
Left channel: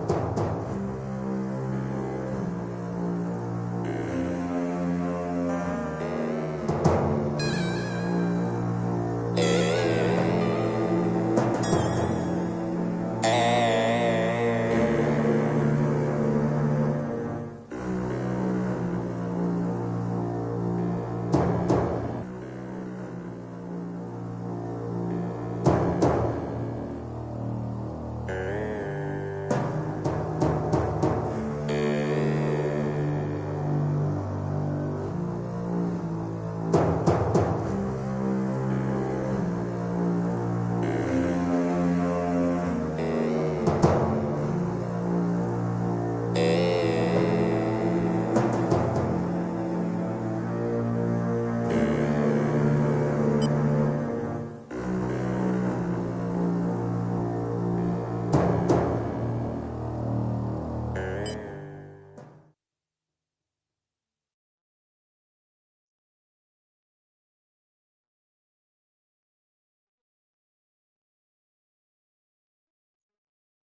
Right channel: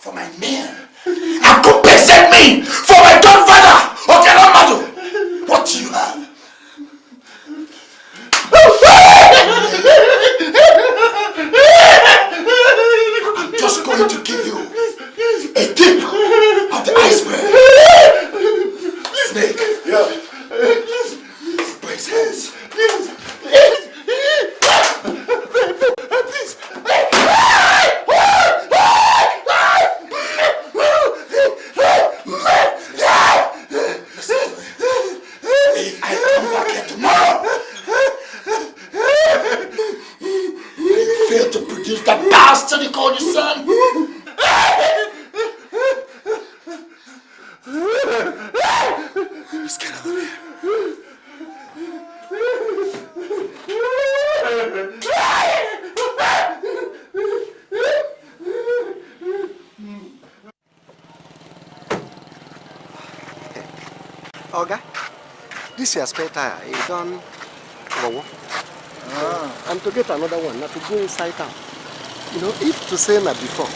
for my men and compensate me for my godfather, Okalamadu? What do you have? I'm just going to give you a tip of the iceberg. Snake. Yeah. Brace hands. Please. If I come back here tomorrow, you fail to produce that bastard you call your son. Let's get out of here. Oga, this your spare tire, you done wow. And to get another one, not to go inside town. You know, if to say that before,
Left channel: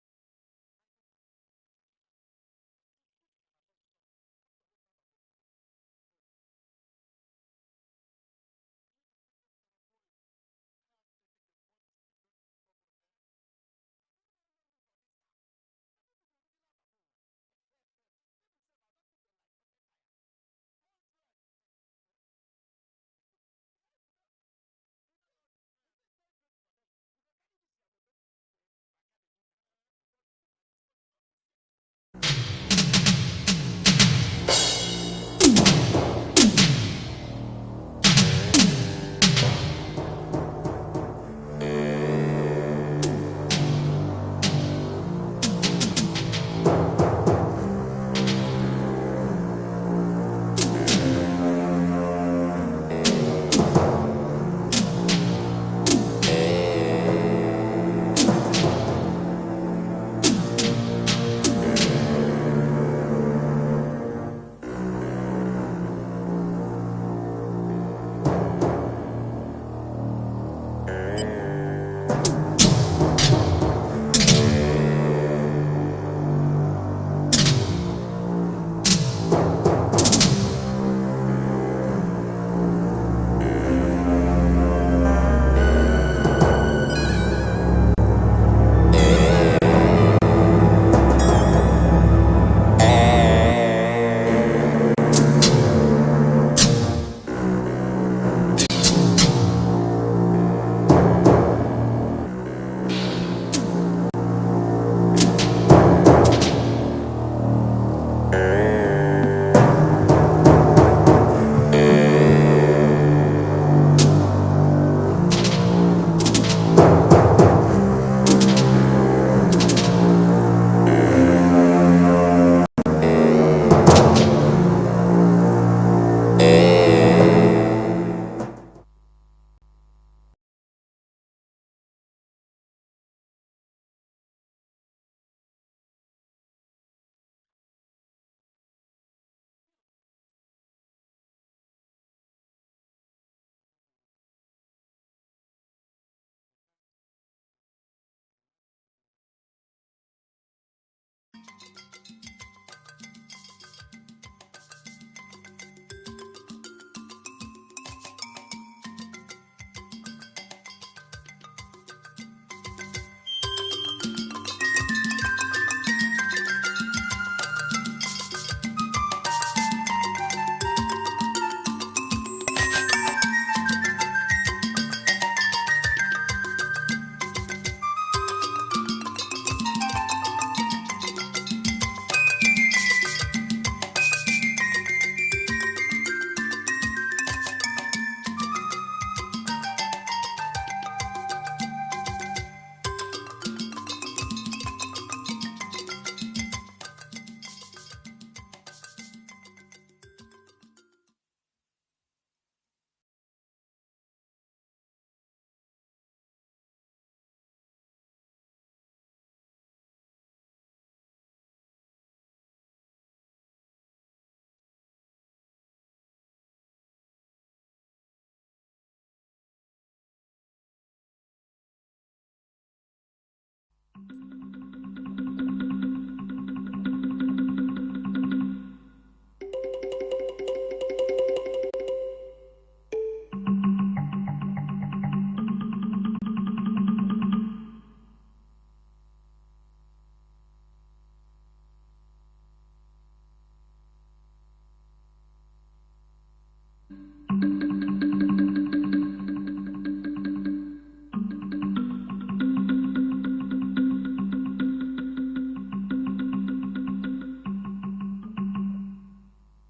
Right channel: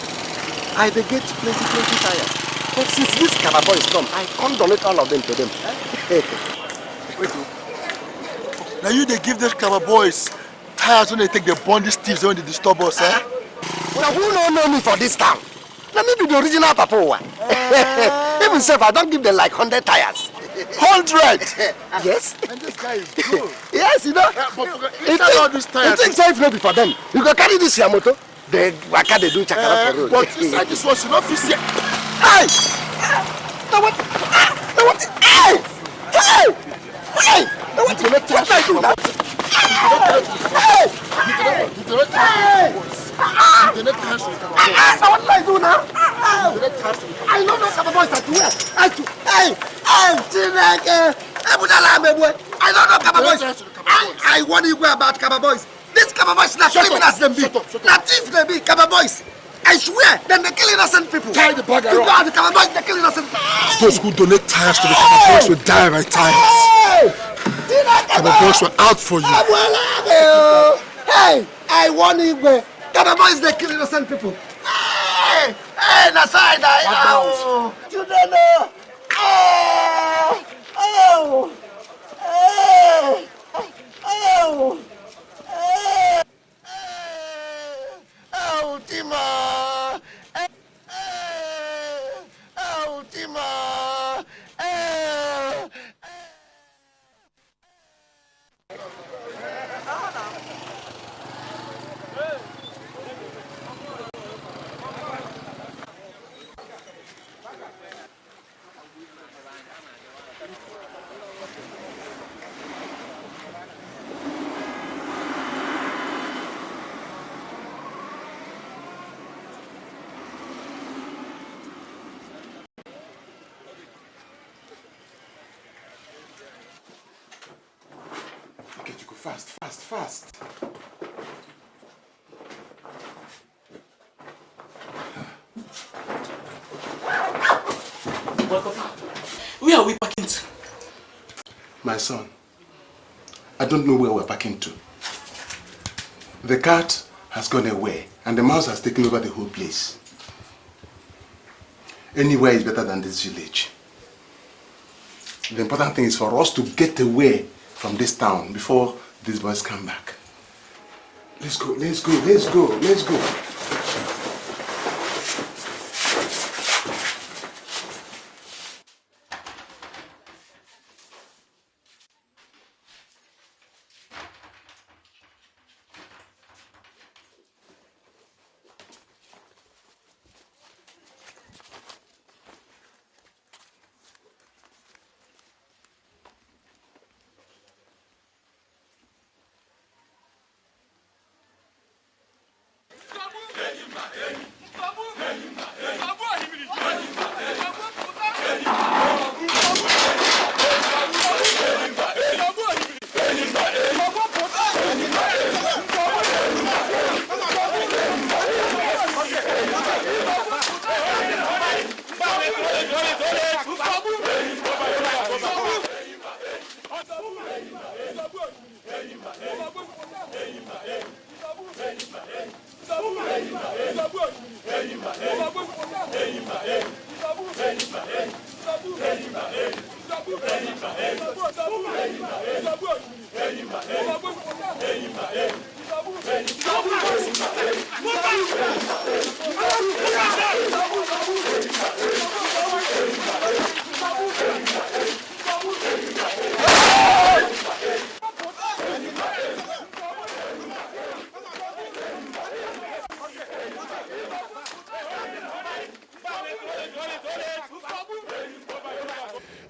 I dey get plenty tires. But since this Kaba boys come, I can't donate all of them to them. Wait. Now you they give those Kaba boys tires when they take the bondage thieves when they disturb us, eh? Now who don't know me for this town? Let me be the original Papa. Even if I don't give them like 100 tires. 100? Yes. And this guy is good. Yes, you know. Inside all these tires. You think so if not be for them? You can carry this your motor. They waka they do chakara for road. But inside this one, you don't feel sick. Hey! Now what? Hey! Hey! Hey! Now what? What I do that? Hey! Now what I do now? I don't know Kaba boys are doing. Hey! I don't know Kaba boys. I want you about Kaba boys. This Kaba boys not criminals them be. Nothing they be Kaba boys. I swear, then they kill innocent people. The Kaba boys, they kill innocent people. Those who donate tires to the Kaba boys will die by tires. And the boys were out for you. Hey, I want you, man. Kaba boys, they kill innocent people. Hey, that's right. You don't know. Fast. Where are we parking to? My son, I don't know where we're parking to. The cart has gone away and the mouse has taken over the whole place. Anywhere is better than this village. The important thing is for us to get away from this town before these boys come back. Let's go, let's go, let's go, let's go.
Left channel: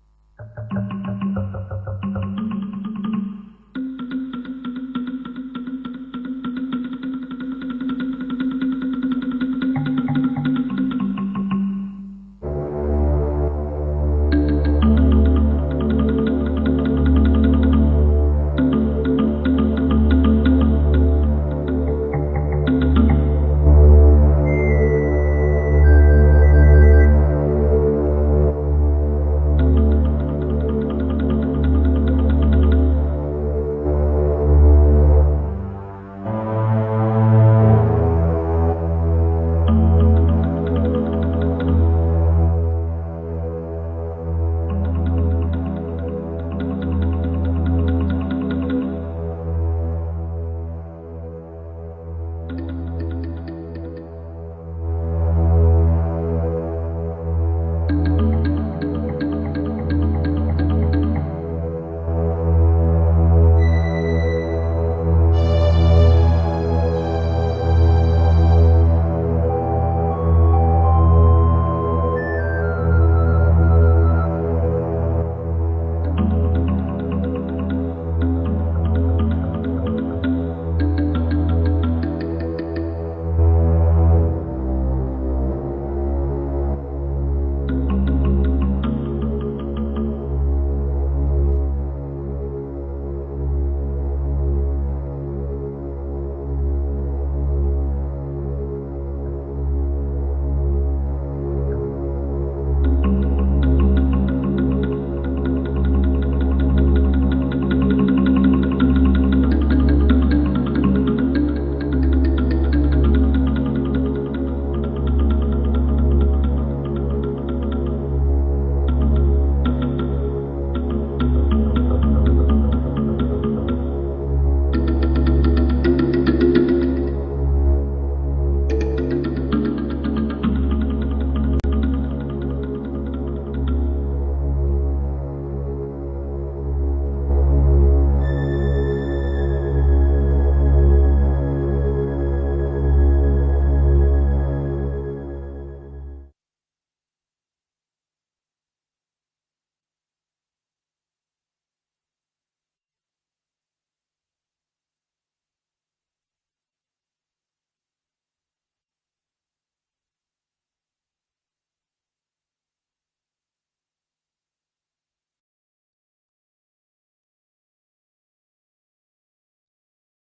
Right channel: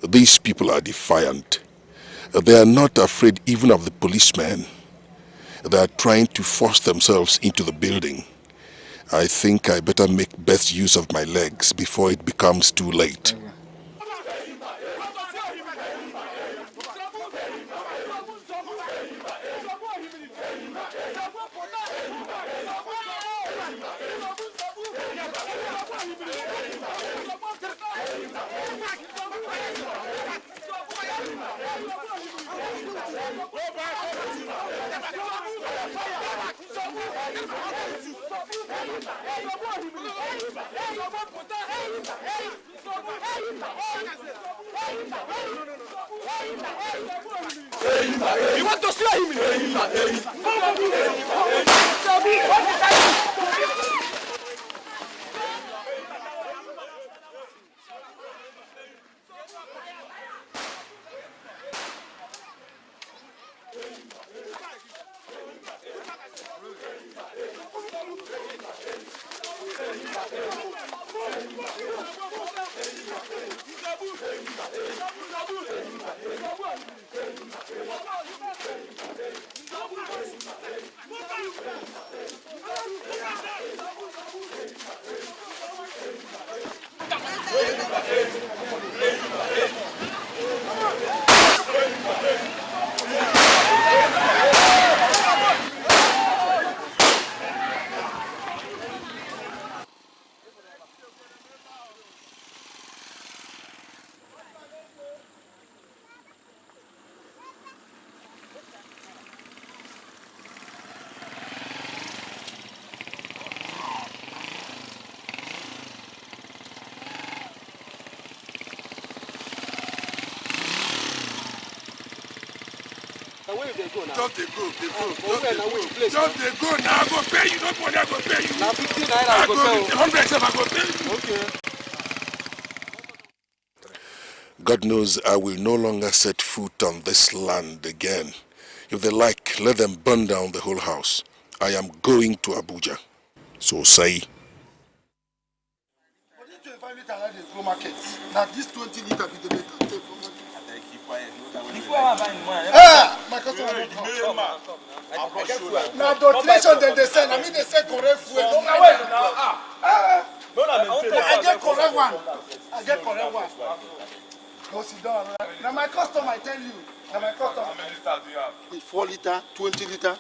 These people are defiant. They are not afraid even of the policemen. They are trying to force themselves into the building. I think I better make best use of my legs before it becomes too late. God knows I will no longer set foot on this land again. If they like, let them burn down the whole house. I am going to Abuja. So say. Now this 20 liter be the better. My customer don't come. Now donation then they send. I mean they say correct fuel. Don't mind them. I get correct one. I get correct one. Go sit down. Now my customer, I tell you. Now my customer. How many liters do you have? 4 liter, 20 liter,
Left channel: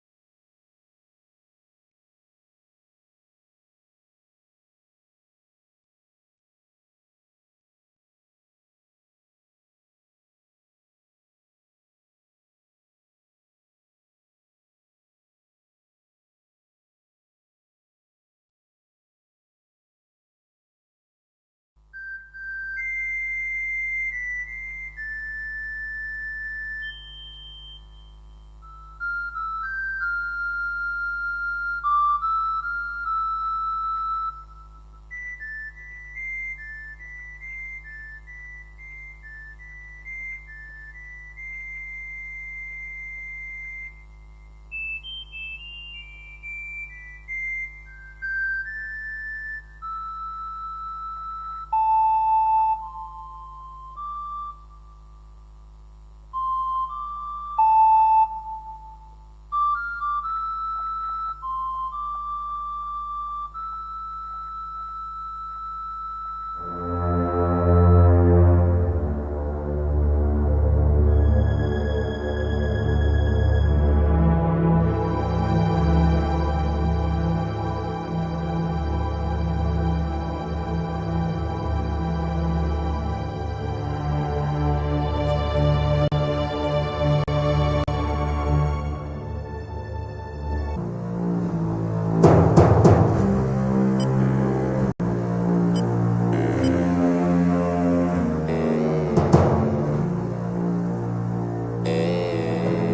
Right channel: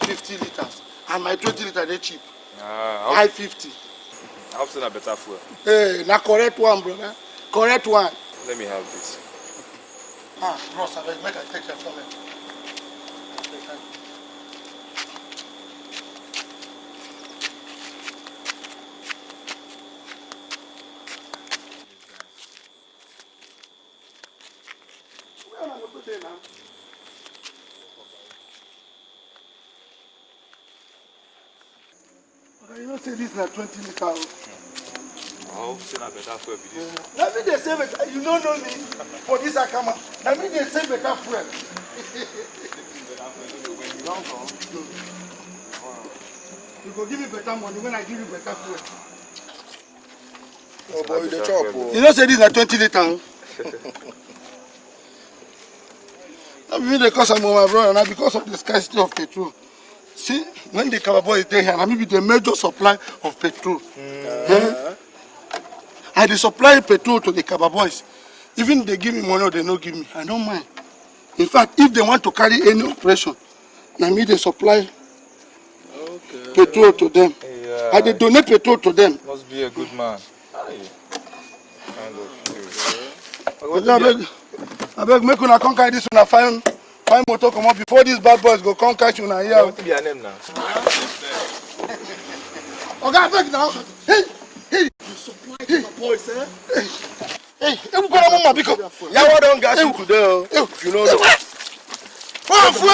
50 liters. And my 20 liter they cheap. 550. I hope it's a better fuel. Hey, now correct one, brother. Correct one. Let me have this. Ross, I make I take your phone. this na 20 liters. I hope say na better fuel be this. Na me dey save it. You don't know me for this akama. Na me dey save better fuel. You go give me better money when I give you better fuel. Oh boy, the chop. You know say this na 20 liters. I mean the cost of my brother now because of the scarcity of petrol. See, when the Calabar is there here, I mean the major supply of petrol. I dey supply petrol to the Kaba boys. Even they give me money or they no give me, I don't mind. In fact, if they want to carry any operation, na me they supply petrol to them. I dey donate petrol to them. Must be a good man. I beg make una come carry this una fine motor come up before these bad boys go come catch una here. What be your name now? Oga, abeg now. Hey. Ewu kọ́ra mọ́ màá bí kan. Yàwó don gas you today o. You know. Wọ́n fún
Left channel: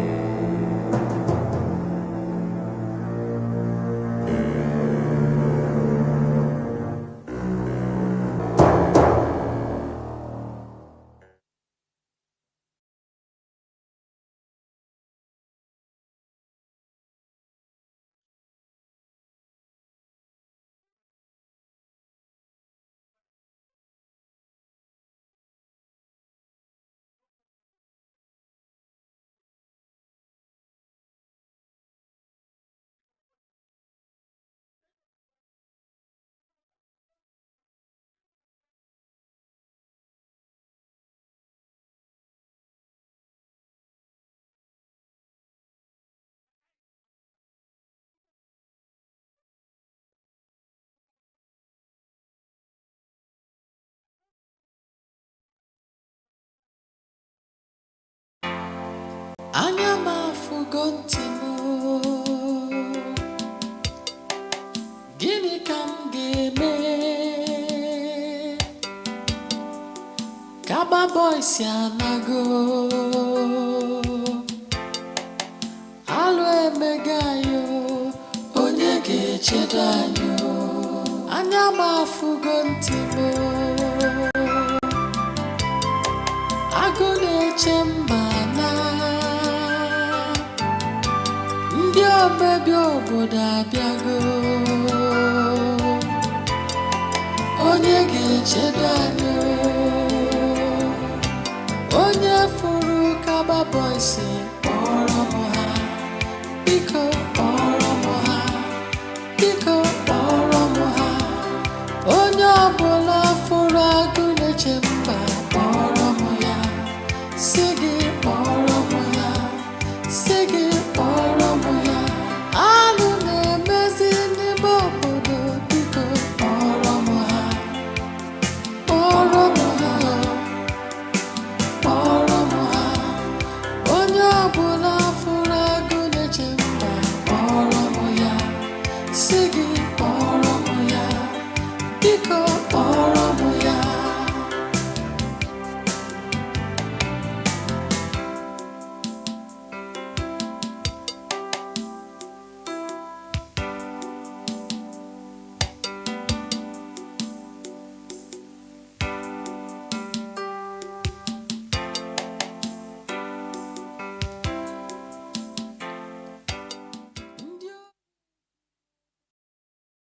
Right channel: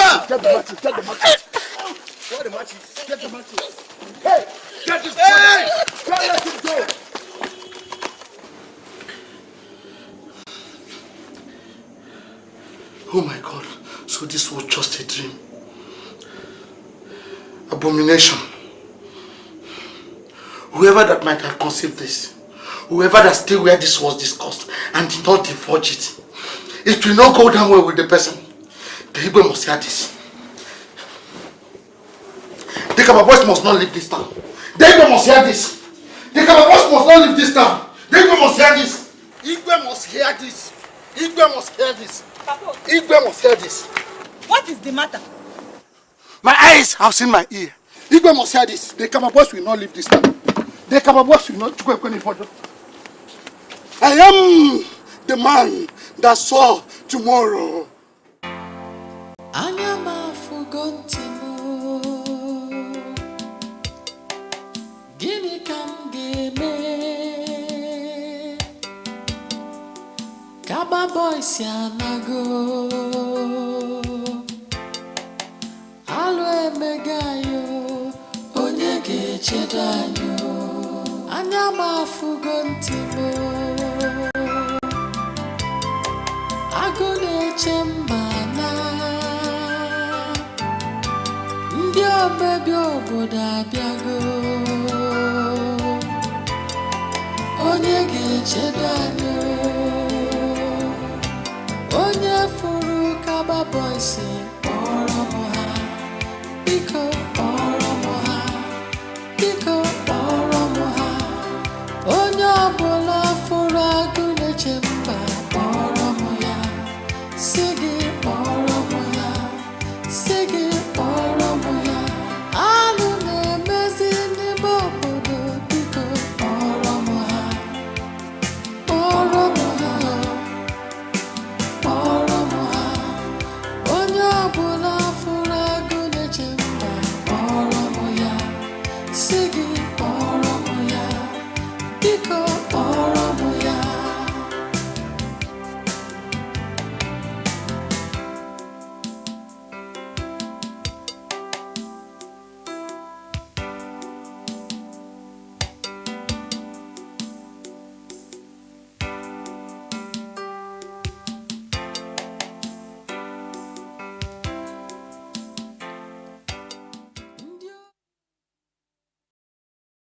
Oh my God, so this was just a dream. Abomination. Whoever that might have conceived this, whoever that still where this was discussed and did not divulge it, it will not go down well with the person. The Igbo must hear this. The Kaba boys must not leave this town. The Igbo must hear this. The Kaba boys must not leave this town. The Igbo must hear this. Igbo must hear this. Igbo must hear this. Igwe must hear this. What is the matter? My eyes have seen my ear. Igwe must hear this. The Kaba boys will not leave this town. The Kaba boys will not go any further. I am the man that saw tomorrow. Anyama forgotten. Gini kam game. Kaba boys yanago. Alwe megayo. Onyege chedanyo. Anyama fugontimo. Agone chembana. Ndio bebi obodo abiago. Onyege chedanyo. Onye furu Kaba boys oromo